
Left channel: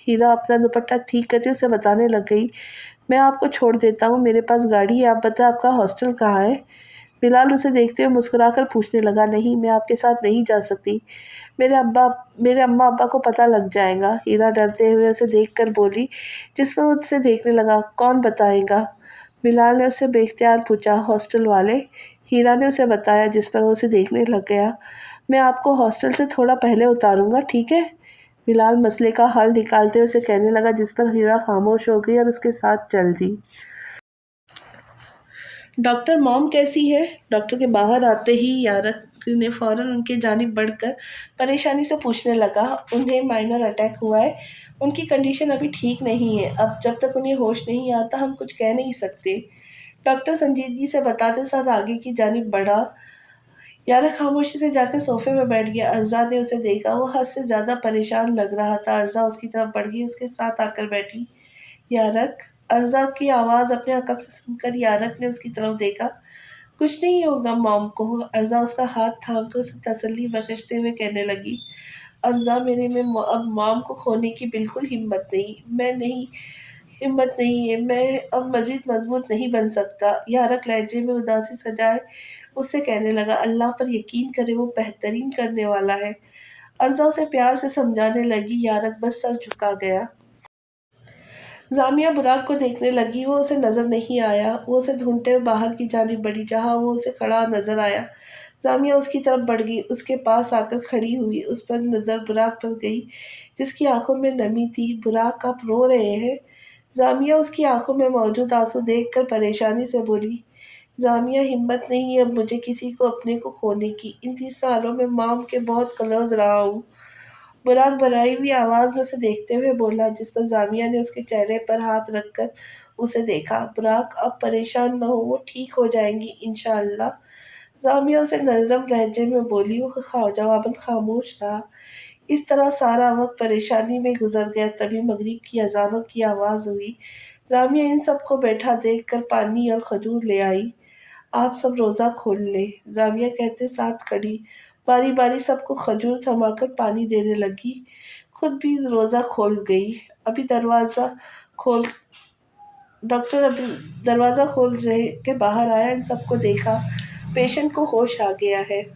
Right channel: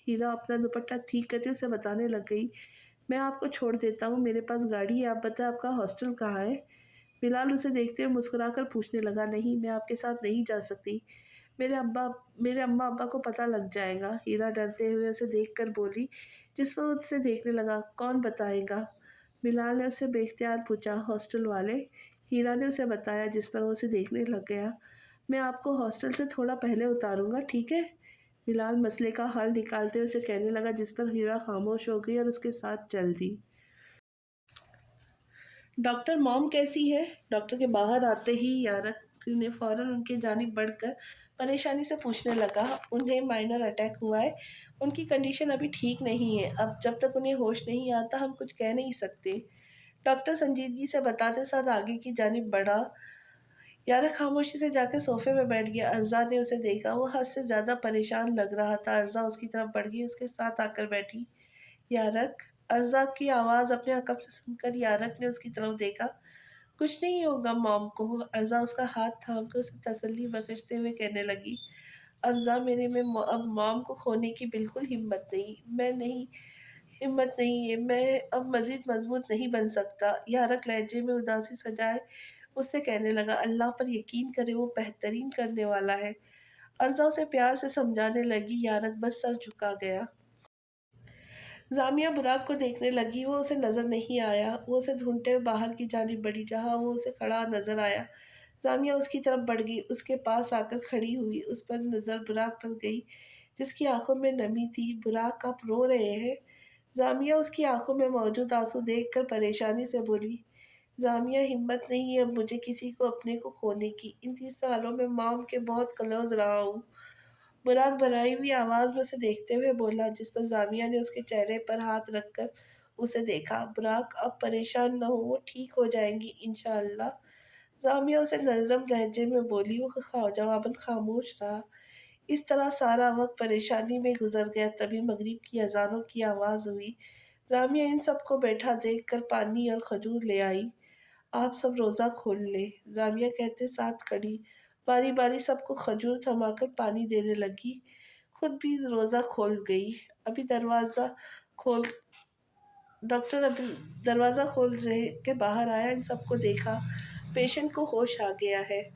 हीरा अपना दुपट्टा ठीक करते उसे बताने लग गई। मैं आपको छोड़ देता हूँ, मेरे पास गाड़ी है। आप बताएं आपका हॉस्टल कहाँ है? बिलाल उसे देखते हुए मुस्कुराकर पूछने लगा। नहीं, मैं आपके साथ नहीं जा सकती। मेरे अम्मा अब्बा को पता लग जाएगा। हीरा डरते हुए उसे देखकर बोली, जिस पर वो उसे देखने लगा। कौन बताएगा? बिलाल ने उससे बेख्तियार पूछा। हॉस्टल वाले। हीरा ने उसे बताया, जिस पर वो उसे देखने लग गया। मैं आपको हॉस्टल से थोड़ा पहले उतारूंगा, ठीक है? बिलाल मसले का हल निकालते हुए उसे कहने लगा, जिस पर हीरा खामोश हो गई और उसके साथ चल दी। डॉक्टर, मॉम कैसी है? डॉक्टर के बाहर आते ही यारक ने फौरन उनके जानिब बढ़कर परेशानी से पूछने लगा। उन्हें माइनर अटैक हुआ है। उनकी कंडीशन अभी ठीक नहीं है। अब जब तक उन्हें होश नहीं आता हम कुछ कह नहीं सकते। डॉक्टर संजीदगी से बताते साथ आगे की जानिब बढ़ा। यारक खामोशी से जाकर सोफे में बैठ गया। अर्जा ने उसे देखा। वो हद से ज्यादा परेशान लग रहा था। अर्जा उसकी तरफ बढ़ गई, उसके साथ आकर बैठी। यारक। अर्जा की आवाज़ अपने अकब से सुनकर यारक ने उसकी तरफ देखा। कुछ नहीं होगा मॉम को। अर्जा उसका हाथ थाम कर उसे तसल्ली बख्शते हुए कहने लगी। अर्जा, मेरे में अब मॉम को खोने की बिल्कुल हिम्मत नहीं है। मैं अब मजीद मजबूत नहीं बन सकता। यारक लहजे में उदासी सजाए उससे कहने लगा। अल्लाह पर यकीन करे, वो बेहतरीन करने वाला है। अर्जा उसे प्यार से समझाने लगी। यारक बस सर झुका गया। जामिया बुराक को देखने लगी। वो उसे नजर नहीं आया। वो उसे ढूंढते हुए बाहर की जानिब बढ़ी, जहां वो उसे खड़ा नजर आया। जामिया उसकी तरफ बढ़ गई, उसके पास आकर खड़ी हुई। उस पर नजर बुराक पर गई, जिसकी आंखों में नमी थी। बुराक, आप रो रहे हैं? जामिया उसकी आंखों में मौजूद आंसू देखकर परेशानी से बोली। जामिया, हिम्मत नहीं है अब मुझे किसी को अपने को खोने की। इन 30 सालों में मॉम के बहुत क्लोज रहा हूँ। बुराक भराई हुई आवाज में उसे देखते हुए बोला, जिस पर जामिया ने उसके चेहरे पर हाथ रखकर उसे देखा। बुराक, अब परेशान न हो, वो ठीक हो जाएंगी इंशाअल्लाह। जामिया उसे नरम लहजे में बोली। वो जवाबन खामोश रहा। इस तरह सारा वक्त परेशानी में गुजर गया। तभी मगरिब की अजानों की आवाज़ हुई। जामिया इन सबको बैठा देखकर पानी और खजूर ले आई। आप सब रोज़ा खोल लें, जामिया कहते साथ खड़ी बारी बारी सबको खजूर थमाकर पानी देने लगी। खुद भी रोज़ा खोल गई। अभी दरवाज़ा खोल डॉक्टर अभी दरवाज़ा खोल रहे के बाहर आया। इन सबको देखा। पेशेंट को होश आ गया है।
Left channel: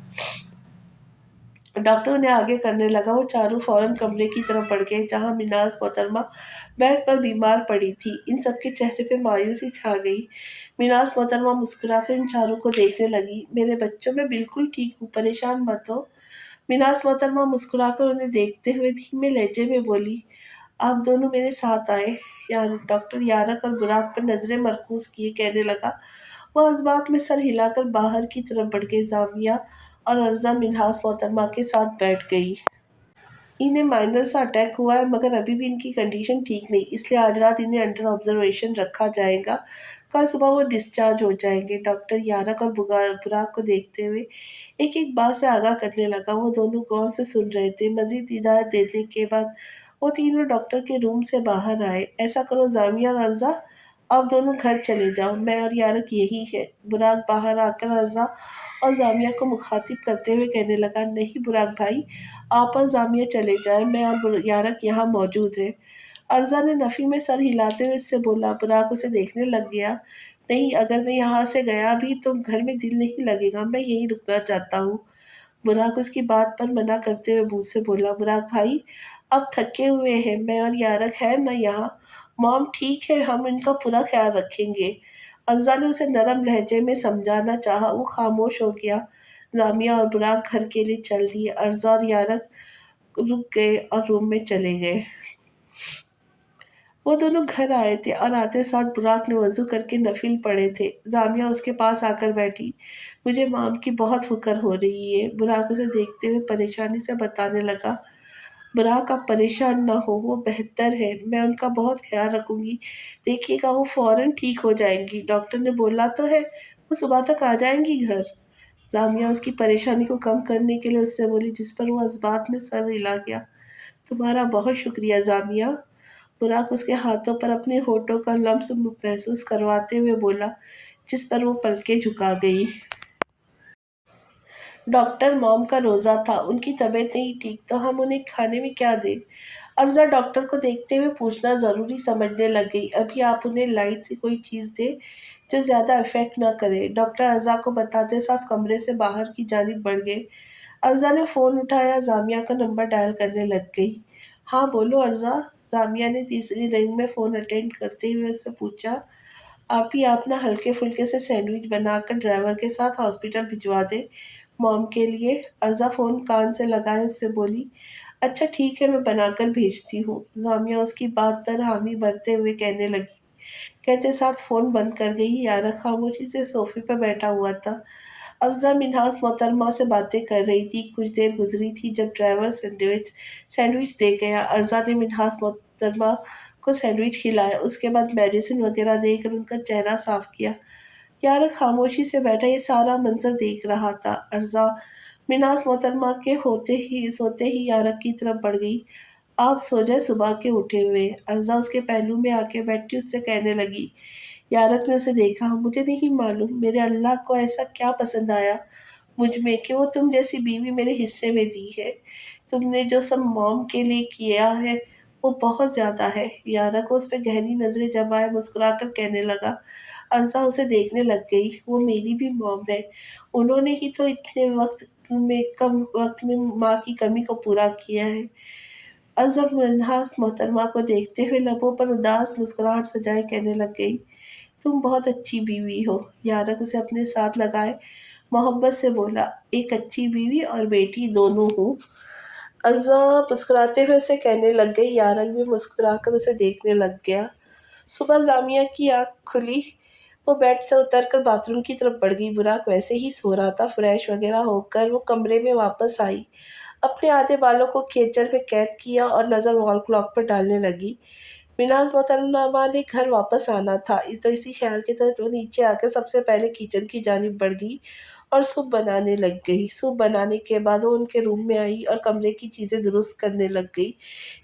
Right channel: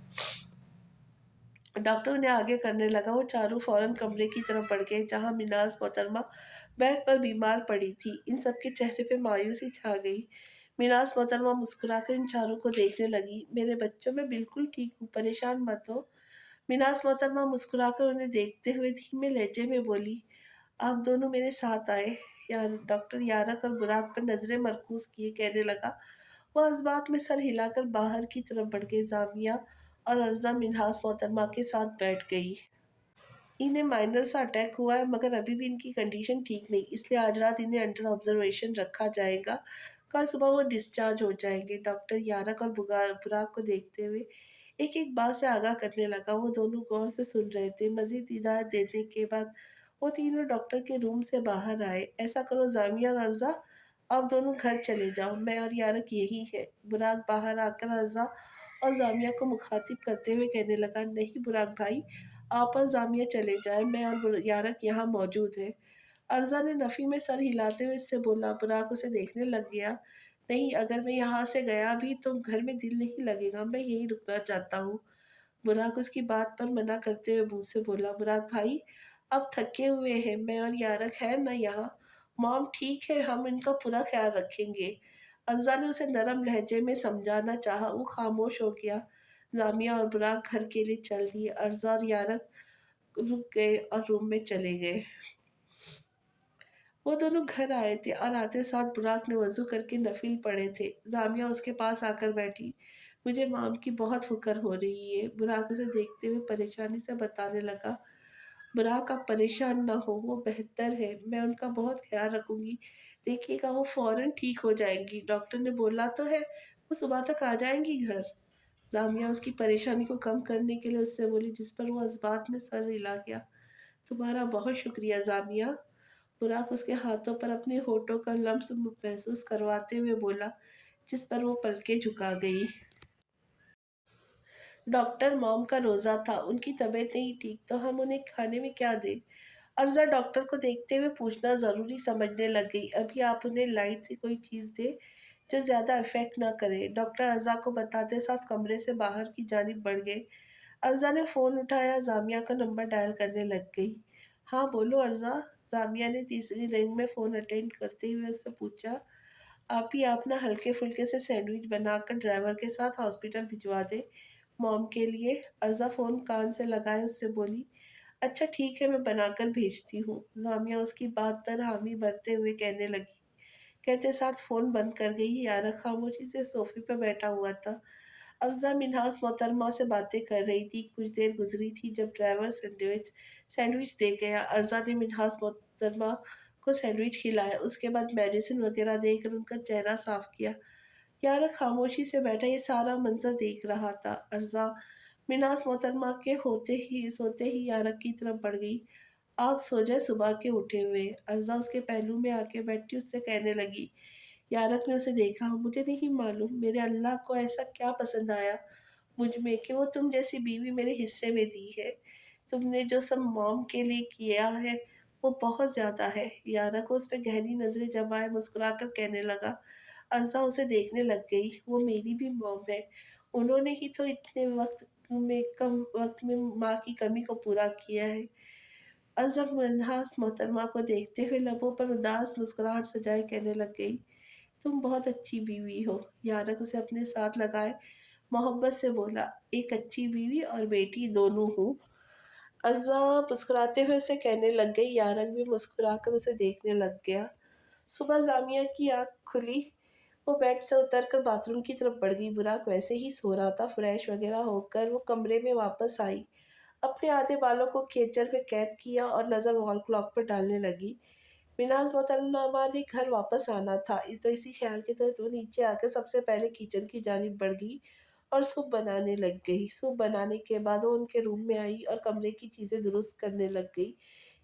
डॉक्टर उन्हें आगे करने लगा। वो चारों फौरन कमरे की तरफ बढ़ गए, जहां मिनाज मोहतरमा बेड पर बीमार पड़ी थी। इन सबके चेहरे पे मायूसी छा गई। मिनाज मोहतरमा मुस्कुराकर इन चारों को देखने लगी। मेरे बच्चों, मैं बिल्कुल ठीक हूँ, परेशान मत हो। मिनाज मोहतरमा मुस्कुराकर उन्हें देखते हुए धीमे लहजे में बोली। आप दोनों मेरे साथ आए। यार डॉक्टर यारक और बुराक पर नजरें मरकूज किए कहने लगा। वह इस बात में सर हिलाकर बाहर की तरफ बढ़ गई। जामिया और अर्जा मिन्हास मोहतरमा के साथ बैठ गई। इन्हें माइनर सा अटैक हुआ है, मगर अभी भी इनकी कंडीशन ठीक नहीं, इसलिए आज रात इन्हें अंडर ऑब्जर्वेशन रखा जाएगा। कल सुबह वो डिस्चार्ज हो जाएंगे। डॉक्टर यारक और बुराक को देखते हुए एक एक बात से आगाह करने लगा। वो दोनों गौर से सुन रहे थे। मजीद हिदायत देने के बाद वो तीनों डॉक्टर के रूम से बाहर आए। ऐसा करो जामिया और अर्जा, आप दोनों घर चले जाओ, मैं और यारक यही है। बुराक बाहर आकर अर्जा और जामिया को मुखातिब करते हुए कहने लगा। नहीं बुराक भाई, आप और जामिया चले जाएं, मैं और यारक यहाँ मौजूद है। अर्जा ने नफ़ी में सर हिलाते हुए इससे बोला। बुराक उसे देखने लग गया। नहीं, अगर मैं यहाँ से गया भी तो घर में दिल नहीं लगेगा, मैं यहीं रुकना चाहता हूँ। बुराक उसकी बात पर मना करते हुए मुंह से बोला। बुराक भाई, अब थके हुए हैं, मैं और यारक है ना यहाँ। मॉम ठीक है, हम इनका पूरा ख्याल रखेंगे। अर्जा ने उसे नरम लहजे में समझाना चाहा। वो खामोश हो गया। जामिया और बुराक घर के लिए चल दिए। अर्जा और यारक रुक गए और रूम में चले गए। वो दोनों घर आए थे और आते साथ बुराक ने वज़ू करके नफिल पढ़े थे। जामिया उसके पास आकर बैठी। मुझे मॉम की बहुत फ़िक्र हो रही है। बुराक उसे देखते हुए परेशानी से बताने लगा। बुराक आप परेशान ना हो, वो बेहतर है। मैं उनका बहुत ख़्याल रखूँगी। देखिएगा वो फ़ौरन ठीक हो जाएँगी। डॉक्टर ने बोला तो है, वो सुबह तक आ जाएँगी घर। जामिया उसकी परेशानी को कम करने के लिए उससे बोली, जिस पर वो इस्बात में सर हिला गया। तुम्हारा बहुत शुक्रिया जामिया। बुराक उसके हाथों पर अपने होठों का लम्स महसूस करवाते हुए बोला, जिस पर वो पलकें झुका गई। डॉक्टर मॉम का रोज़ा था, उनकी तबीयत नहीं ठीक, तो हम उन्हें खाने में क्या दें? अर्ज़ा डॉक्टर को देखते हुए पूछना ज़रूरी समझने लग गई। अभी आप उन्हें लाइट सी कोई चीज़ दें जो ज़्यादा इफ़ेक्ट ना करे। डॉक्टर अर्ज़ा को बताते साथ कमरे से बाहर की जानिब बढ़ गए। अर्ज़ा ने फ़ोन उठाया, जामिया का नंबर डायल करने लग गई। हाँ बोलो अर्ज़ा। जामिया ने तीसरी रिंग में फ़ोन अटेंड करते हुए उससे पूछा। आप ना हल्के फुल्के से सैंडविच बनाकर ड्राइवर के साथ हॉस्पिटल भिजवा दें मॉम के लिए। अर्ज़ा फ़ोन कान से लगाए उससे बोली, अच्छा ठीक है, मैं बनाकर भेजती हूँ। जामिया उसकी बात पर हामी भरते हुए कहने लगी। कहते साथ फ़ोन बंद कर गई। यारा खामोशी से सोफ़े पर बैठा हुआ था। अफ़ज़ा मिन्हास मोहतरमा से बातें कर रही थी। कुछ देर गुज़री थी जब ड्राइवर सैंडविच सैंडविच दे गया। अर्ज़ा ने मिन्हास मोहतरमा को सैंडविच खिलाया। उसके बाद मेडिसिन वग़ैरह देकर उनका चेहरा साफ़ किया। यारा खामोशी से बैठा ये सारा मंज़र देख रहा था। अर्ज़ा मिन्हास मोहतरमा के सोते ही यारा की तरफ बढ़ गई। आप सो जाए, सुबह के उठे हुए। अर्ज़ा उसके पहलू में आके बैठी उससे कहने लगी। यारक ने उसे देखा। मुझे नहीं मालूम मेरे अल्लाह को ऐसा क्या पसंद आया मुझ में कि वो तुम जैसी बीवी मेरे हिस्से में दी है। तुमने जो सब मॉम के लिए किया है वो बहुत ज़्यादा है। यारक उस पे गहरी नज़रें जमाए मुस्कुराकर कहने लगा। अर्ज़ा उसे देखने लग गई। वो मेरी भी मॉम है। उन्होंने ही तो इतने कम वक़्त में माँ की कमी को पूरा किया है। अज़ब मुन्हास मोहतरमा को देखते हुए लबों पर उदास मुस्कुराहट सजाए कहने लग गई, तुम बहुत अच्छी बीवी हो। यारक उसे अपने साथ लगाए मोहब्बत से बोला, एक अच्छी बीवी और बेटी दोनों हूँ। अर्ज़ा मुस्कुराते हुए उसे कहने लग गई। यारक भी मुस्कुराकर उसे देखने लग गया। सुबह जामिया की आँख खुली। वो बेड से उतरकर बाथरूम की तरफ बढ़ गई। बुराक वैसे ही सो रहा था। फ्रेश वगैरह होकर वो कमरे में वापस आई। अपने आधे बालों को खींचर में कैद किया और नज़र वॉल क्लॉक पर डालने लगी। मिनाज मोहतरमा ने घर वापस आना था। तो इसी ख्याल के तहत वो नीचे आकर सबसे पहले किचन की जानिब बढ़ गई और सूप बनाने लग गई। सूप बनाने के बाद वो उनके रूम में आई और कमरे की चीज़ें दुरुस्त करने लग गई।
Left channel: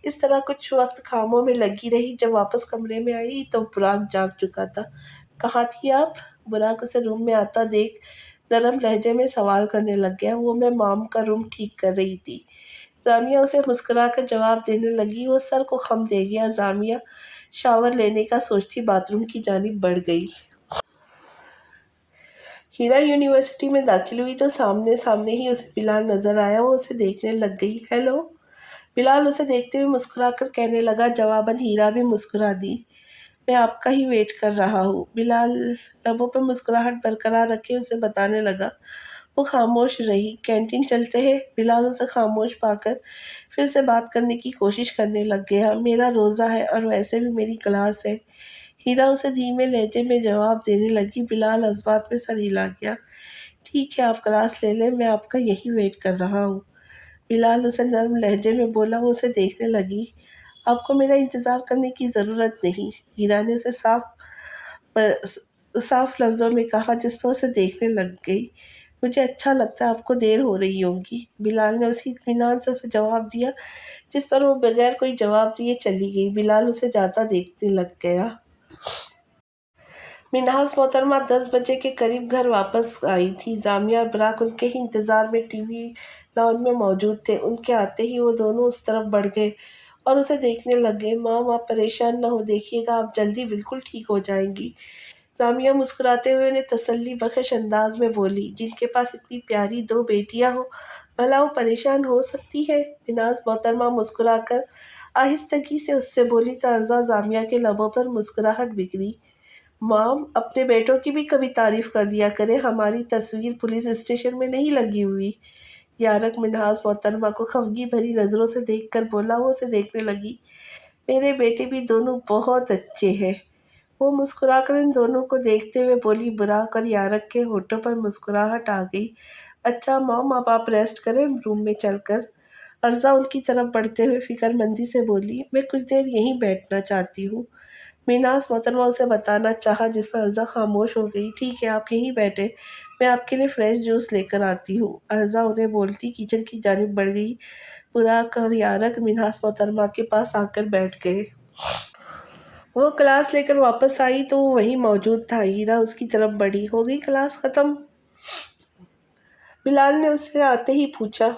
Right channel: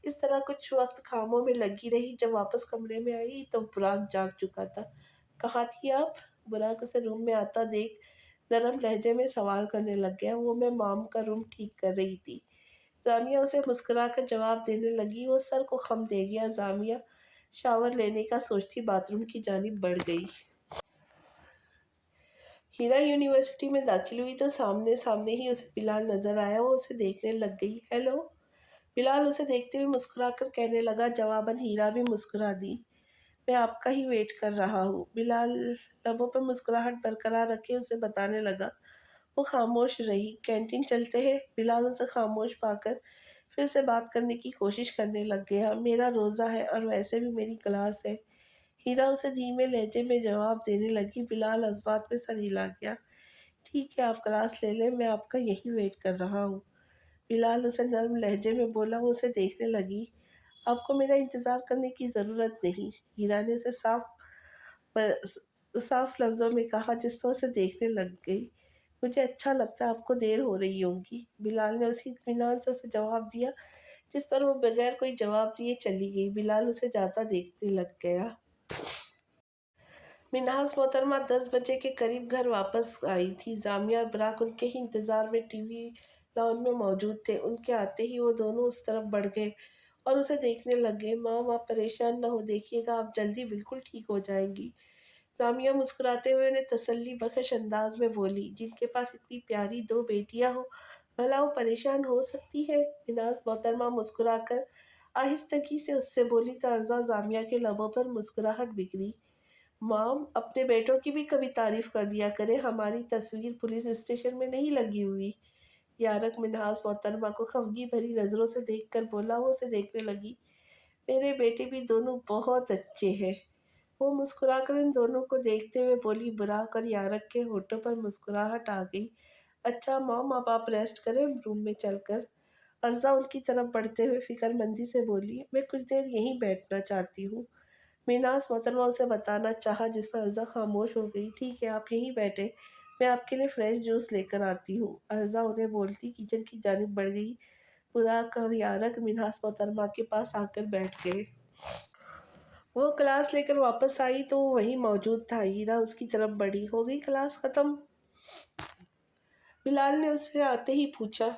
इस तरह कुछ वक्त कामों में लगी रही। जब वापस कमरे में आई तो बुराक जाग चुका था। कहाँ थी आप? बुराक उसे रूम में आता देख नरम लहजे में सवाल करने लग गया। वो मैं मॉम का रूम ठीक कर रही थी। जामिया उसे मुस्कुराकर जवाब देने लगी। वो सर को खम दे गया। जामिया शावर लेने का सोचती बाथरूम की जानिब बढ़ गई। हीरा यूनिवर्सिटी में दाखिल हुई तो सामने सामने ही उसे बिलाल नजर आया। वो उसे देखने लग गई। हेलो। बिलाल उसे देखते हुए मुस्कुराकर कहने लगा। जवाबन हीरा भी मुस्कुरा दी। मैं आपका ही वेट कर रहा हूँ। बिलाल लबों पर मुस्कुराहट बरकरार रखे उसे बताने लगा। वो खामोश रही। कैंटीन चलते हैं। बिलाल उसे खामोश पाकर फिर से बात करने की कोशिश करने लग गया। मेरा रोज़ा है और वैसे भी मेरी क्लास है। हीरा उसे धीमे लहजे में जवाब देने लगी। बिलाल जज्बात में सर हिला गया। ठीक है, आप क्लास ले लें, मैं आपका यही वेट कर रहा हूँ। बिलाल उसे नर्म लहजे में बोला। वो उसे देखने लगी। आपको मेरा इंतज़ार करने की ज़रूरत नहीं। हीरा ने उसे साफ लफ्ज़ों में कहा, जिस पर उसे देखने लग गई। मुझे अच्छा लगता है, आपको देर हो रही होगी। बिलाल ने उसी इत्मीनान से उसे जवाब दिया जिस पर वो बगैर कोई जवाब दिए चली गई। बिलाल उसे जाता देखने लग गया। मिन्हाज मोहतरमा 10 बजे के करीब घर वापस आई थी। जामिया और बराक उनके ही इंतज़ार में टीवी लॉन्ज में मौजूद थे। उनके आते ही वो दोनों उस तरफ बढ़ गए और उसे देखने लग गए। माम, आप परेशान न हो, देखिएगा आप जल्दी बिल्कुल ठीक हो जाएंगी। जामिया मुस्कुराते हुए उन्हें तसल्ली बख्श अंदाज में बोली, जिनके पास इतनी प्यारी 2 बेटियां हो, भला वो परेशान हो सकती है? मिनाज मोहतरमा मुस्कुराकर आहिस्तगी से उससे बोली तो अर्जा जामिया के लबों पर मुस्कुराहट बिखरी। मॉम, अपने बेटों की भी कभी तारीफ कर दिया करें, हमारी तस्वीर पुलिस स्टेशन में नहीं लगी हुई। यारक मिन्हाज मोहतरमा को खफगी भरी नज़रों से देखकर बोला। वो उसे देखने लगी। मेरे बेटे भी दोनों बहुत अच्छे हैं। वो मुस्कुराकर इन दोनों को देखते हुए बोली। बुराक और यारक के होठों पर मुस्कुराहट आ गई। अच्छा मॉम, अब आप रेस्ट करें रूम में चलकर। अर्जा उनकी तरफ बढ़ते हुए फिक्रमंदी से बोली, मैं कुछ देर यहीं बैठना चाहती हूँ। मीनास मोहतरमा उसे बताना चाहा, जिस पर अर्जा खामोश हो गई। ठीक है, आप यहीं बैठे, मैं आपके लिए फ्रेश जूस लेकर आती हूँ। अर्जा उन्हें बोलती किचन की जानिब बढ़ गई। बुराक और यारक मीनास मोहतरमा के पास आकर बैठ गए। वो क्लास लेकर वापस आई तो वो वहीं मौजूद था। हीरा उसकी तरफ बढ़ी। हो गई क्लास खत्म? बिलाल ने उससे आते ही पूछा।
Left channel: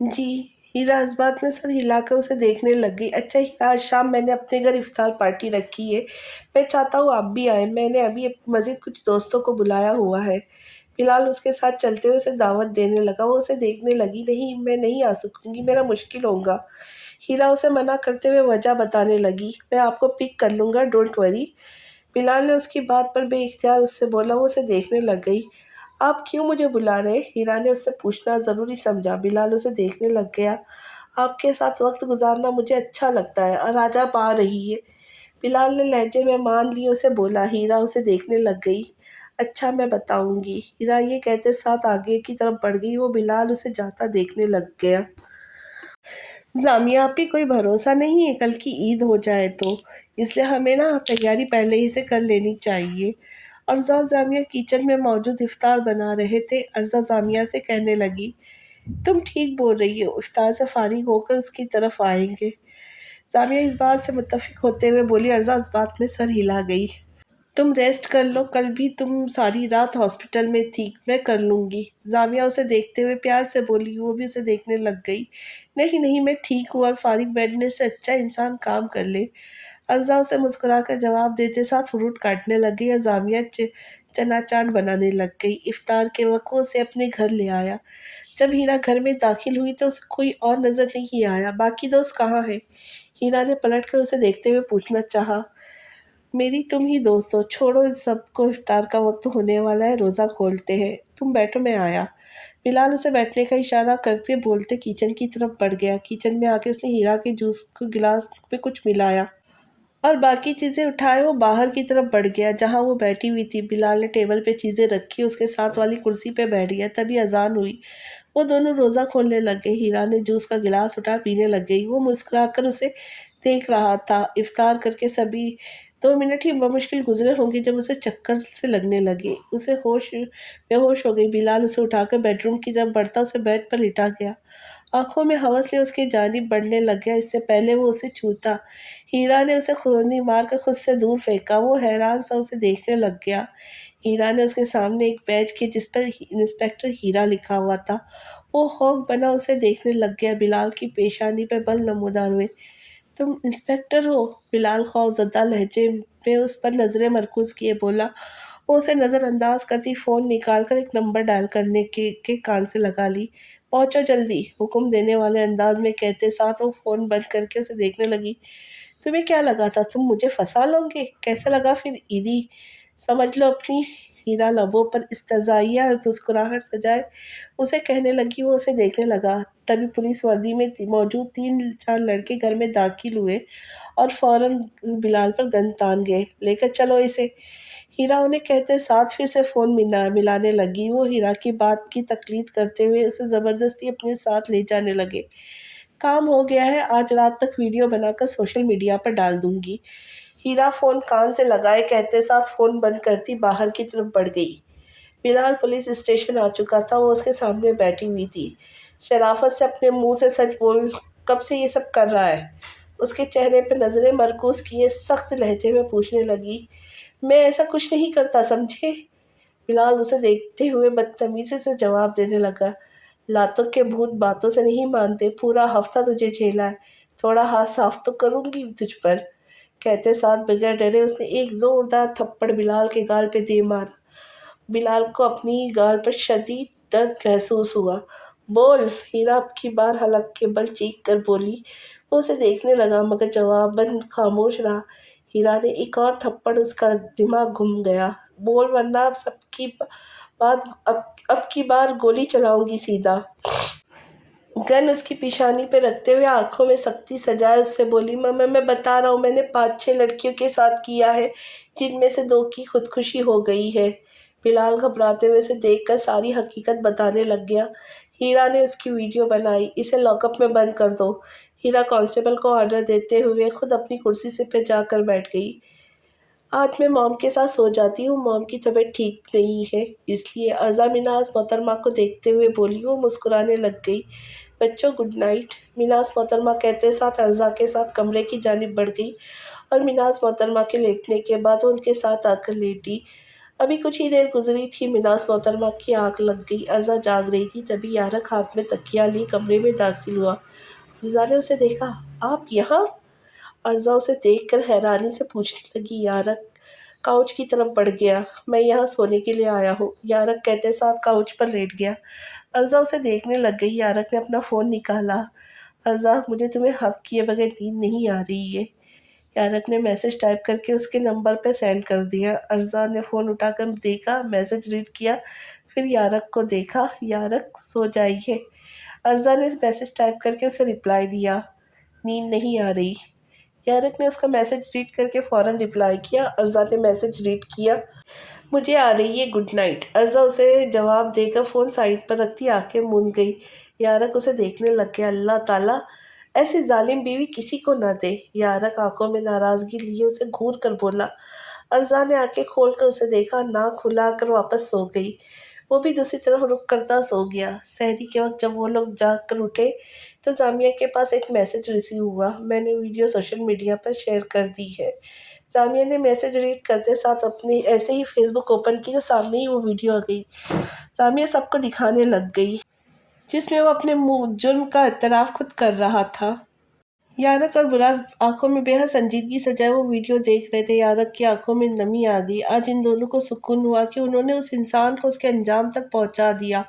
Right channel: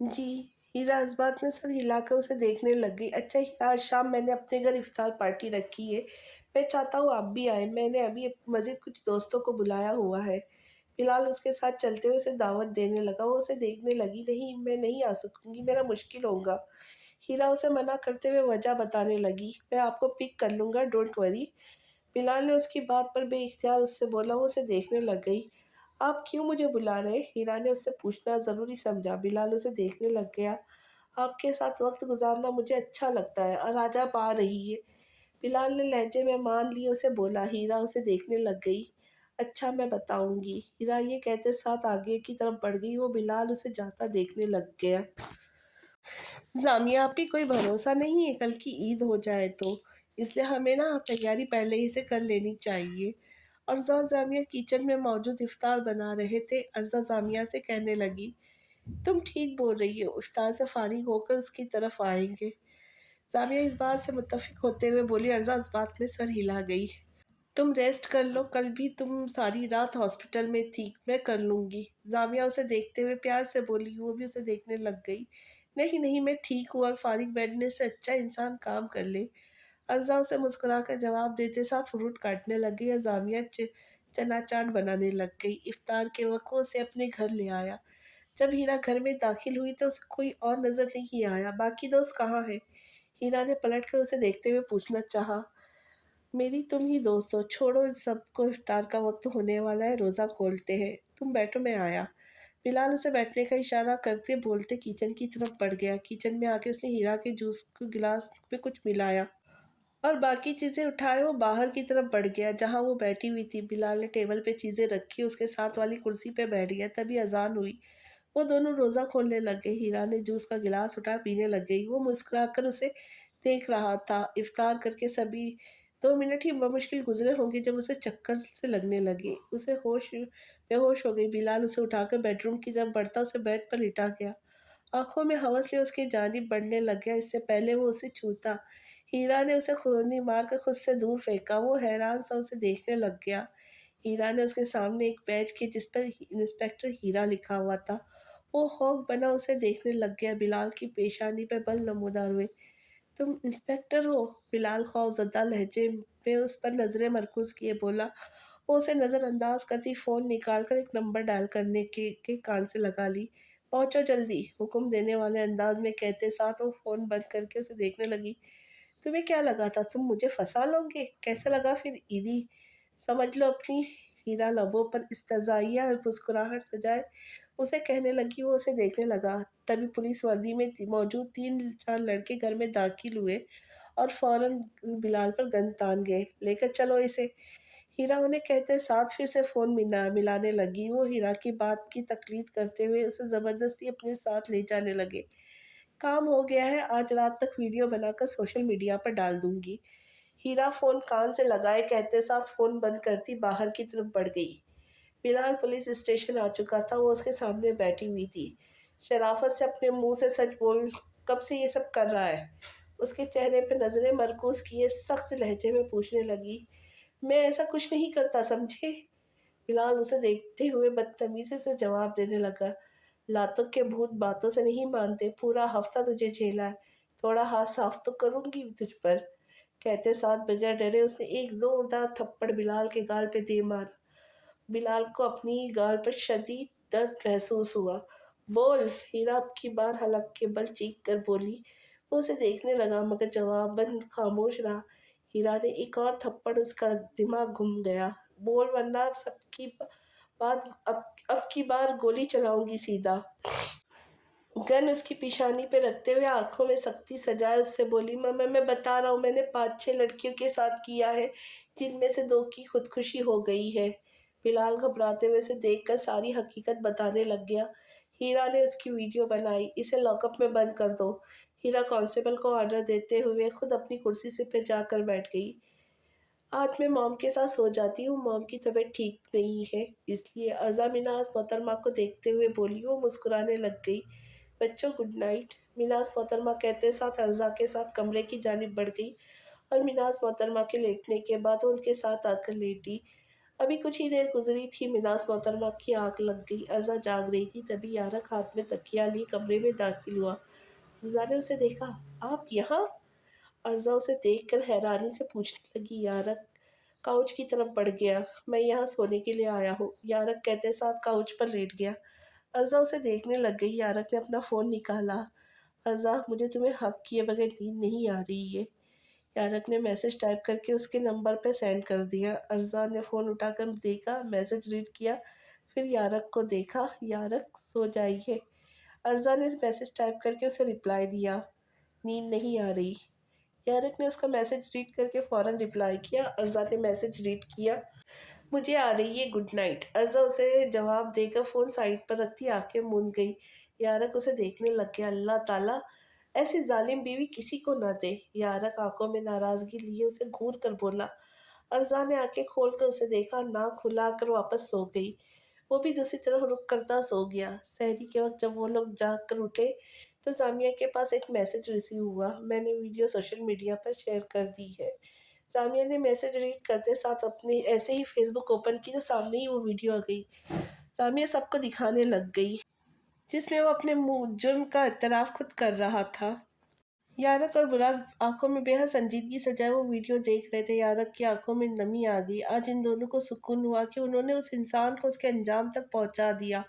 जी। हीरा इस बात में सर हिलाकर उसे देखने लग गई। अच्छा हीरा, आज शाम मैंने अपने घर इफ्तार पार्टी रखी है, मैं चाहता हूँ आप भी आए। मैंने अभी मज़ीद कुछ दोस्तों को बुलाया हुआ है। बिलाल उसके साथ चलते हुए उसे दावत देने लगा। वो उसे देखने लगी। नहीं, मैं नहीं आ सकूंगी, मेरा मुश्किल होगा। हीरा उसे मना करते हुए वजह बताने लगी। मैं आपको पिक कर लूँगा, डोंट वरी। बिलाल ने उसकी बात पर बेइख्तियार उससे बोला। वो उसे देखने लग गई। आप क्यों मुझे बुला रहे? हीरा ने उससे पूछना ज़रूरी समझा। बिलाल उसे देखने लग गया। आपके साथ वक्त गुजारना मुझे अच्छा लगता है और आज आप आ रही है। बिलाल ने लहजे में मान लिए उसे बोला। हीरा उसे देखने लग गई। अच्छा, मैं बताऊंगी। हीरा ये कहते साथ आगे की तरफ बढ़ गई। वो बिलाल उसे जाता देखने लग गया। जामिया, आप ही कोई भरोसा नहीं है कल की ईद हो जाए तो, इसलिए हमें ना तैयारी पहले ही से कर लेनी चाहिए। अर्जा और जामिया किचन में मौजूद इफ्तार बना रहे थे। अर्जा जामिया से कहने लगी, तुम ठीक बोल रही हो, इफ्तार से फारिग होकर उसकी तरफ आएंगे। जामिया इस बात से मुत्तफिक होते हुए बोली। अर्जा इस बात में सर हिला गई। तुम रेस्ट कर लो, कल भी तुम सारी रात हॉस्पिटल में थी, मैं कर लूँगी। जामिया उसे देखते हुए प्यार से बोली। वो भी उसे देखने लग गई। नहीं नहीं, मैं ठीक हूँ और फारिग बैठने से अच्छा इंसान काम कर ले। अर्जा उसे मुस्कुराकर जवाब देते साथ फ्रूट काटने लग गई और जामिया चना चाट बनाने लग गई। इफ्तार के वक्त वो उसे अपने घर ले आया। जब हीरा घर में दाखिल हुई तो उसे कोई और नजर नहीं आया। बाकी दोस्त कहाँ है? हीरा ने पलट कर उसे देखते हुए पूछना चाहा। मेरी तुम ही दोस्त हो, छोड़ो इस सबको, इफ्तार का वक्त होने वाला है, रोज़ा खोलते हैं। तुम बैठो, मैं आया। बिलाल उसे बैठने का इशारा करते बोलते किचन की तरफ बढ़ गया। किचन में आके उसने हीरा के जूस को गिलास में कुछ मिलाया और बाकी चीज़ें उठाए वो बाहर की तरफ बढ़ गया जहाँ वो बैठी हुई थी। बिलाल ने टेबल पे चीज़ें रखी, उसके साथ वाली कुर्सी पे बैठ गया। तभी अजान हुई। वो दोनों रोज़ा खोलने लग गए। हीरा ने जूस का गिलास उठा पीने लग गई। वो मुस्कुराकर उसे देख रहा था। इफ्तार करके सभी 2 मिनट ही बमुश्किल गुजरे होंगे जब उसे चक्कर से लगने लगे। उसे होश बेहोश हो गई। बिलाल उसे उठाकर बेडरूम की तरफ बढ़ता उसे बेड पर लिटा गया। आंखों में हवस ले उसकी जानिब बढ़ने लग गया। इससे पहले वो उसे छूता, हीरा ने उसे खूनी मार कर खुद से दूर फेंका। वो हैरान सा उसे देखने लग गया। हीरा ने उसके सामने एक बैज की जिस पर इंस्पेक्टर हीरा लिखा हुआ था। वो खौफ बना उसे देखने लग गया। बिलाल की पेशानी पे बल नमूदार हुए। तुम इंस्पेक्टर हो? बिलाल खौफजदा लहजे में उस पर नजरें मरकूज किए बोला। वो उसे नज़रअंदाज करती फ़ोन निकाल कर एक नंबर डायल करने के कान से लगा ली। पहुंचो जल्दी, हुक्म देने वाले अंदाज में कहते साथ वो फ़ोन बंद करके उसे देखने लगी। तुम्हें क्या लगा था तुम मुझे फंसा लोगे? कैसा लगा फिर ईदी? समझ लो अपनी। हीरा लबों पर इस्तज़ाइया मुस्कुराहट सजाए उसे कहने लगी। वो उसे देखने लगा। तभी पुलिस वर्दी में मौजूद 3-4 लड़के घर में दाखिल हुए और फौरन बिलाल पर गन तान गए। लेकर चलो इसे, हीरा उन्हें कहते साथ फिर से फ़ोन मिलाने लगी। वो हीरा की बात की तकलीद करते हुए उसे ज़बरदस्ती अपने साथ ले जाने लगे। काम हो गया है, आज रात तक वीडियो बनाकर सोशल मीडिया पर डाल दूंगी। हीरा फ़ोन कान से लगाए कहते साथ फ़ोन बंद करती बाहर की तरफ बढ़ गई। बिलाल पुलिस स्टेशन आ चुका था। वो उसके सामने बैठी हुई थी। शराफत से अपने मुंह से सच बोल, कब से ये सब कर रहा है? उसके चेहरे पर नजरें मरकूज किए सख्त लहजे में पूछने लगी। मैं ऐसा कुछ नहीं करता, समझे? बिलाल उसे देखते हुए बदतमीजी से जवाब देने लगा। लातों के भूत बातों से नहीं मानते। पूरा हफ्ता तुझे झेला है, थोड़ा हाथ साफ तो करूंगी तुझ पर। कहते साथ बगैर डरे उसने एक जोरदार थप्पड़ बिलाल के गाल पे दे मारा। बिलाल को अपनी गाल पर शदीद दर्द महसूस हुआ। बोल, हीरा अब की बार हलक के बल चीख कर बोली। वो उसे देखने लगा मगर जवाब बंद खामोश रहा। हीरा ने एक और थप्पड़, उसका दिमाग घूम गया। बोल वरना अब की बार गोली चलाऊंगी सीधा। गन उसकी पेशानी पे रखते हुए आंखों में सख्ती सजाए उससे बोली, मम्मा मैं बता रहा हूँ, मैंने 5-6 लड़कियों के साथ किया है, जिनमें से 2 की खुदकुशी हो गई है। बिलाल घबराते हुए उसे देखकर सारी हकीकत बताने लग गया। हीरा ने उसकी वीडियो बनाई, इसे लॉकअप में बंद कर दो। हीरा कांस्टेबल को ऑर्डर देते हुए खुद अपनी कुर्सी से पे जाकर बैठ गई। आज मैं मॉम के साथ सो जाती हूँ, मॉम की तबीयत ठीक नहीं है, इसलिए अर्जा मिनाज मोहतरमा को देखते हुए बोली। वो मुस्कुराने लग गई। बच्चों गुड नाइट। मिनाज मोहतरमा कहते साथ अर्जा के साथ कमरे की जानिब बढ़ गई और मिनाज मोहतरमा के लेटने के बाद वो उनके साथ आकर लेटी। अभी कुछ ही देर गुजरी थी, मिनाज मोहतरमा की आंख लग गई। अर्जा जाग रही थी, तभी यारक हाथ में तकिया लिए कमरे में दाखिल हुआ। अर्जा ने उसे देखा। आप यहाँ? अर्जा उसे देखकर हैरानी से पूछने लगी। यारक काउच की तरफ बढ़ गया। मैं यहाँ सोने के लिए आया हूँ, यारक कहते साथ काउच पर लेट गया। अर्जा उसे देखने लग गई। यारक ने अपना फ़ोन निकाला। अर्जा, मुझे तुम्हें हक किए बगैर नींद नहीं आ रही है। यारक ने मैसेज टाइप करके उसके नंबर पर सेंड कर दिया। अर्जा ने फ़ोन उठाकर देखा, मैसेज रीड किया, फिर यारक को देखा। यारक सो जाइए। अर्जा ने मैसेज टाइप करके उसे रिप्लाई दिया, नींद नहीं आ रही। यारक ने उसका मैसेज रीड करके फ़ौरन रिप्लाई किया। अर्जा ने मैसेज रीड किया, मुझे आ रही है गुड नाइट। अर्जा उसे जवाब देकर फ़ोन साइड पर रखती आंखें मूंद गई। यारक उसे देखने लग गया। अल्लाह ताला ऐसी जालिम बीवी किसी को न दे। यारक आंखों में नाराज़गी लिए उसे घूर कर बोला। अर्जा ने आंखें खोलकर उसे देखा, नाक खुला कर वापस सो गई। वो भी दूसरी तरफ रुख करता सो गया। सहरी के वक्त जब वो लोग जाग कर उठे तो जामिया के पास एक मैसेज रिसीव हुआ। मैंने वीडियो सोशल मीडिया पर शेयर कर दी है। जामिया ने मैसेज रीड करते साथ अपनी ऐसे ही फेसबुक ओपन की तो सामने ही वो वीडियो आ गई। जामिया सबको दिखाने लग गई, जिसमें वो अपने मुँह जुर्म का इतराफ़ खुद कर रहा था। यारक और बुराक आंखों में बेहद संजीदगी सजाए वो वीडियो देख रहे थे। यारक की आंखों में नमी आ गई। आज इन दोनों को सुकून हुआ कि उन्होंने उस इंसान को उसके अंजाम तक पहुंचा दिया।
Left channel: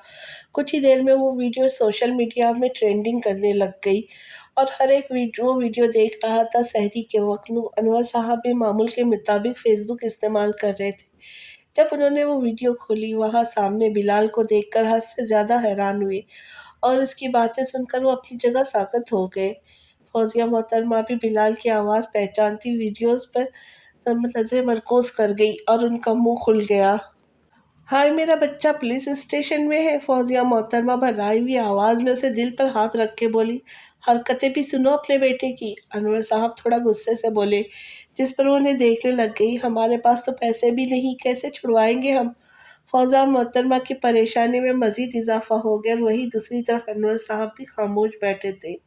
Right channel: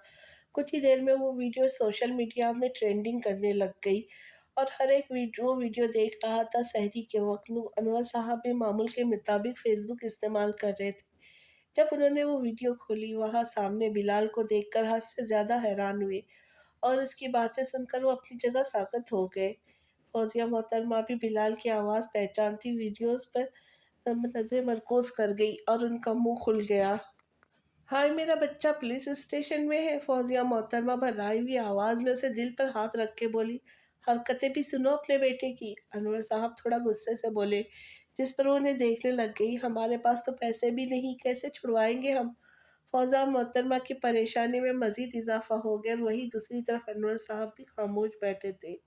कुछ ही देर में वो वीडियो सोशल मीडिया में ट्रेंडिंग करने लग गई और हर एक वीडियो देख रहा था। सहरी के वक्त अनवर साहब भी मामूल के मुताबिक फेसबुक इस्तेमाल कर रहे थे। जब उन्होंने वो वीडियो खोली, वहाँ सामने बिलाल को देखकर हद से ज़्यादा हैरान हुए और उसकी बातें सुनकर वो अपनी जगह साकत हो गए। फौजिया मोहतरमा भी बिलाल की आवाज़ पहचानती वीडियोस पर नज़र मरकूज कर गई और उनका मुंह खुल गया। हाय, मेरा बच्चा पुलिस स्टेशन में है। फौजिया मोहतरमा भर्राई हुई आवाज़ में उसे दिल पर हाथ रख के बोली। हरकतें भी सुनो अपने बेटे की। अनवर साहब थोड़ा गुस्से से बोले, जिस पर वो उन्हें देखने लग गई। हमारे पास तो पैसे भी नहीं, कैसे छुड़वाएंगे हम? फौजिया मोहतरमा की परेशानी में मजीद इजाफा हो गया और वहीं दूसरी तरफ अनवर साहब भी खामोश बैठे थे।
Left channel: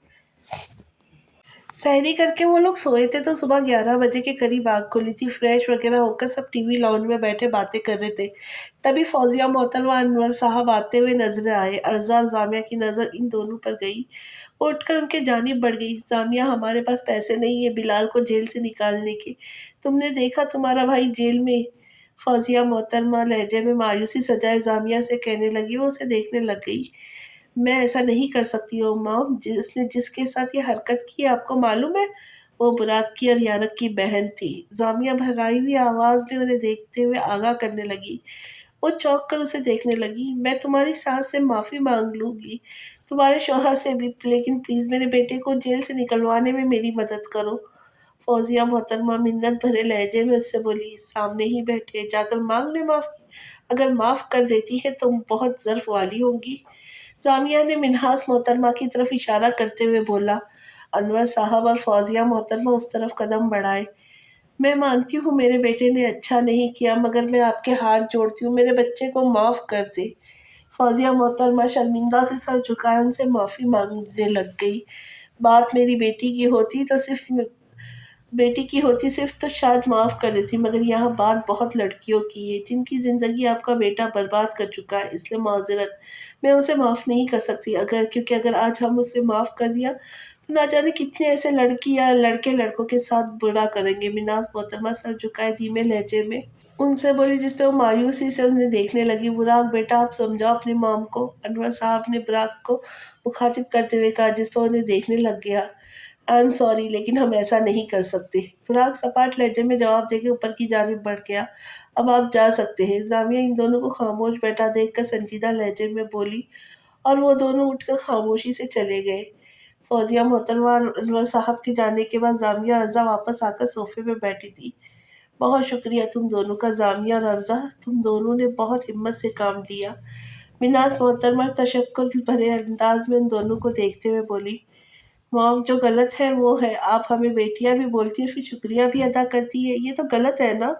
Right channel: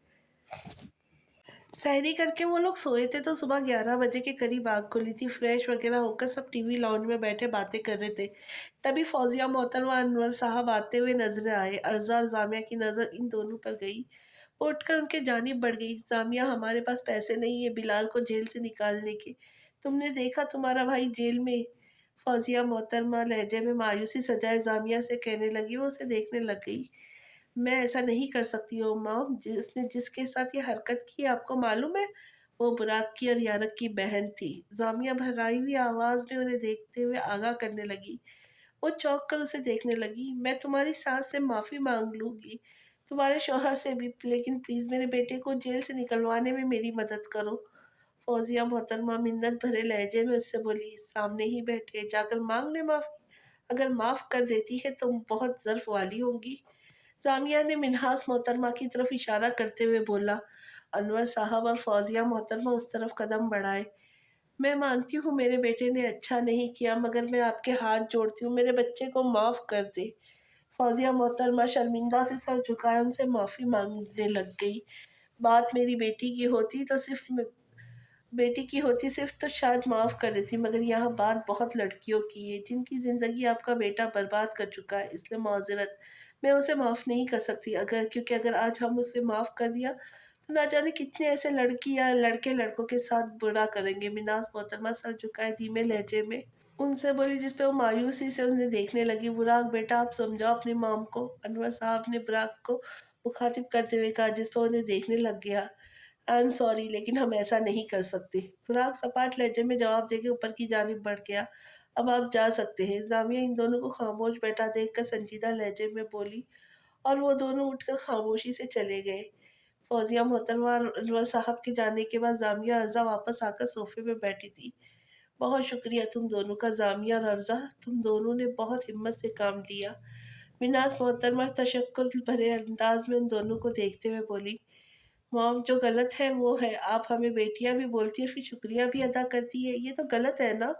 सहरी करके वो लोग सोए थे तो सुबह 11 बजे के करीब आग खुली थी। फ्रेश वगैरह होकर सब टीवी लाउंज में बैठे बातें कर रहे थे। तभी फौजिया मोहतरमा व अनवर साहब आते हुए नजर आए। अर्जा और जामिया की नज़र इन दोनों पर गई। वो उठकर उनके जानिब बढ़ गई। जामिया, हमारे पास पैसे नहीं है बिलाल को जेल से निकालने के। तुमने देखा तुम्हारा भाई जेल में। फौजिया मोहतरमा लहजे में मायूसी सजाए जामिया से कहने लगी। वो उसे देखने लग गई। मैं ऐसा नहीं कर सकती हूँ मॉम, जिसने जिसके साथ ये हरकत की आपको मालूम है? वो बुराक की और यारक की बहन थी। जामिया भर्राई हुई आवाज़ में उन्हें देखते हुए आगाह करने लगी। वो चौंक कर उसे देखने लगी। मैं तुम्हारी सास से माफ़ी मांग लूँगी, तुम्हारे शौहर से भी, लेकिन प्लीज़ मेरे बेटे को जेल से निकलवाने में मेरी मदद करो। फौजिया मोहतरमा मिन्नत भरे लहजे में उससे बोली, सामने ही बैठे, जाकर मांग ले माफ़ी। अगर माफ़ कर देती है तो बहुत ज़र्फ वाली होगी। जामिया ने मिन्हास मोहतरमा की तरफ इशारा करते हुए बोला। अनवर साहब और फौजिया मोहतरमा उस तरफ कदम बढ़ाए। मैं मानती हूँ मेरे बेटे ने अच्छा नहीं किया, मगर मैं आपके हाथ जोड़ती हूँ, मेरे बच्चे को माफ़ कर दे। फौजिया मोहतरमा शर्मिंदा से सर झुकाए उनसे माफ़ी मांगने लग गई। बात मेरी बेटी की होती सिर्फ तो शायद माफ़ कर देती, मगर यहाँ बात बहुत लड़कियों की है जिनकी ज़िंदगी आपका बेटा बर्बाद कर चुका है, इसलिए माज़रत, मैं उसे माफ़ नहीं कर सकती। क्योंकि अगर आज हम उसे माफ़ कर दिया तो ना जाने कितने ऐसे लड़की या लड़के लड़कों के साथ बुरा करेंगे। मिनाज मोहतरमा सर झुकाए धीमे लहजे में उनसे बोली, जिस पे वो मायूसी से उन्हें देखने लगी। बुराक बेटा, आप समझाओ अपनी मॉम को। अनवर साहब ने बुराक को मुखातिब करते हुए कहा, जिस पर उन्हें देखने लग गया। आई एम सॉरी, लेकिन हम ऐसा नहीं कर सकते। बुराक सपाट लहजे में जवाब देके ऊपर की जानिब बढ़ गया। अब आप जा सकते हैं। जामिया इन दोनों को खामोश बैठा देखकर संजीदा लहजे में बोली, اور وہ دونوں اٹھ کر خاموشی سے چلے گئے۔ فوزیہ محترمہ اور انور صاحب کے جانے کے بعد جامعہ ارزا واپس آ کر صوفے پہ بیٹھی تھی۔ بہت شکریہ تم دونوں کا جامعہ اور ارزا، تم دونوں نے بہت ہمت سے کام لیا۔ مناز محترمہ تشکر بھرے انداز میں ان دونوں کو دیکھتے ہوئے بولی، مام جو غلط ہے وہ ہے، آپ ہمیں بیٹیاں بھی بولتی ہے پھر شکریہ بھی ادا کرتی ہے، یہ تو غلط ہے نا؟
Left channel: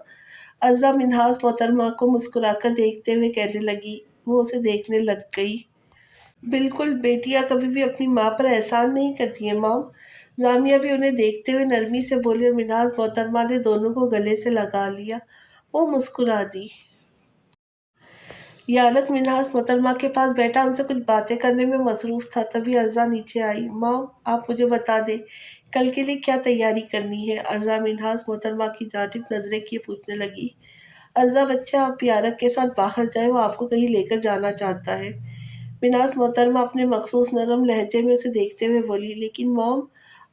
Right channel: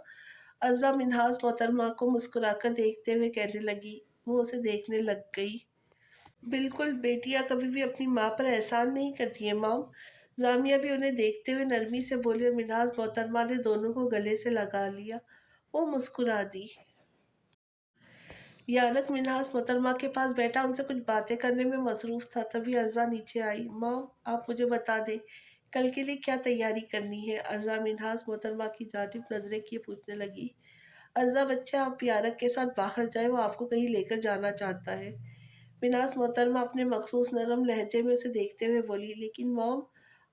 ارزا منہاس محترمہ کو مسکرا کر دیکھتے ہوئے کہنے لگی۔ وہ اسے دیکھنے لگ گئی۔ بالکل، بیٹیاں کبھی بھی اپنی ماں پر احسان نہیں کرتی ہیں مام۔ جامعہ بھی انہیں دیکھتے ہوئے نرمی سے بولی اور مناز محترمہ نے دونوں کو گلے سے لگا لیا۔ وہ مسکرا دی۔ یارق منہاس محترمہ کے پاس بیٹھا ان سے کچھ باتیں کرنے میں مصروف تھا، تبھی ارزا نیچے آئی۔ مام، آپ مجھے بتا دیں کل کے لیے کیا تیاری کرنی ہے؟ ارزا منہاس محترمہ کی جانب نظریں کیے پوچھنے لگی۔ ارزا بچہ، آپ یارق کے ساتھ باہر جائیں، وہ آپ کو کہیں لے کر جانا چاہتا ہے۔ مناز محترمہ اپنے مخصوص نرم لہجے میں اسے دیکھتے ہوئے بولی، لیکن مام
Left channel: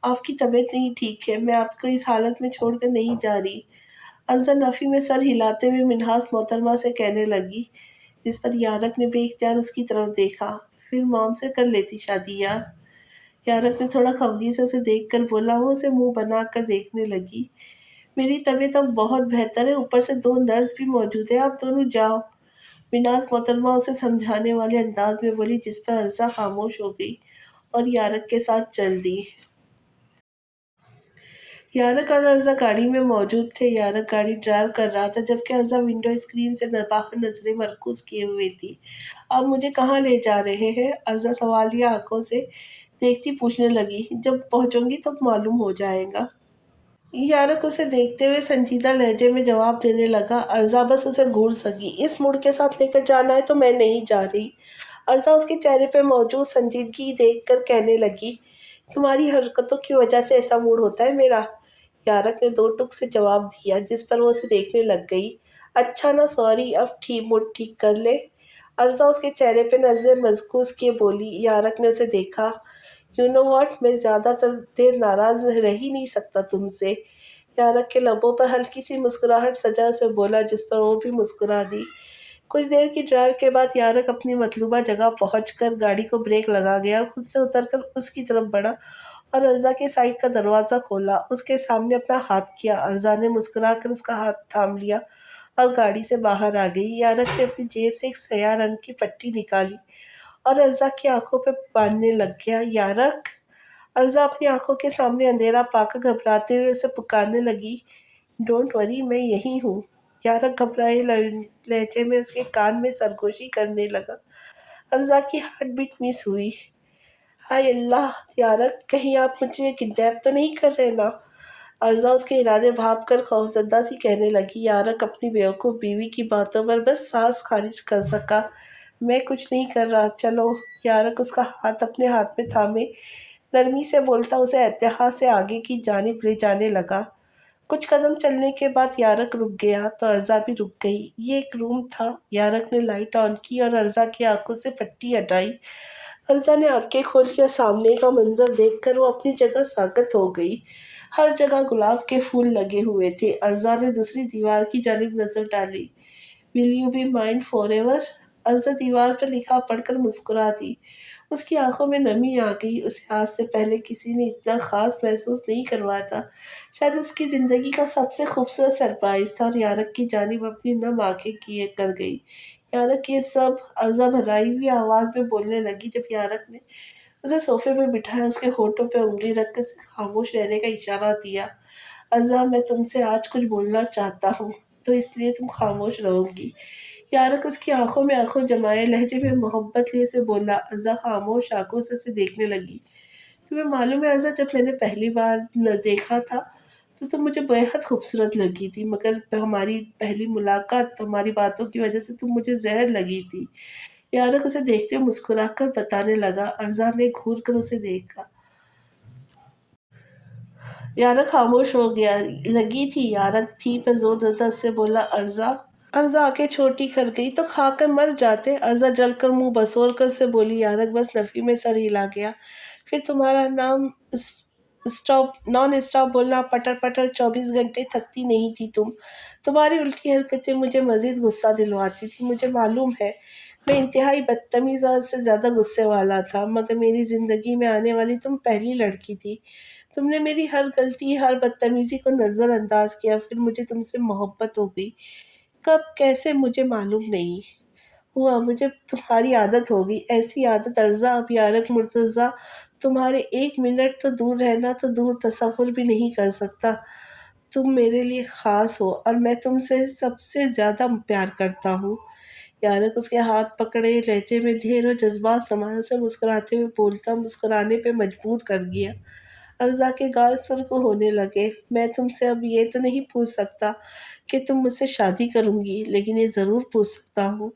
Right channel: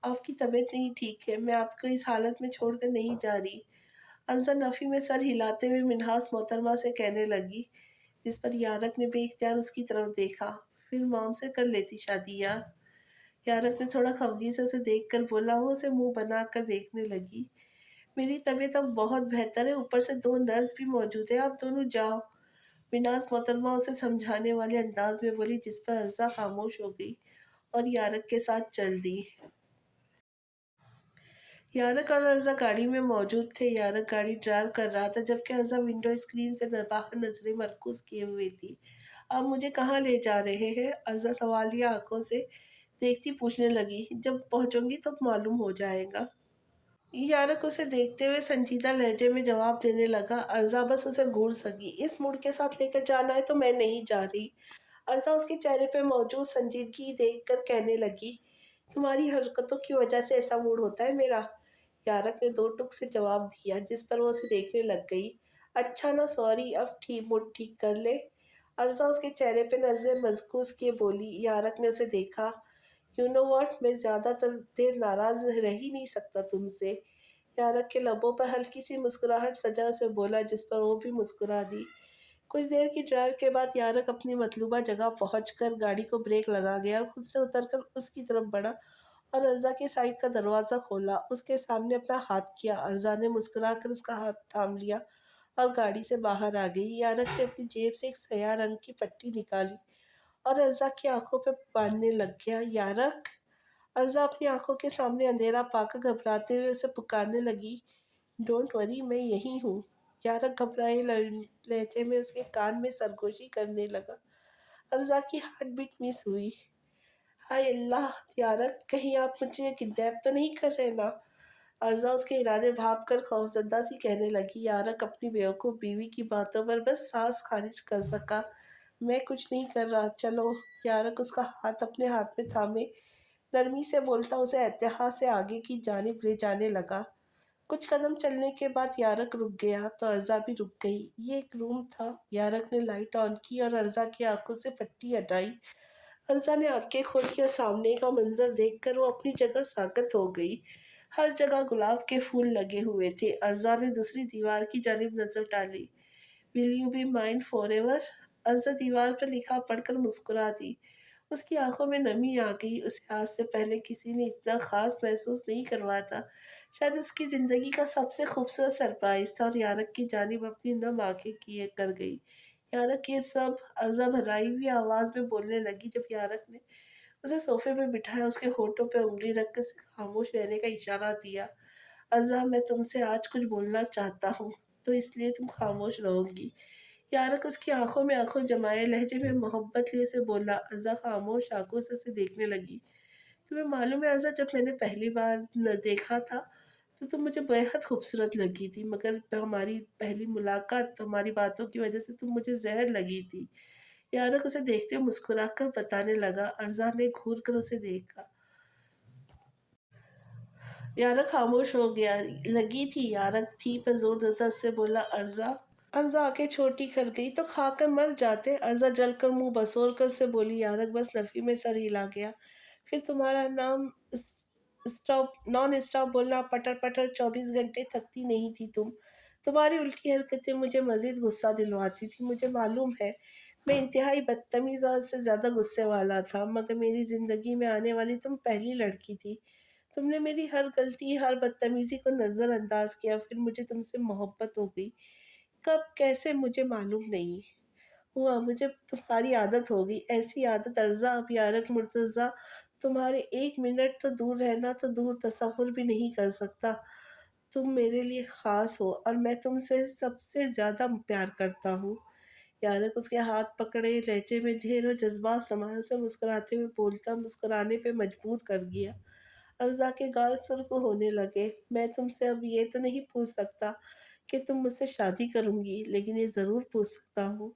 آپ کی طبیعت نہیں ٹھیک ہے، میں آپ کو اس حالت میں چھوڑ کر نہیں جا رہی۔ ارزا نفی میں سر ہلاتے ہوئے منہاس محترمہ سے کہنے لگی، جس پر یارق نے بے اختیار اس کی طرف دیکھا۔ پھر مام سے کر لیتی شادی یار۔ یارق نے تھوڑا خفگی سے اسے دیکھ کر بولا۔ وہ اسے منہ بنا کر دیکھنے لگی۔ میری طبیعت اب بہت بہتر ہے، اوپر سے 2 نرس بھی موجود ہیں، آپ دونوں جاؤ۔ مناز محترمہ اسے سمجھانے والے انداز میں بولی، جس پر ارزا خاموش ہو گئی اور یارق کے ساتھ چل دی۔ یارق اور ارزا گاڑی میں موجود تھے۔ یارق گاڑی ڈرائیو کر رہا تھا جبکہ ارزا ونڈو اسکرین سے باہر نظریں مرکوز کیے ہوئے تھی۔ آپ مجھے کہاں لے جا رہے ہیں؟ ارزا سوالیہ آنکھوں سے دیکھتی پوچھنے لگی۔ جب پہنچوں گی تو معلوم ہو جائے گا۔ یارق اسے دیکھتے ہوئے سنجیدہ لہجے میں جواب دینے لگا۔ ارزا بس اسے گھور سکی۔ اس موڈ کے ساتھ لے کر جانا ہے تو میں نہیں جا رہی۔ ارزا اس کے چہرے پہ موجود سنجیدگی دیکھ کر کہنے لگی، تمہاری حرکتوں کی وجہ سے ایسا موڈ ہوتا ہے میرا؟ یارق نے 2 ٹک سے جواب دیا، جس پر وہ اسے دیکھنے لگ گئی۔ اچھا نا، سوری، اب موڈ ٹھیک کر لے۔ ارزا اس کے چہرے پہ نظر مرکوز کیے بولی۔ یارق نے اسے دیکھا۔ یو نو واٹ، میں زیادہ دیر ناراض رہ ہی نہیں سکتا تم سے۔ یارق کے لبوں پر ہلکی سی مسکراہٹ سجا اسے بولا، جس پر وہ بھی مسکرا دی۔ کچھ دیر کی ڈرائیو کے بعد یارق اپنی مطلوبہ جگہ پہنچ کر گاڑی کو بریک لگا گیا اور خود سے اتر کر اس کی طرف بڑھا اور ارزا کے سائیڈ کا دروازہ کھولا۔ اس کے سامنے اپنا ہاتھ کیا۔ ارزا نے مسکرا کر اس کا ہاتھ تھام لیا اور گاڑی سے باہر آ گئی۔ یارق نے اپنی جیب سے ایک سیاہ رنگ کی پٹی نکالی اور ارزا کی آنکھوں پہ باندھنے لگ گیا۔ یارق! ارزا اپنی آنکھوں کے سامنے اندھیرا پا کر گھبراتے ہوئے اسے پکارنے لگی۔ ڈونٹ وری، میں یہی ہوں۔ یارق گھبرائے لہجے میں اس کے کان میں سرگوشی کرنے لگا۔ ارزا کی ہارٹ بیٹ مس ہوئی۔ ہائے اللہ! یارق، کہیں آپ مجھے کڈنیپ تو نہیں کر رہے نا؟ ارزا اس کے ارادے بھانپ کر خوفزدہ سی کہنے لگی۔ یارق اپنی بیوقوف بیوی کی باتوں پر بس سانس خارج کر سکا۔ میں کچھ نہیں کر رہا، چلو۔ یارق اس کا ہاتھ اپنے ہاتھ میں تھامے نرمی سے بولتا اسے اتحاد سے آگے کی جانب لے جانے لگا۔ کچھ قدم چلنے کے بعد یارق رک گیا تو ارزا بھی رک گئی۔ یہ ایک روم تھا۔ یارق نے لائٹ آن کی اور ارزا کی آنکھوں سے پٹی ہٹائی۔ ارزا نے آنکھیں کھولی اور سامنے کا منظر دیکھ کر وہ اپنی جگہ ساکت ہو گئی۔ ہر جگہ گلاب کے پھول لگے ہوئے تھے۔ ارزا نے دوسری دیوار کی جانب نظر ڈالی۔ Will you be mine forever? ارزا دیوار پر لکھا پڑھ کر مسکرا دی۔ اس کی آنکھوں میں نمی آ گئی۔ اسے آج سے پہلے کسی نے اتنا خاص محسوس نہیں کروایا تھا۔ شاید اس کی زندگی کا سب سے خوبصورت سرپرائز تھا اور یارق کی جانب اپنی نم آنکھیں کیے کر گئی۔ یارق یہ سب؟ ارزا بھرائی ہوئی آواز میں بولنے لگی جب یارق نے اسے صوفے پہ بٹھایا، اس کے ہونٹوں پہ انگلی رکھ کر اسے خاموش رہنے کا اشارہ دیا۔ ارزا، میں تم سے آج کچھ بولنا چاہتا ہوں تو اس لیے تم خاموش رہو گی۔ یارق اس کی آنکھوں میں آنکھوں جمائے لہجے میں محبت لیے سے بولا۔ ارزا خاموش آنکھوں سے اسے دیکھنے لگی۔ تمہیں معلوم ہے ارزا، جب میں نے پہلی بار دیکھا تھا تو تم مجھے بےحد خوبصورت لگی تھی، مگر ہماری پہلی ملاقات، تمہاری باتوں کی وجہ سے تم مجھے زہر لگی تھی۔ یارق اسے دیکھتے ہوئے مسکرا کر بتانے لگا۔ ارزا نے گھور کر اسے دیکھا۔ یارق خاموش ہو گیا۔ لگی تھی؟ یارق تھی پہ زور دیتا سے بولا۔ ارزا! ارزا آنکھیں چھوٹی کر گئی۔ تو کھا کر مر جاتے۔ ارزا جل کر منہ بسور کر سے بولی۔ یارق بس نفی میں سر ہلا گیا۔ پھر تمہارا نان اسٹاپ بولنا، پٹر پٹر 24 گھنٹے تھکتی نہیں تھی تم۔ تمہاری الٹی حرکتیں مجھے مزید غصہ دلواتی تھی، مجھے معلوم ہے۔ मैं इंतहाई बदतमीज़ और हद से ज़्यादा गुस्से वाला था, मगर मेरी ज़िंदगी में आने वाली तुम पहली लड़की थी। तुमने मेरी हर गलती, हर बदतमीज़ी को नज़रअंदाज़ किया, फिर मुझे तुमसे मोहब्बत हो गई। कब, कैसे मुझे मालूम नहीं हुआ, मुझे तुम्हारी आदत हो गई। ऐसी आदत अर्ज़ा, अब यारक मुर्तज़ा तुम्हारे 1 मिनट तो दूर रहना तो दूर, तसव्वुर भी नहीं कर सकता। तुम मेरे लिए ख़ास हो और मैं तुमसे सबसे ज़्यादा प्यार करता हूँ। यारक उसके हाथ पकड़े, लहजे में ढेरों जज़्बात समाये, उसे मुस्कुराते हुए बोलता, मुस्कुराने पे मजबूर कर दिया। अर्ज़ा के गाल सुर्ख़ होने लगे। मैं तुमसे अब ये तो नहीं पूछ सकता कि तुम मुझसे शादी करूँगी, लेकिन ये ज़रूर पूछ सकता हूँ,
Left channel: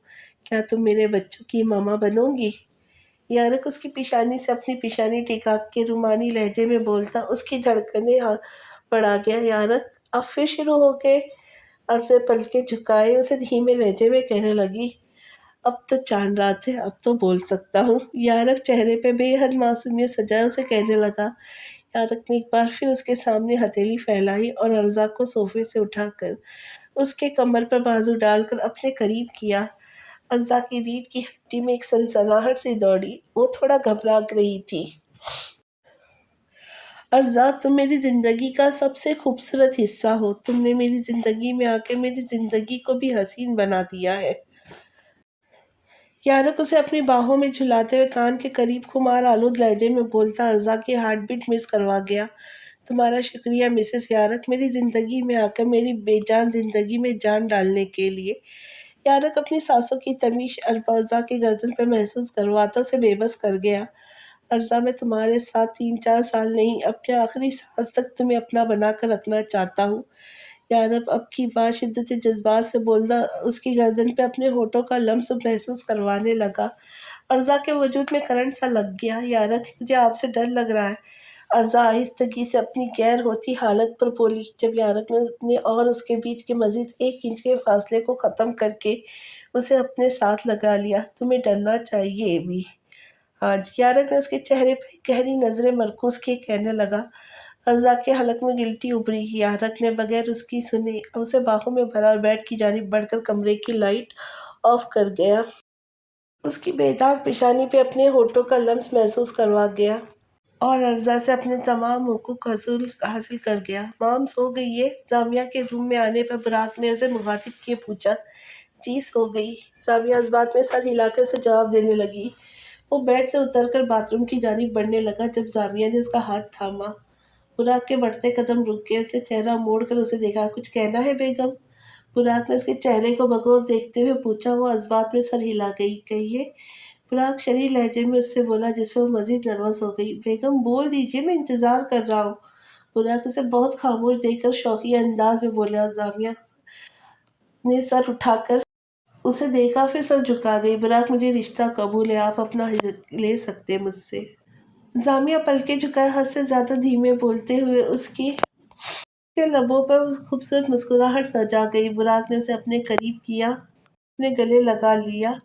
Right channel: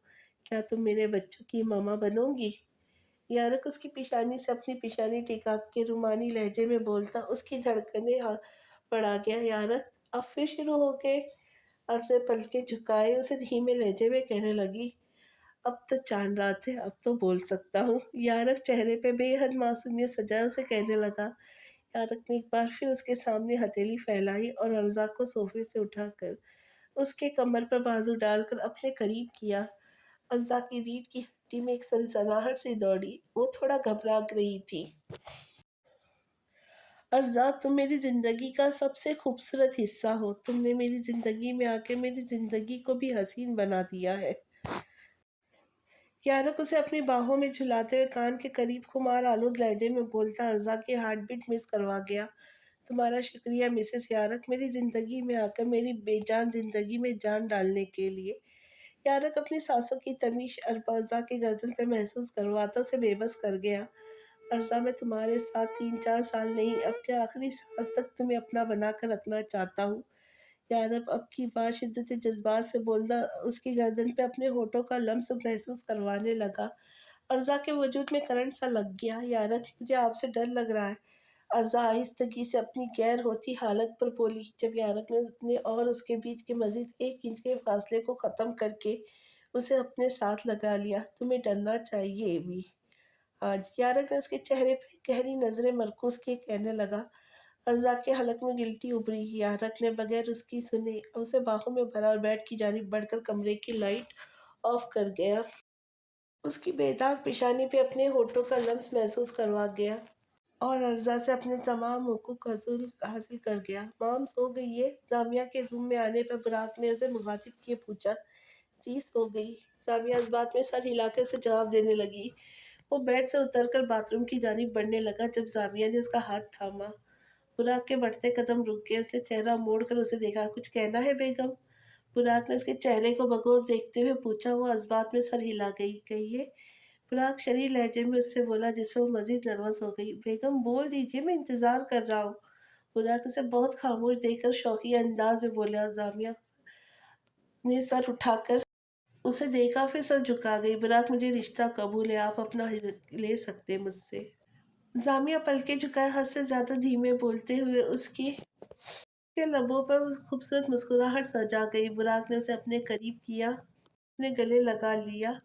क्या तुम मेरे बच्चों की मामा बनोगी? यारक उसकी पेशानी से अपनी पेशानी टिका के रूमानी लहजे में बोलता, उसकी धड़कनें बढ़ा गया। यारक अब फिर शुरू हो गए। अब से पलके झुकाए उसे धीमे लहजे में कहने लगी, अब तो चाँद रात है, अब तो बोल सकता हूँ। यारक चेहरे पे बेहद मासूमियत सजाए उसे कहने लगा। यारक ने एक बार फिर उसके सामने हथेली फैलाई और अर्ज़ा को सोफ़े से उठाकर उसके कमर पर बाजू डालकर अपने करीब किया। अर्ज़ा की रीढ़ की हड्डी में एक सनसनाहट सी दौड़ी। वो थोड़ा घबरा रही थी। अर्ज़ा, तुम मेरी ज़िंदगी का सबसे खूबसूरत हिस्सा हो। तुमने मेरी ज़िंदगी में आके मेरी ज़िंदगी को भी हसीन बना दिया है। यारक उसे अपनी बाहों में झुलाते हुए कान के करीब खुमार आलूद लहजे में बोलता, अर्ज़ा की हार्ट बीट मिस करवा गया। तुम्हारा शुक्रिया मिसेस यारक, मेरी ज़िंदगी में आकर मेरी बेजान ज़िंदगी में जान डालने के लिए। यारक अपनी सांसों की तमीज़ अर्ज़ा की गर्दन पर महसूस करवाता उसे बेबस कर गया। अर्ज़ा, मैं तुम्हारे साथ 3-4 साल नहीं, अपने आखिरी सांस तक तुम्हें अपना बना कर रखना चाहता हूँ। यारब अब की बात शिद्दत जज़्बात से बोलता उसकी गर्दन पे अपने होठों का लम्स महसूस करवाने लगा। अर्ज़ा के वजूद में करंट सा लग गया। यारक, मुझे आपसे डर लग रहा है। अर्ज़ा आहिस्तगी से अपनी गैर होती हालत पर बोली, जब यारक ने अपने और उसके बीच के मज़ीद 1 इंच के फासले को ख़त्म करके उसे अपने साथ लगा लिया। तुम्हें डरना चाहिए भी। आज यारक ने उसके चेहरे पे गहरी नज़रें मरकूज़ किए कहने लगा। अर्ज़ा के हलक में गिल्टी उभरी। यारक ने बगैर उसकी सुने उसे बाहों में भरा और बेड की जानिब बढ़कर कमरे की लाइट ऑफ कर गया। उसकी बेदाग पेशानी पे अपने होठों का लम्स महसूस करवा गया और अर्ज़ा से अपने तमाम हुकूक हासिल हासिल कर गया। माम सो गई है? जामिया के रूम में आने पर बुराक ने उसे मुखातिब किए पूछा। जी सो गई। जामिया इस बात में सर हिलाकर उसे जवाब देने लगी। वो बेड से उतरकर बाथरूम की जानिब बढ़ने लगा जब जामिया ने उसका हाथ थामा। बुराक के बढ़ते कदम रुक गए। उसने चेहरा मोड़कर उसे देखा। कुछ कहना है बेगम? बुराक ने उसके चेहरे को बगौर देखते हुए पूछा। वो जज्बात में सर हिला गई। कहिए। बुराक शरीर लहजे में उससे बोला, जिस पर वो मजीद नर्वस हो गई। बेगम बोल दीजिए, मैं इंतज़ार कर रहा हूँ। बुराक उसे बहुत खामोश देखकर शौकिया अंदाज में बोला। जामिया ने सर उठाकर उसे देखा, फिर सर झुका गई। बुराक, मुझे रिश्ता कबूल है, आप अपना हिस्सा ले सकते हैं मुझसे। जामिया पलके झुकाए हद से ज्यादा धीमे बोलते हुए उसकी के लबों पर खूबसूरत मुस्कुराहट सजा गई। बुराक ने उसे अपने करीब किया, अपने गले लगा लिया।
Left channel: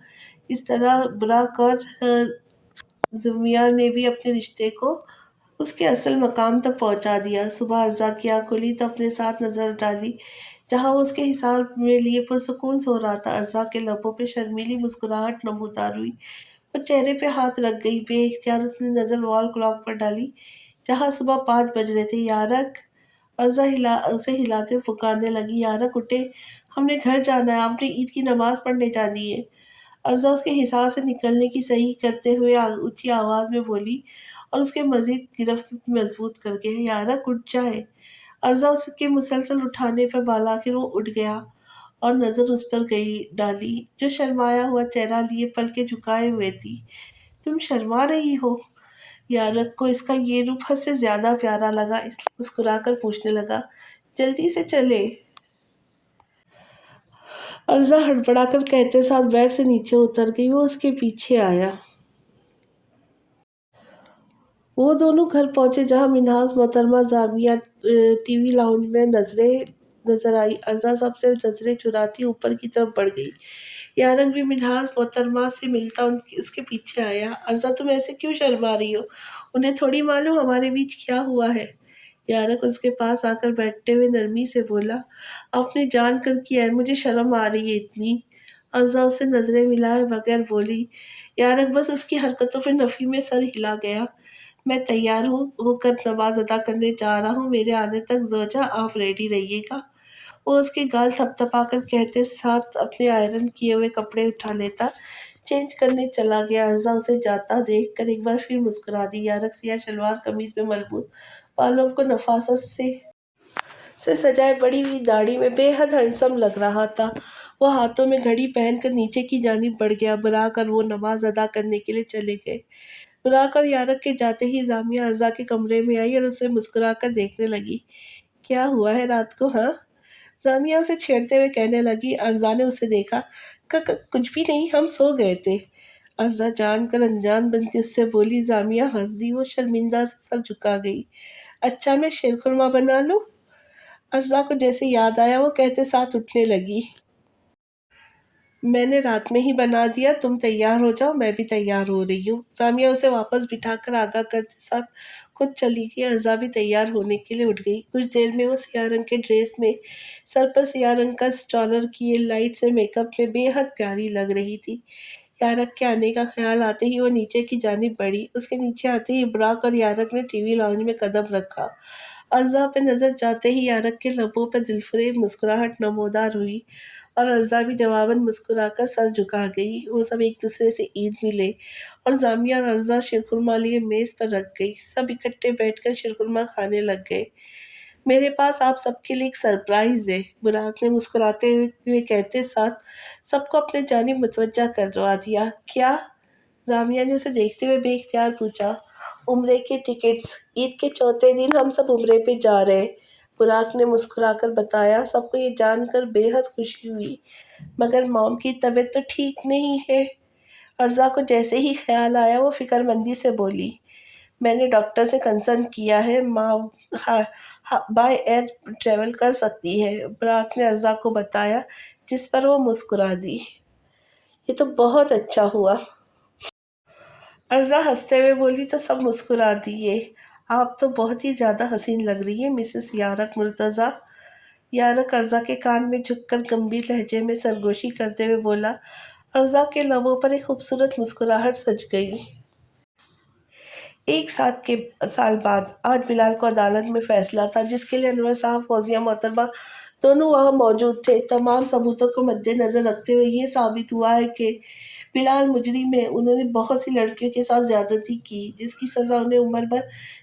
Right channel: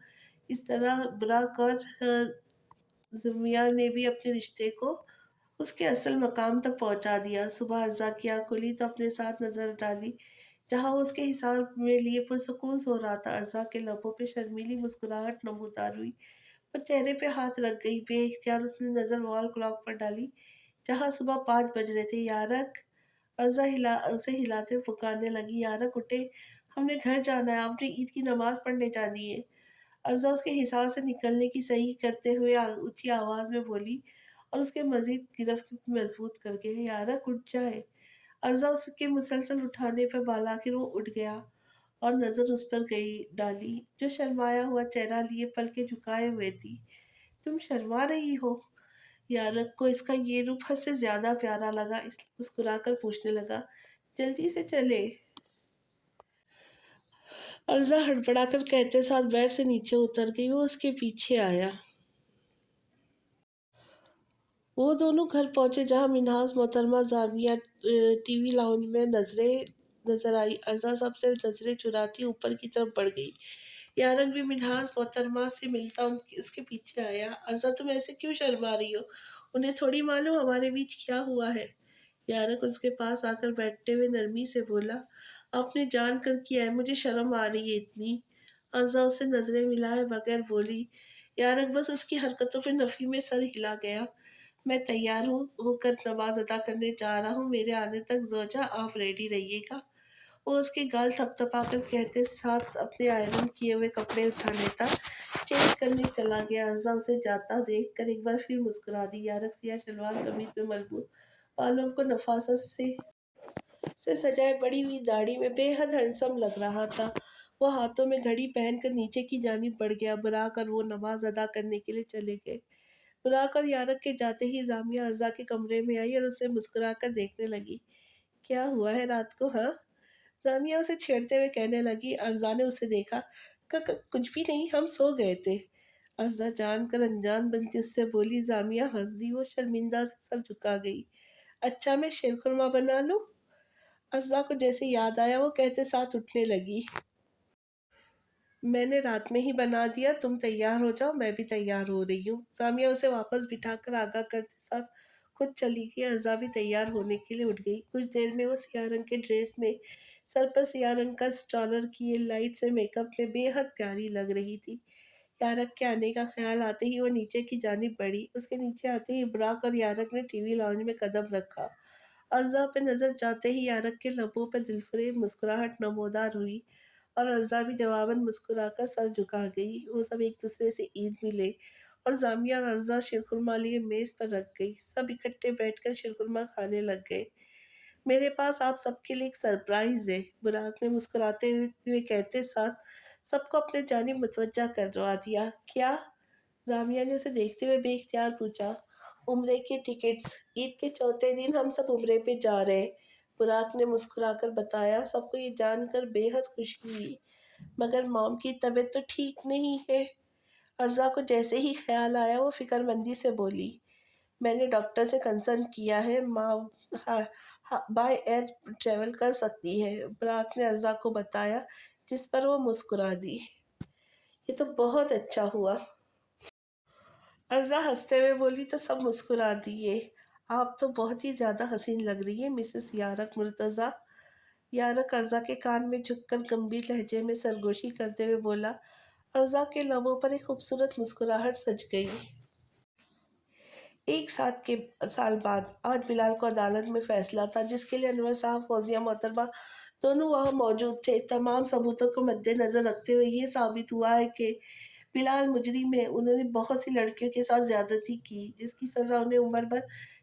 इस तरह बुराक और जामिया ने भी अपने रिश्ते को उसके असल मकाम तक पहुंचा दिया। सुबह अर्ज़ा की आँख खुली तो अपने साथ नज़र डाली, जहाँ वो उसके हिसाब में लिए पुरसुकून सो रहा था। अर्ज़ा के लबों पे शर्मीली मुस्कुराहट नमूदार हुई। वो चेहरे पे हाथ रख गई। बेइख्तियार उसने नज़र वॉल क्लॉक पर डाली, जहाँ सुबह 5 बज रहे थे। यारक, अर्ज़ा उसे हिलाते हुए पुकारने लगी। यारक उठे, हमने घर जाना है, आपने ईद की नमाज़ पढ़ने जानी है। अर्ज़ा उसके हिसाब से निकलने की सही करते हुए ऊँची आवाज़ में बोली और उसके मज़ीद गिरफ्त मज़बूत कर गया। यारक उठ जाए। अर्ज़ा उसके मुसलसल उठाने पर बालाखिर वो उठ गया और नज़र उस पर गई डाली, जो शर्माया हुआ चेहरा लिए पलके झुकाए हुए थी। तुम शर्मा रही हो? यारक को इसका ये रूप हद से ज़्यादा प्यारा लगा, इसलिए मुस्कुराकर पूछने लगा, जल्दी से चले? अर्ज़ा हड़बड़ाकर कहते साथ बेड से नीचे उतर गई। वो उसके पीछे आया। वो दोनों घर पहुंचे, जहां मिन्हाज मोहतरमा जामिया टीवी लाउंज में नजर आई। अर्ज़ा सबसे नजरें चुराती ऊपर की तरफ बढ़ गई। यारक भी मिन्हाज मोहतरमा से मिलता उसके पीछे आया। अर्ज़ा, तुम ऐसे क्यों शर्मा रही हो? उन्हें थोड़ी मालूम हमारे बीच क्या हुआ है। यारक उसके पास आकर बैठते हुए नरमी से बोला, आपने जान कर किया है, मुझे शर्म आ रही है इतनी। अर्ज़ा उससे नज़रें मिलाए बगैर बोली। यारक बस उसकी हरकतों पे नफ़ी में सर हिला गया। मैं तैयार हूँ होकर नमाज़ अदा करने जा रहा हूँ, मेरे आने तक ज़ौजा आप रेडी रहिएगा। वो उसके गाल थपथपाकर कहते साथ अपने आयरन किए हुए कपड़े उठा लेता, चेंज करने चला गया। अर्ज़ा उसे जाता देखकर एक बार फिर मुस्कुरा दी। यारक सिया शलवार कमीज़ में मलबूस बालों को नफ़ासत से सजाए बड़ी हुई दाढ़ी में बेहद हैंडसम लग रहा था। वो हाथों में घड़ी पहनकर नीचे की जानिब बढ़ गया। बुलाकर वो नमाज अदा करने के लिए चले गए। बुलाकर यारक के जाते ही जामिया अर्ज़ा के कमरे में आई और उसे मुस्कुराकर देखने लगी। क्या हुआ है रात को, हाँ? जामिया उसे छेड़ते हुए कहने लगी। अर्ज़ा ने उसे देखा। कुछ भी नहीं, हम सो गए थे। अर्ज़ा जानकर अनजान बनती उससे बोली। जामिया हंस दी। वो शर्मिंदा से सर झुका गई। अच्छा, मैं शीरखुरमा बना लूं? अर्ज़ा को जैसे याद आया वो कहते साथ उठने लगी। मैंने रात में ही बना दिया, तुम तैयार हो जाओ, मैं भी तैयार हो रही हूँ। सामिया उसे वापस बिठाकर आगाह करते साथ खुद चली गई। अर्ज़ा भी तैयार होने के लिए उठ गई। कुछ देर में वो सियाह रंग के ड्रेस में, सर पर सियाह रंग का स्टॉलर किए लाइट से मेकअप में बेहद प्यारी लग रही थी। यारक के आने का ख्याल आते ही वो नीचे की जानिब बढ़ी। उसके नीचे आते ही इब्राक और यारक ने टीवी लाउंज में कदम रखा। अर्ज़ा पे नज़र जाते ही यारक के लबों पर दिलफरेब मुस्कुराहट नमोदार हुई और अर्ज़ा भी जवाबन मुस्कुराकर सर झुका गई। वो सब एक दूसरे से ईद मिले और जामिया और अर्ज़ा शीरखुरमा लिए मेज़ पर रख गई। सब इकट्ठे बैठकर शीरखुरमा खाने लग गए। मेरे पास आप सबके लिए एक सरप्राइज़ है, बुराक ने मुस्कुराते हुए कहते साथ सबको अपने जानिब मुतवज्जा करवा दिया। क्या? जामिया ने उसे देखते हुए बेइख्तियार पूछा। उम्रे के टिकट्स, ईद के चौथे दिन हम सब उम्रे पे जा रहे। बुराक ने मुस्कुराकर बताया। सबको ये जानकर बेहद खुशी हुई, मगर मॉम की तबीयत तो ठीक नहीं है। अर्ज़ा को जैसे ही ख्याल आया वो फिक्रमंदी से बोली। मैंने डॉक्टर से कंसल्ट किया है, माँ बाय एयर ट्रेवल कर सकती है, बुराक ने अर्ज़ा को बताया, जिस पर वो मुस्कुरा दी। ये तो बहुत अच्छा हुआ, अर्ज़ा हंसते हुए बोली तो सब मुस्कुरा दिए। आप तो बहुत ही ज़्यादा हसीन लग रही है मिसेस यारक मुर्तज़ा। यारक अर्ज़ा के कान में झुककर गंभीर लहजे में सरगोशी करते हुए बोला। अर्ज़ा के लबों पर एक खूबसूरत मुस्कुराहट सज गई। एक साल बाद आज बिलाल को अदालत में फैसला था, जिसके लिए अनवर साहब, फौजिया मोहतरमा दोनों वहाँ मौजूद थे। तमाम सबूतों को मद्देनज़र रखते हुए ये साबित हुआ है कि बिलाल मुजरिम है। उन्होंने बहुत सी लड़कियों के साथ ज़्यादती की, जिसकी सज़ा उन्हें उम्र भर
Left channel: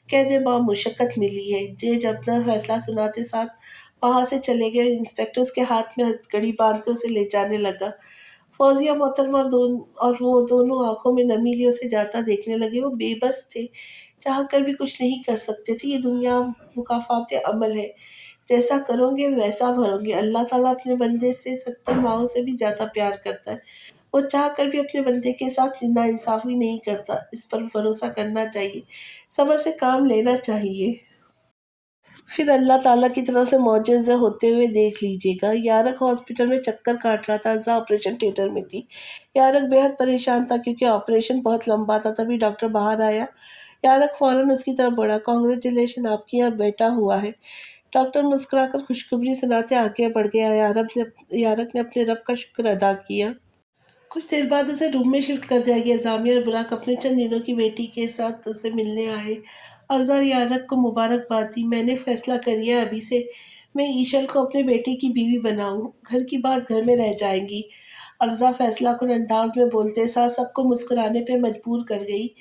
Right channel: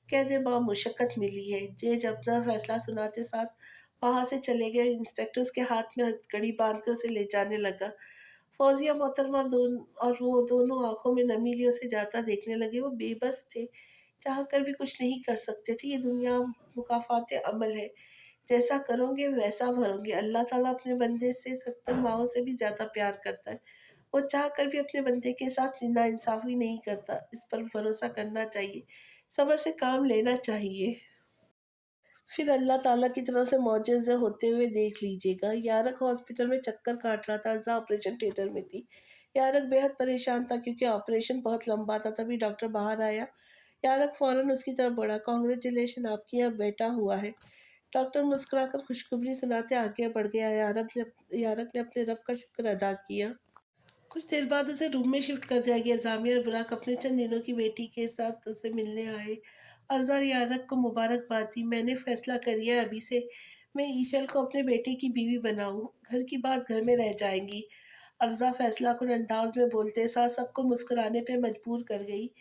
कैद बामुशक्कत मिली है। जज अपना फैसला सुनाते साथ वहाँ से चले गए। इंस्पेक्टर उसके हाथ में हथकड़ी बांध कर उसे ले जाने लगा। फौजिया मोहतरमा और वो दोनों आंखों में नमी लिए उसे जाता देखने लगे। वो बेबस थे, चाह कर भी कुछ नहीं कर सकते थे। ये दुनिया मुकाफात अमल है, जैसा करोगे वैसा भरोगे। अल्लाह ताला अपने बंदे से 70 माओं से भी ज़्यादा प्यार करता है। वो चाह कर भी अपने बंदे के साथ नाइंसाफ़ी नहीं करता। इस पर भरोसा करना चाहिए, सब्र से काम लेना चाहिए। फिर अल्लाह ताला की तरफ से मौजज़े होते हुए देख लीजिएगा। यारक हॉस्पिटल में चक्कर काट रहा था। अर्ज़ा ऑपरेशन थिएटर में थी। यारक बेहद परेशान था क्योंकि ऑपरेशन बहुत लंबा था। तभी डॉक्टर बाहर आया। यारक फ़ौरन उसकी तरफ बढ़ा। कांग्रेचुलेशन, आपके यहाँ बेटा हुआ है। डॉक्टर मुस्कुराकर खुशखबरी सुनाते आगे बढ़ गया। यारक ने अपने रब का शुक्र अदा किया। कुछ देर बाद उसे रूम में शिफ्ट कर दिया गया। जामिया और बुराक अपने चंद दिनों की बेटी के साथ उसे मिलने आए। अर्ज़ा और यारक को मुबारकबाद दी। मैंने फैसला कर लिया अभी से मैं ईशल को अपने बेटे की बीवी बनाऊं। घर की बात घर में रह जाएगी। अर्ज़ा फैसला कुन अंदाज में बोलते साथ सबको मुस्कुराने पे मजबूर कर गई।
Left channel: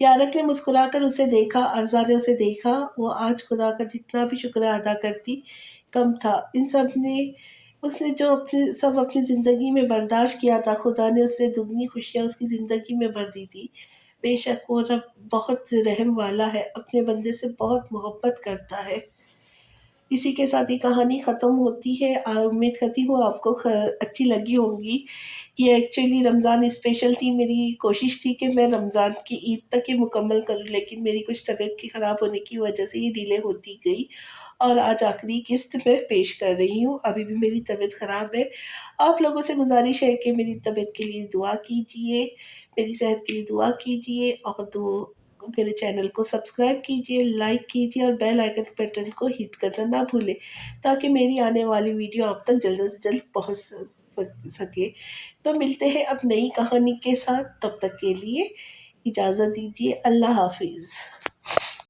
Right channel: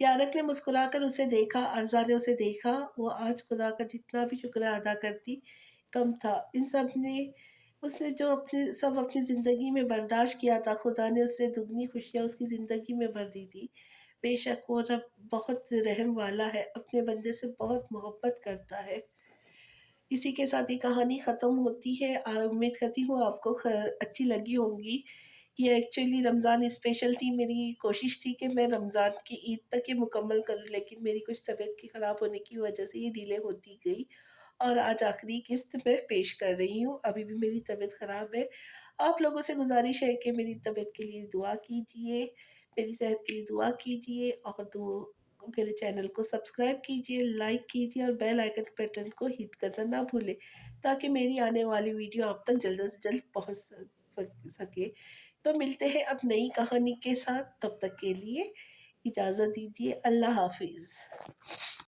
यारक ने मुस्कुराकर उसे देखा। अर्ज़ा ने उसे देखा। वो आज खुदा का जितना भी शुक्र अदा करती कम था। इन सब ने उसने जो अपनी ज़िंदगी में बर्दाश्त किया था, खुदा ने उससे दुगनी खुशियाँ उसकी ज़िंदगी में भर दी थी। बेशक वो रब बहुत रहम वाला है, अपने बंदे से बहुत मोहब्बत करता है। इसी के साथ ये कहानी ख़त्म होती है। उम्मीद करती हूँ आपको अच्छी लगी होगी। ये एक्चुअली रमज़ान स्पेशल थी। मेरी कोशिश थी कि मैं रमज़ान की ईद तक ये मुकम्मल करूँ, लेकिन मेरी कुछ तबीयत की ख़राब होने की वजह से ये डिले होती गई और आज आखिरी किस्त मैं पेश कर रही हूँ। अभी भी मेरी तबीयत ख़राब है। आप लोगों से गुज़ारिश है कि मेरी तबीयत के लिए दुआ कीजिए, मेरी सेहत के लिए दुआ कीजिए और मेरे चैनल को सब्सक्राइब कीजिए, लाइक कीजिए और बेल आइकन बटन को हिट करना ना भूलें, ताकि मेरी आने वाली वीडियो आप तक जल्द से जल्द पहुँच سکے۔ تو ملتے ہیں اب نئی کہانی کے ساتھ، تب تک کے لیے اجازت دیجیے، اللہ حافظ۔